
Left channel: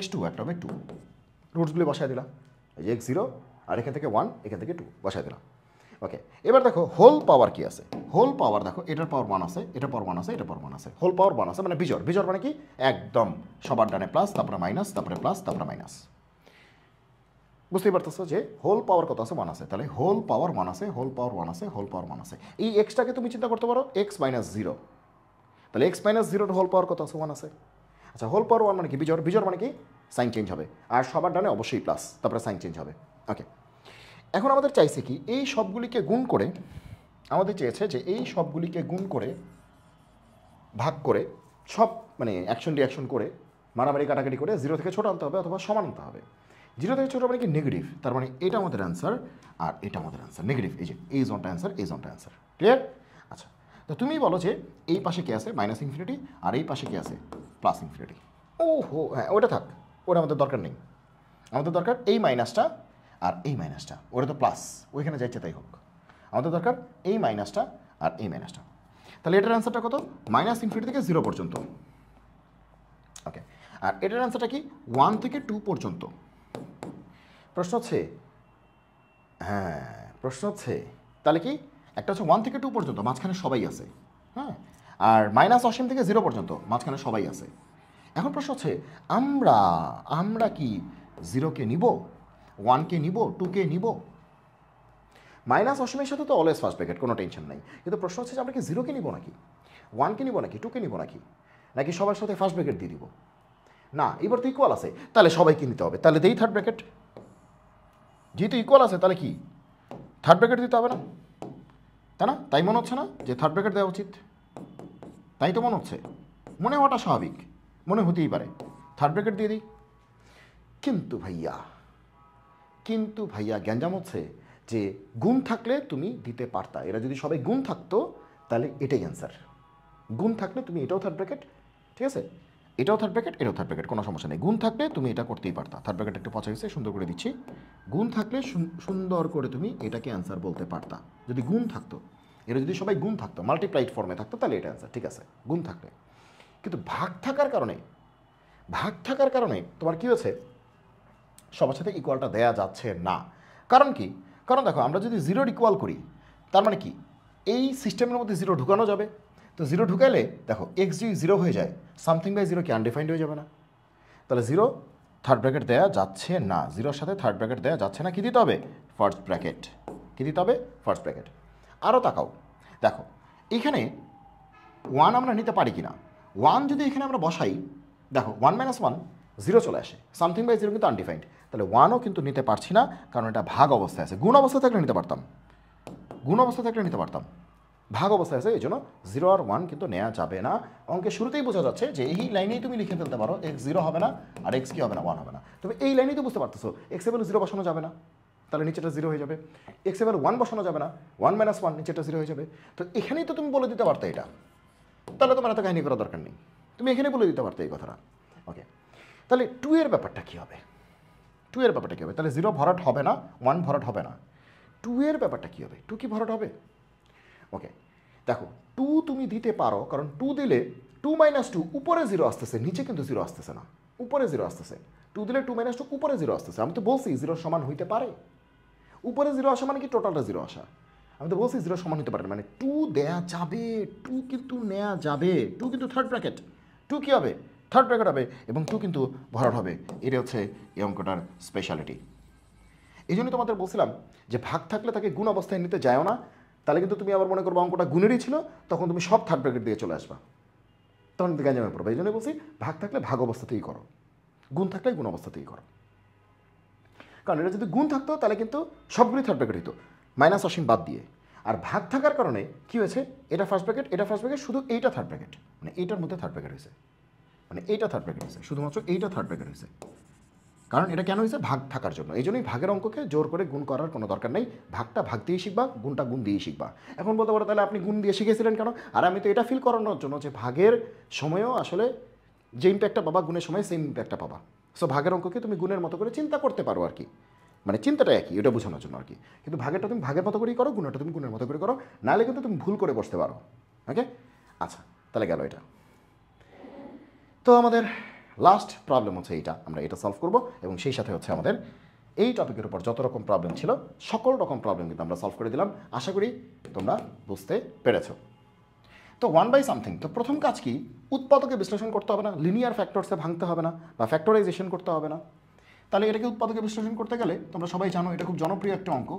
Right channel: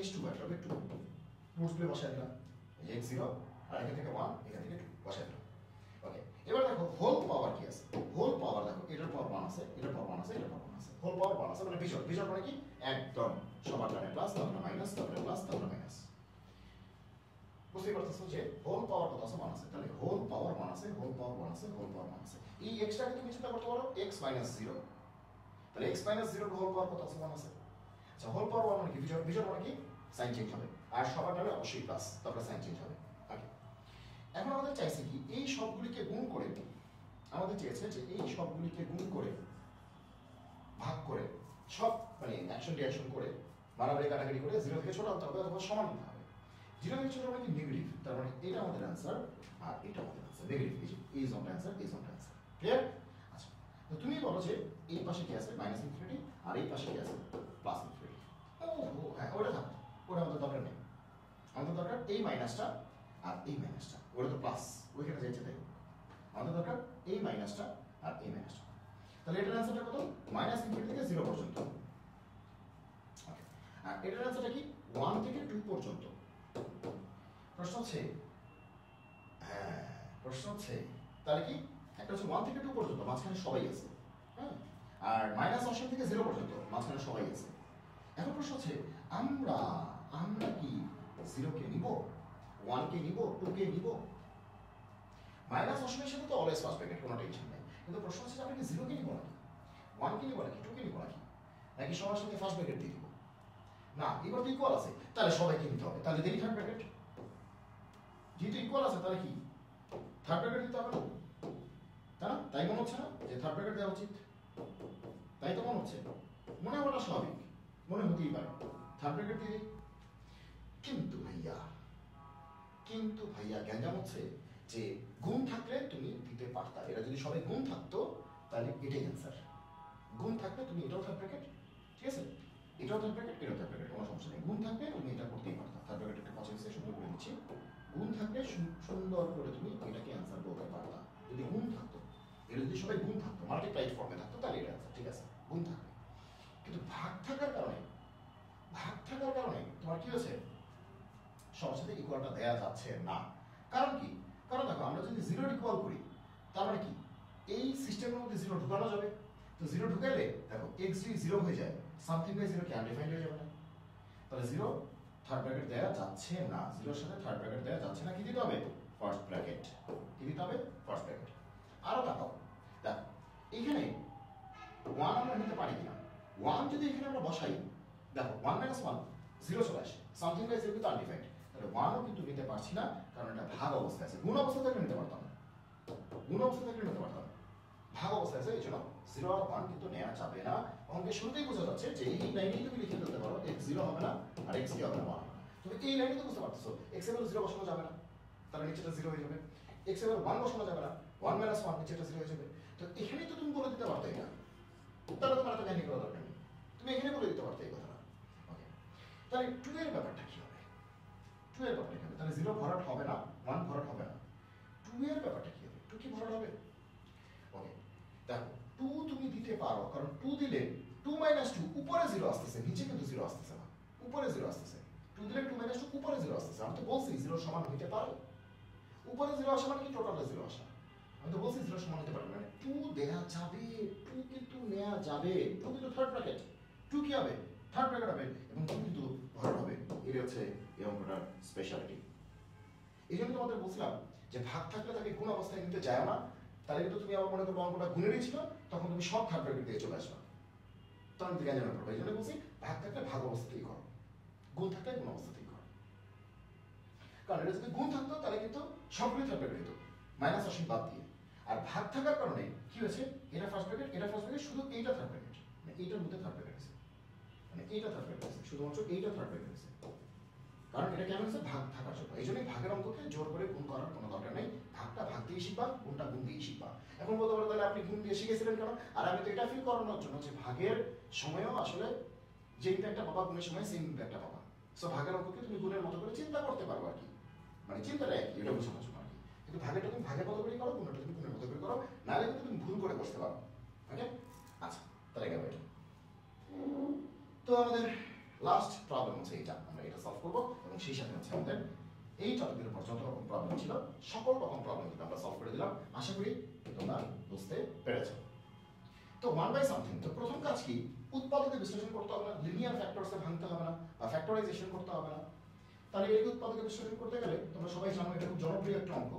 x2 একটা হবে 2। রুটসগুলি বসায় দিলাম, এই যে x0, আর এখান থেকে 1, এখান থেকে 2 বসায় দিলাম। ওকে, এবার দেখো হোল পাওয়ার কি আছে, হোল পাওয়ার দেখো, এটার পাওয়ার 1 আছে, এটার পাওয়ার 1 আছে, এটার পাওয়ার 1 আছে, হোল পাওয়ার 1 আছে, মানে বিজোড়। বিজোড় মানে কি, একদম সবার ডানে প্লাস, তারপরে মাইনাস, তারপরে প্লাস, তারপরে মাইনাস। বুঝতেই পারতেছো যে হোল পাওয়ার কত আছে, 1 আছে, তাহলে হোল পাওয়ার 1 আছে, হোল পাওয়ার 1 আছে, হোল পাওয়ার 1 আছে। এই এক্সটাকে তুমি চিন্তা করতে পারো x - 0, তাহলে x - 0 হোল পাওয়ার কত আছে, 1 আছে। আচ্ছা, হোল পাওয়ার 1 মানে কি, বিজোড়। বিজোড় মানে কি, সাইন চেঞ্জ হবে, আর সবার ডানে অবশ্যই প্লাস, তারপরে সাইন চেঞ্জ হবে। ওকে, এখন আমাদের চাইছে কি, এই সবগুলিকে গুণ করে, আমাদের চেয়েছে যে এই সবগুলিকে গুণ করে, ভাগ করে, সব মানে অ্যাকশন রিঅ্যাকশন করে, মারামারি কাটাকাটি করে 0 থেকে ছোট আনতে হবে অথবা সমান আনতে হবে। 0 থেকে ছোটো মানে কি, নেগেটিভ, তার মানে এটা আমাদের অ্যান্সার আর এটা আমাদের অ্যান্সার, নেগেটিভ। এই যে এই জোনটা অ্যান্সার, এই জোনটা অ্যান্সার, ক্লিয়ার? আচ্ছা, তো তুমি বলো যে এই পাশে কি আছে, -∞, আর এই পাশে কি আছে, +∞। ও হো, হ্যাঁ ওটা থাক, ওটা আমাদের দরকার নেই। আমাদের দরকার এই মাইনাসটা আর এই মাইনাসটা, ওটা তো প্লাস, ওইখানে যাইছে তাই হোক। আমাদের দরকার এই মাইনাসটা আর এই মাইনাসটা। তাহলে এটার অ্যান্সারটা কত, -∞ থেকে 0 পর্যন্ত। ওকে, আর এটার অ্যান্সারটা কি, 1 থেকে 2 পর্যন্ত। প্রশ্ন হচ্ছে, হ্যাঁ প্রশ্ন হচ্ছে, তাহলে কি, একটা হচ্ছে 1 থেকে 2 পর্যন্ত, মাঝখানে সবাই আছে। হ্যাঁ, আর -অসীম থেকে 0 পর্যন্ত, মাঝখানে সবাই আছে। এখন প্রশ্ন হচ্ছে, আমরা আমরা কি 0কে নিব, 1কে নিব, 2কে নিব? অসীমের সাথে তো অলওয়েজ ফার্স্ট ব্র্যাকেট, কোনো টেনশন নাই। কিন্তু প্রশ্ন হচ্ছে যে আমরা কি 0কে নিব নাকি, 1কে নিব নাকি, 2কে নিব নাকি, নাকি সবার সাথে ফার্স্ট ব্র্যাকেট দিয়ে দিব? না, এবার তো ইকুয়াল আছে, তাহলে সবাইকে নিতে হবে, তাহলে দেই থার্ড ব্র্যাকেট। যেহেতু ইকুয়াল আছে তাহলে কি থার্ড ব্র্যাকেট দিতে হবে না, তাই না? তাই মনে হচ্ছে না যে থার্ড ব্র্যাকেট দেওয়া উচিত? তাই তো মনে হচ্ছে, মনে হওয়াটা স্বাভাবিক, মনে হতেই পারে থার্ড ব্র্যাকেট দিয়ে দিই। কিন্তু ভাইয়া গ্যাঞ্জাম হচ্ছে যে গুণ থাকলে তুমি দিতে পারতা, এরা যদি সবাই গুণ থাকতো তাহলে এটাই অ্যান্সার। গুণ থাকলে তুমি এটাও থার্ড ব্র্যাকেট, ঠিক আছে, এটাও থার্ড ব্র্যাকেট, এটাও থার্ড ব্র্যাকেট, কোনো সমস্যা নেই। গুণ থাকলে তুমি এটা করতেই পারতা। থার্ড ব্র্যাকেট একটু পচা হয়েছে, সুন্দর করে দিচ্ছি। গুণ থাকলে সুন্দর করে তুমি এটাকে অ্যান্সার বলতে পারতা যদি গুণ থাকতো। এরা যদি সবাই গুণ থাকতো, মাল্টিপ্লাইড ফর্মে থাকতো, তাহলে এটা অ্যান্সার, ঠিক আছে, গুণ থাকলে। কিন্তু ভাগ থাকার কারণে তোমার কী হয়েছে, সবার সাথে ইকুয়ালটা দেয়া যাচ্ছে না। কারণ কি? কারণ দেখো, আমরা যদি জিরোর ইকুয়াল করি তার মানে কি এই সিস্টেমের মধ্যে জিরো ঢুকানো যাবে। তো জিরো ঢুকাইলে দেখো এক্স যদি জিরো হয়ে যায়, সামথিং বাই জিরো কি আনডিফাইন্ড হয়ে যাবে না? তাহলে জিরো থার্ড ব্র্যাকেট দেওয়া যাচ্ছে না, জিরোর সাথে থার্ড ব্র্যাকেট দেওয়া যাচ্ছে না। কী দিতে হবে? First bracket. কী দিতে হবে? First bracket. আরও তাকাও, দেখো এখানে ওয়ান আমরা নিতে পারি কি না। ওয়ান যদি এখানে আমরা বসাই, দেখো 1 - 1 জিরো চলে আসে, সামথিং বাই জিরো কিন্তু আনডিফাইন্ড। তাহলে ওয়ানও কিন্তু নিতে পারছি না, কারণ এটা ভাগ অবস্থায় আছে। গুণ অবস্থা থাকলে নিতে পারতাম, ভাগ অবস্থায় আছে, এই জন্য 0 আর 1 কিন্তু নেওয়া যাবে না। অঙ্কের শুরুতেই বোঝা যাচ্ছে যে এই লাইনেই তুমি লিখে ফেলতে পারো এক্স জিরো হবে না আর এক্স কি হবে না, 1 হবে না। তবে এই লাইনেই তো বুঝতে পারতেছো এক্স এর ভ্যালু 0 বসানো যাবে না, তাহলে নিচেটা 0 হয়ে যাবে। এক্স এর ভ্যালু 1 বসানো যাবে না, 1 - 1 নিচেটা 0 হয়ে যাবে। তো এখানেই তো তুমি বলে দিতে পারতে এটা, তাহলে তোমার এত কাহিনী করার দরকার নেই, তুমি এখানে বলে দিতে পারতে এই কথাটা। ওকে, তাহলে 2 এর ব্যাপারটা কী হবে? তাহলে 0 ভরাট হবে না, 1 ভরাট হবে না। 2 এর ব্যাপারটা কী হবে? 2 কি ভরাট হবে? ওকে, দেখো 2 তুমি দিতে পারো, কারণ 2 দিলে 2 - 2 উপরে 0 আসতেছে, নিচে কিন্তু 0 আসতেছে না, উপরে 0 আসতেছে। 2 দিলে 2 - 2 উপরে 0 আসতেছে। আমি তো বলছি 0 সমান হইতে পারে। উপরে 0 আসা মানে কি টোটালটা 0 আসা। আমি তো বলছি 0 সমান হতে পারে, মানে 2 দেয়া যাবে, 2 কিন্তু নেওয়া যাবে। 2 কিন্তু থার্ড ব্র্যাকেট, 2 কী হবে? থার্ড ব্র্যাকেট হবে, এবং 2 কিন্তু ভরাট হবে। এটা হচ্ছে এই অঙ্কটার স্পেশালিটি। এই জন্যই তোমাদের বলছিলাম যে ভাগ থাকলে তাকে গুণ অবস্থায় নিতে যাও না, তাহলে কিন্তু তুমি আবার মনে করবো অঙ্কটা গুণেরই ছিল, তখন তুমি সব থার্ড ব্র্যাকেট দিয়ে চলে আসবা, তখন কিন্তু গ্যাঞ্জামে পড়বে। এই জন্য বলছি ভাগ থাকলে ভাগ অবস্থাতেই করো, গুণ থাকলে গুণ অবস্থাতেই করো। কারণ এটা যদি গুণ থাকতো তাহলে কিন্তু সবগুলোই থার্ড ব্র্যাকেট হতো, মাইনাস অসীম বাদ দিয়ে। আর ভাগ থাকার কারণে কী হয়েছে, এটা ফার্স্ট ব্র্যাকেট, এটা ফার্স্ট ব্র্যাকেট, শুধু এইটা থার্ড ব্র্যাকেট, মানে এইটার মধ্যে থার্ড ব্র্যাকেট হয়েছে, মানে এইটা থার্ড ব্র্যাকেট হয়েছে, শুধুমাত্র এইটা থার্ড ব্র্যাকেট হয়েছে। কারণ এটা কেন হয়েছে? ভাগ থাকার জন্য। এই জন্যই ভাগের অঙ্ককে জোর করে গুণ করার কোনো দরকার নেই, ভাগটা ভাগ দিয়েই শিখবা, গুণটা গুণ দিয়েই শিখবা। এখন বলতে পারো তাহলে আপনি গুণ দিয়ে শিখেছিলেন কেন? আর আমি তো এটা ফিল করানোর জন্য যে ভাগের সময়ও আসলে যে ইম্প্যাক্টটা পাবা গুণের সময় সেম ইম্প্যাক্টটা পাবা। সো ভাগের অঙ্ককে তুমি গুণের মতো করে চিন্তা করতে পারো আর কি, মানে চিন্তাটা একই, এটা বোঝানোর জন্য আর কি। কিন্তু ভাগেরটা তুমি ভাগের মতো করেই করো, গুণেরটা তুমি গুণের মতো করে করো, নাহলে কিন্তু তুমি ভুল করে বসতে পারো। ওকে, আচ্ছা তাহলে গেল এটা। তো আমাদের লাস্ট প্রবলেম হচ্ছে এইটা, আমরা এটা সলভ করব, এবং সেই সাথে হচ্ছে আমাদের এই টপিকের উপর যত রকম প্রবলেম ছিল সকল রকম প্রবলেম কিন্তু আমরা সলভ করে দিলাম। আশা করি তোমরা বুঝতে পেরেছো। তো 1/something, তো প্রথম কাজ কি? উৎপাদকে বিশ্লেষণ করতে হবে না, লিনিয়ার ফ্যাক্টরসে ভাঙতে হবে না, বা ফ্যাক্টরাইজেশন করতে হবে না। তাহলে এটাকে উৎপাদকে বিশ্লেষণ করতে গেলে তোমরা সবাই জানো এটা খুব জনপ্রিয় একটা অঙ্ক,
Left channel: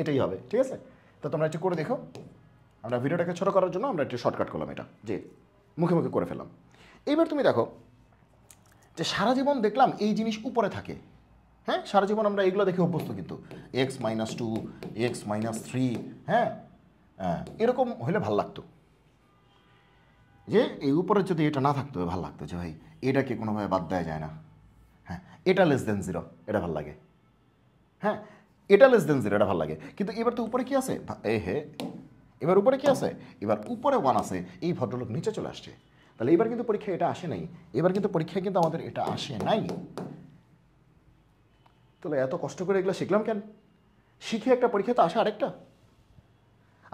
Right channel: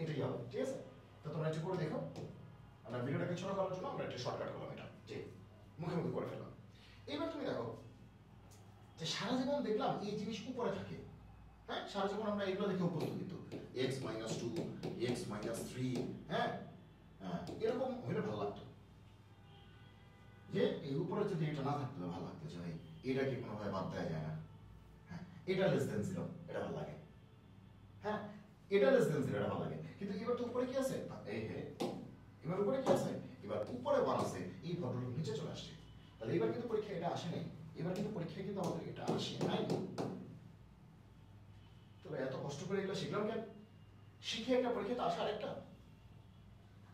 এটাই হবে, ঠিক আছে? তো তোমরা একটু করে দেখো। আমরা ভিডিওটাকে ছোটো করার জন্য আমরা একটু শর্টকাট করলাম, এটা যে মুখে মুখে করে ফেললাম। এইবার তুমি দেখো যে সারা জীবন দেখলাম এই জিনিস উপরে থাকে, হ্যাঁ সারা জীবন আমরা এইগুলো দেখে অভ্যস্ত, কিন্তু x - 2, x - 3, হ্যাঁ এরকম হলে ভাল লাগতো, যে এই উপরে যদি এটা না থাকতো ভালো লাগতো, যে ভাই এটাকে কোনোভাবে বাদ দেওয়া যায় না, হ্যাঁ এটা <0 এটা ভাল লাগে, হ্যাঁ এটা <0 এটা ভাল লাগে। কিন্তু এবার তো উপরে কি আছে, এবার উপরে কি আছে, এবার উপরে 1 আছে, এই ভদ্রলোক নিচে চলে আসছে। তাহলে এবার কিন্তু পরীক্ষায় এটা আসে নাই, আমাদের এটা আসে নাই। তাহলে এত কষ্ট করে এগুলো শিখলাম কেন? শিখে একটা পরীক্ষা তো আসে আরেকটা।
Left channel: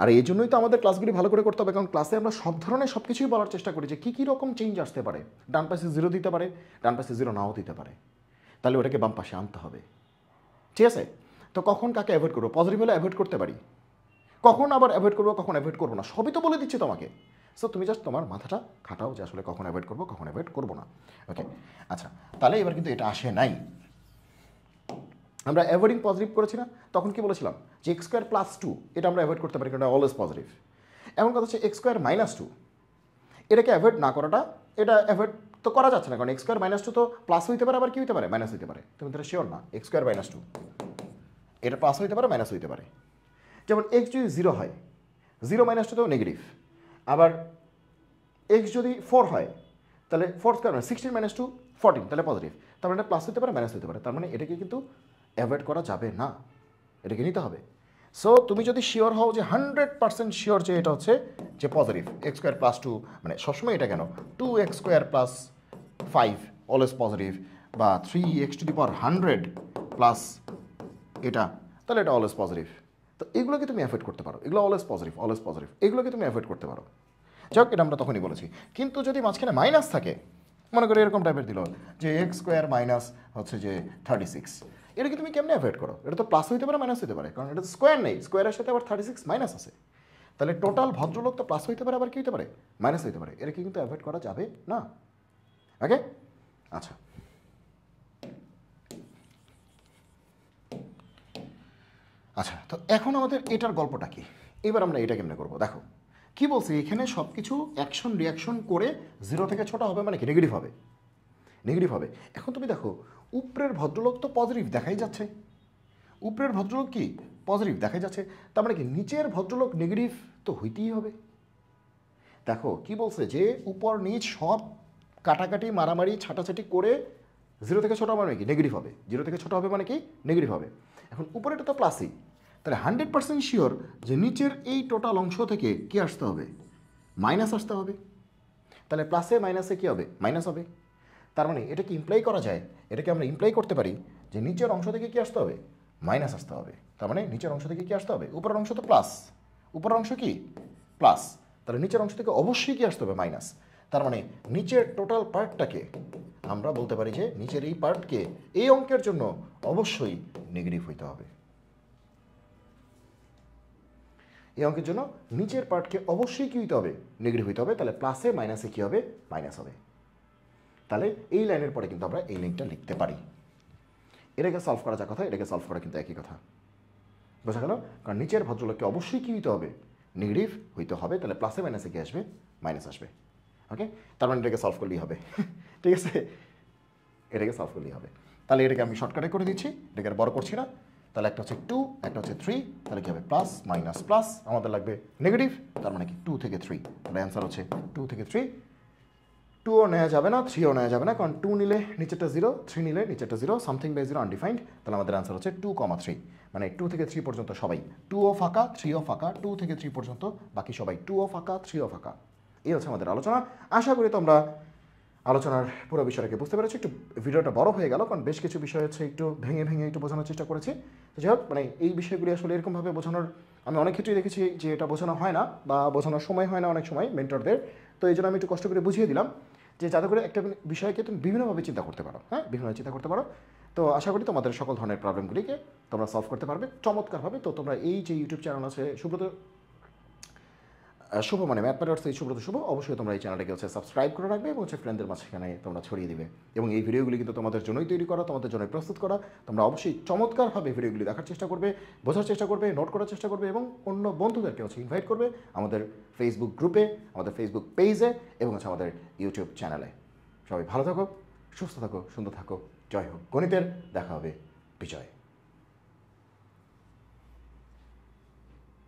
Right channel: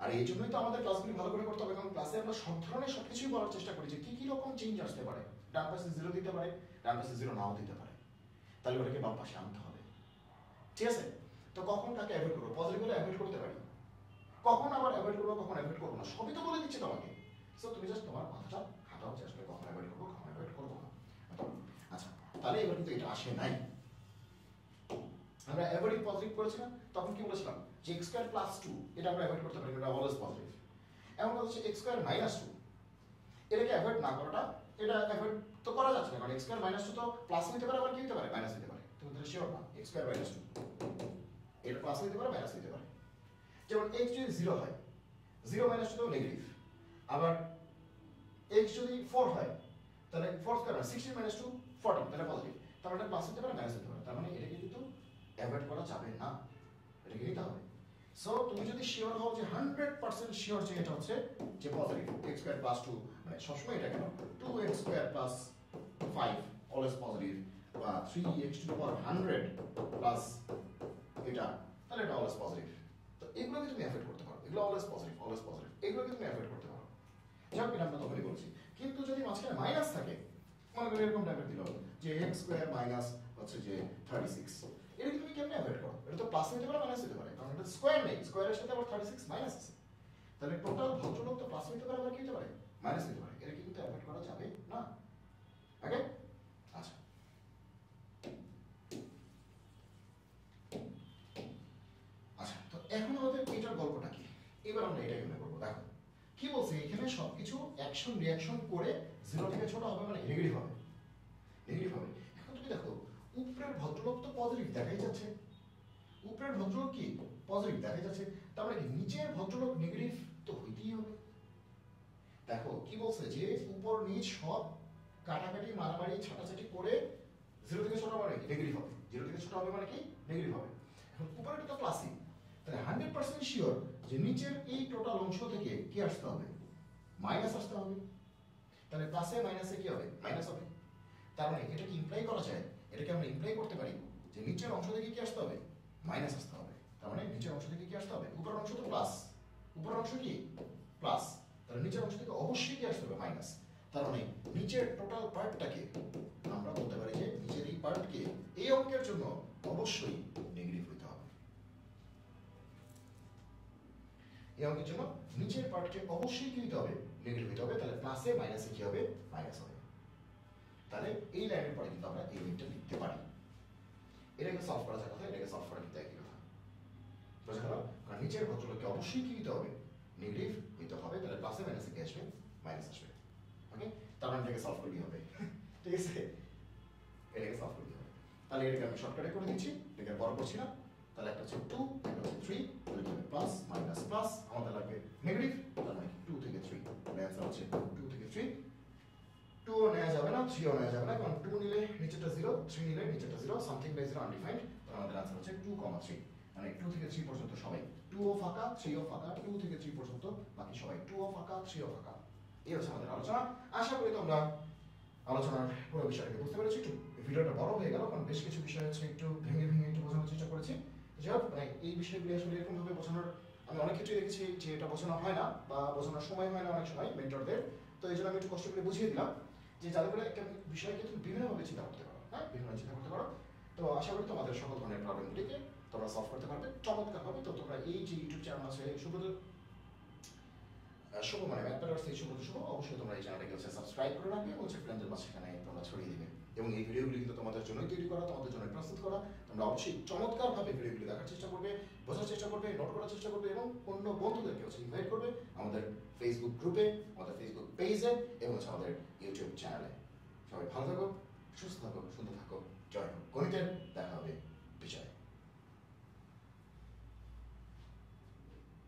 আর এই জন্যই তো আমাদের ক্লাসগুলি ভালো করে করতে হবে, কারণ ক্লাসে আমরা সব ধরনের সব কিছুই বলার চেষ্টা করি যে কী রকম চেঞ্জ আসতে পারে। ডান পাশে 0 দিতে পারে, ডান পাশে 0 নাও দিতে পারে, তাহলে ওটাকে বাম পাশে আনতে হবে, ঠিক আছে? তো কখন কাকে অ্যাভয়েড করবো? পজিটিভ হলে অ্যাভয়েড করতে পারি, কখন আবার অ্যাভয়েড করবো, কখন অ্যাভয়েড করবো না, সবই তো বলে দিচ্ছি তোমাকে। সো তুমি জাস্ট তোমার মাথাটা খাটাও যে আসলে কখন অ্যাভয়েড করবো, কখন অ্যাভয়েড করবো না। ওকে, আচ্ছা তাহলে এবার কিন্তু এটা আসে নাই। আমরা অ্যাভয়েডিং পজিটিভ করেছি না, তখন কি বলেছিলাম যে x² + 2 এটা আমরা অ্যাভয়েড করতে পারি, কারণ এটা অলওয়েজ পজিটিভ। এমন কথা হচ্ছে x² - 2 এটাকে অ্যাভয়েড না করাটা, এটা অ্যাভয়েড তো করা যাচ্ছে না, কারণ এক্স স্কোয়ার মাইনাস টু তো প্লাস হইতে পারে, আবার কি হইতে পারে, মাইনাস হইতে পারে। তুমি তাহলে শিওর না এক্স স্কোয়ার মাইনাস টু এটা প্লাস হইতে পারে, মাইনাস হইতে পারে। যেমন এক্স যদি 0 হয়, 0 মাইনাস টু তো নেগেটিভ। আবার এক্স যদি 4 হয়, তাহলে 4 স্কোয়ার মানে 16 মাইনাস টু 14, তাহলে পজিটিভ। তার মানে প্লাস হতে পারে, মাইনাস হতে পারে। তার মানে এটাকে কিন্তু অ্যাভয়েড করা যাবে না, এটাকে নিতে হবে। সো তুমি যদি শিওর হও যে 100% শিওর যে এটা হচ্ছে যে positive, x square plus two, মানে সবসময় এটা কেন 2x square plus 5 always positive, বা 3x to the power 100 plus এটা, তাহলে এটা অলওয়েজ পজিটিভ। তো এগুলোকে তুমি অ্যাভয়েড করতে পারো, এগুলো অলওয়েজ পজিটিভ, অলওয়েজ পজিটিভ, এগুলোকে তুমি অ্যাভয়েড করতে পারো। যাক, এটা আমরা তখনই বলেছি। কিন্তু যদি মাঝখানে মাইনাস থাকে, মনে করি এরকম টাইপের দিল যে এক্স স্কোয়ার মাইনাস হচ্ছে যে 36, এটাকে তুমি কেমনে অ্যাভয়েড করো? এটা তো প্লাস হইতে পারে, মাইনাস হইতে পারে, কারণ এটা স্কোয়ার নেই, স্কোয়ারের সাথে আবার 36 মাইনাস আছে। তাহলে টোটাল ভদ্রলোক তো প্লাস হইতে পারে, আবার কি হইতে পারে, মাইনাস হইতে পারে। এটাকে কিন্তু অ্যাভয়েড করা যাবে না। ওকে, আচ্ছা। আচ্ছা, তো এখন আমাদের এটার গল্পটা কি? এবার আমরা এটা কেমনে করবো? দেখো কি বলছি, এখানে সব কিছু অ্যাকশন রিয়াকশন করে 0 থেকে ছোট হবে, মানে কি নেগেটিভ হবে, নেগেটিভ হবে। এখন তুমি দেখো উপরের ভদ্রলোক তো পজিটিভ দেখাই যাচ্ছে, উপরের ভদ্রলোক কি পজিটিভ দেখাই যাচ্ছে, তার মানে কি নিচের ভদ্রলোক নেগেটিভ তো হইতেই হবে। দেখো কি বলছে যে উপর নিচ সব কাটাকাটি মারামারি ছাটাছাটি করে 0 থেকে ছোট হবে মানে কি নেগেটিভ হবে, 0 থেকে ছোট হবে মানে কি নেগেটিভ হবে। এখন উপরেটা তো প্লাসই, তাহলে 100% শিওর যে নিচের এই টোটাল অংশ থেকে কি আসতে হবে, মাইনাস আসতে হবে। তাহলে প্লাসে মাইনাসে কী হবে, মাইনাস হবে। তার মানে এটা কি ইমপ্লাই করা যায়, এটাকে আমরা ইমপ্লাই করতে পারি যে নিচের অংশ থেকে কি আসতে হবে, মাইনাস আসতে হবে। তার মানে নিচের অংশ থেকে কি আসতে হবে, উপরের অংশ তো প্লাস, উপরের অংশ কি প্লাস, তাহলে নিচের অংশ থেকে অবশ্যই কি আসতে হবে, মাইনাস। তার মানে নিচের টোটাল পার্টটাকে আমরা বলতে পারি যে নিচের এই পার্টকে এই অঙ্কের জন্য অবশ্যই নেগেটিভ হইতে হবে। এই অঙ্কের জন্য নিচের পার্টকে অবশ্যই কী হইতে হবে, নেগেটিভ হইতে হবে। তাহলে প্লাসে মাইনাসে কী হবে, মাইনাস হবে। তাহলে এই লাইনের পরে কিন্তু আমরা এই লাইনটা লিখতে পারি। এটাকে সলভ করা যা কথা, এটাকে সলভ করা কিন্তু একই কথা, বোঝা গেল? কারণ নিচের ভদ্রলোককে অবশ্যই কী হইতে হবে, নেগেটিভ হইতে হবে। তাহলে প্লাসে মাইনাসে কি আসবে, মাইনাস আসবে। ওকে, তার মানে এটাকে সলভ করলেই হবে। ঠিক আছে, এটাকে সলভ করলেই হবে। তাহলে এটাকে আমি শর্টকাটে করে দিচ্ছি, এটাকে আর বড় করছি না। তাহলে একটা হচ্ছে 2, একটা হচ্ছে 3, তাহলে কী হবে প্লাস মাইনাস প্লাস, আমাদের লাগবে নেগেটিভ, তার মানে কি 2 থেকে 3। তাহলে অ্যান্সার হচ্ছে 2 থেকে 3। 2ও নেওয়া যাবে না, 3ও নেওয়া যাবে না, কারণ 2 নিলে নিচেরটা 0, 3 নিলে নিচেরটা 0, সামথিং বাই 0 আনডিফাইন্ড। তাহলে আমাদের আনসার হচ্ছে 2,3। মানে 2 থেকে 3 পর্যন্ত সবাই 2ও ফাঁকা, 3ও ফাঁকা, 2 থেকে 3 পর্যন্ত বাকি সবাই 2ও ফাঁকা, 3ও ফাঁকা। এই হচ্ছে আমাদের আলোচনা। আশা করি তোমরা আলোচনার পুরো বিষয়টাকে বুঝতে পেরেছি। একটু ভিডিওটা বড় হয়ে গেল, কারণ বেশ কিছু বিষয় হচ্ছে একটু ভেঙে ভেঙে একটু বোঝানোর চেষ্টা করেছি। যাই হোক, মানে এই বিষয়গুলি আসলে এরকমভাবে বোঝানোর আমি অনেক ক্ষেত্রেই দেখেছি যে এটা বোঝানো হয় না বা বোঝানোর সময় হয় না অনেক সময় মেন্টরদের। তো এই জন্য আমি একটু কষ্ট করে বুঝিয়ে দিলাম যে যাতে করে একটা বিষয়কে তুমি বিভিন্নভাবে চিন্তা করতে পারো। হ্যাঁ, বিভিন্নভাবে চিন্তা করতে পারো। তো আশা করি তোমাদের সকল ধরনের প্রবলেমগুলিকে তোমরা সলভ করতে পারবে চমৎকারভাবে। তো তোমরা এই যে ইউটিউব চ্যানেল আছে সুব্রত শুভ, মানে ম্যাথ ম্যাটার্স এই সুব্রত শুভ, অবশ্যই তোমরা এই চ্যানেলটাকে হচ্ছে সাবস্ক্রাইব করে রাখবে এবং হচ্ছে ফ্রেন্ডদের মাঝখানে তোমরা ছড়িয়ে দিবে। এবং এই ভিডিওগুলি কিন্তু তোমাদের জন্যই তৈরি করা, তোমাদের জন্যই প্রস্তুত করা। তোমরা অবশ্যই চমৎকারভাবে ভিডিওগুলি দেখার চেষ্টা করবে, বোঝার চেষ্টা করবে, নোট করার চেষ্টা করবে এবং অন্য বন্ধুদেরকে হচ্ছে ইনভাইট করবে আমাদের ফেসবুক গ্রুপে, আমাদের ফেসবুক পেজে এবং হচ্ছে আমাদের ইউটিউব চ্যানেলে। সবাই ভালো থাকো, সুস্থ থাকো, সুন্দর থাকো। জয় হোক গণিতের, দেখা হবে বিজয়।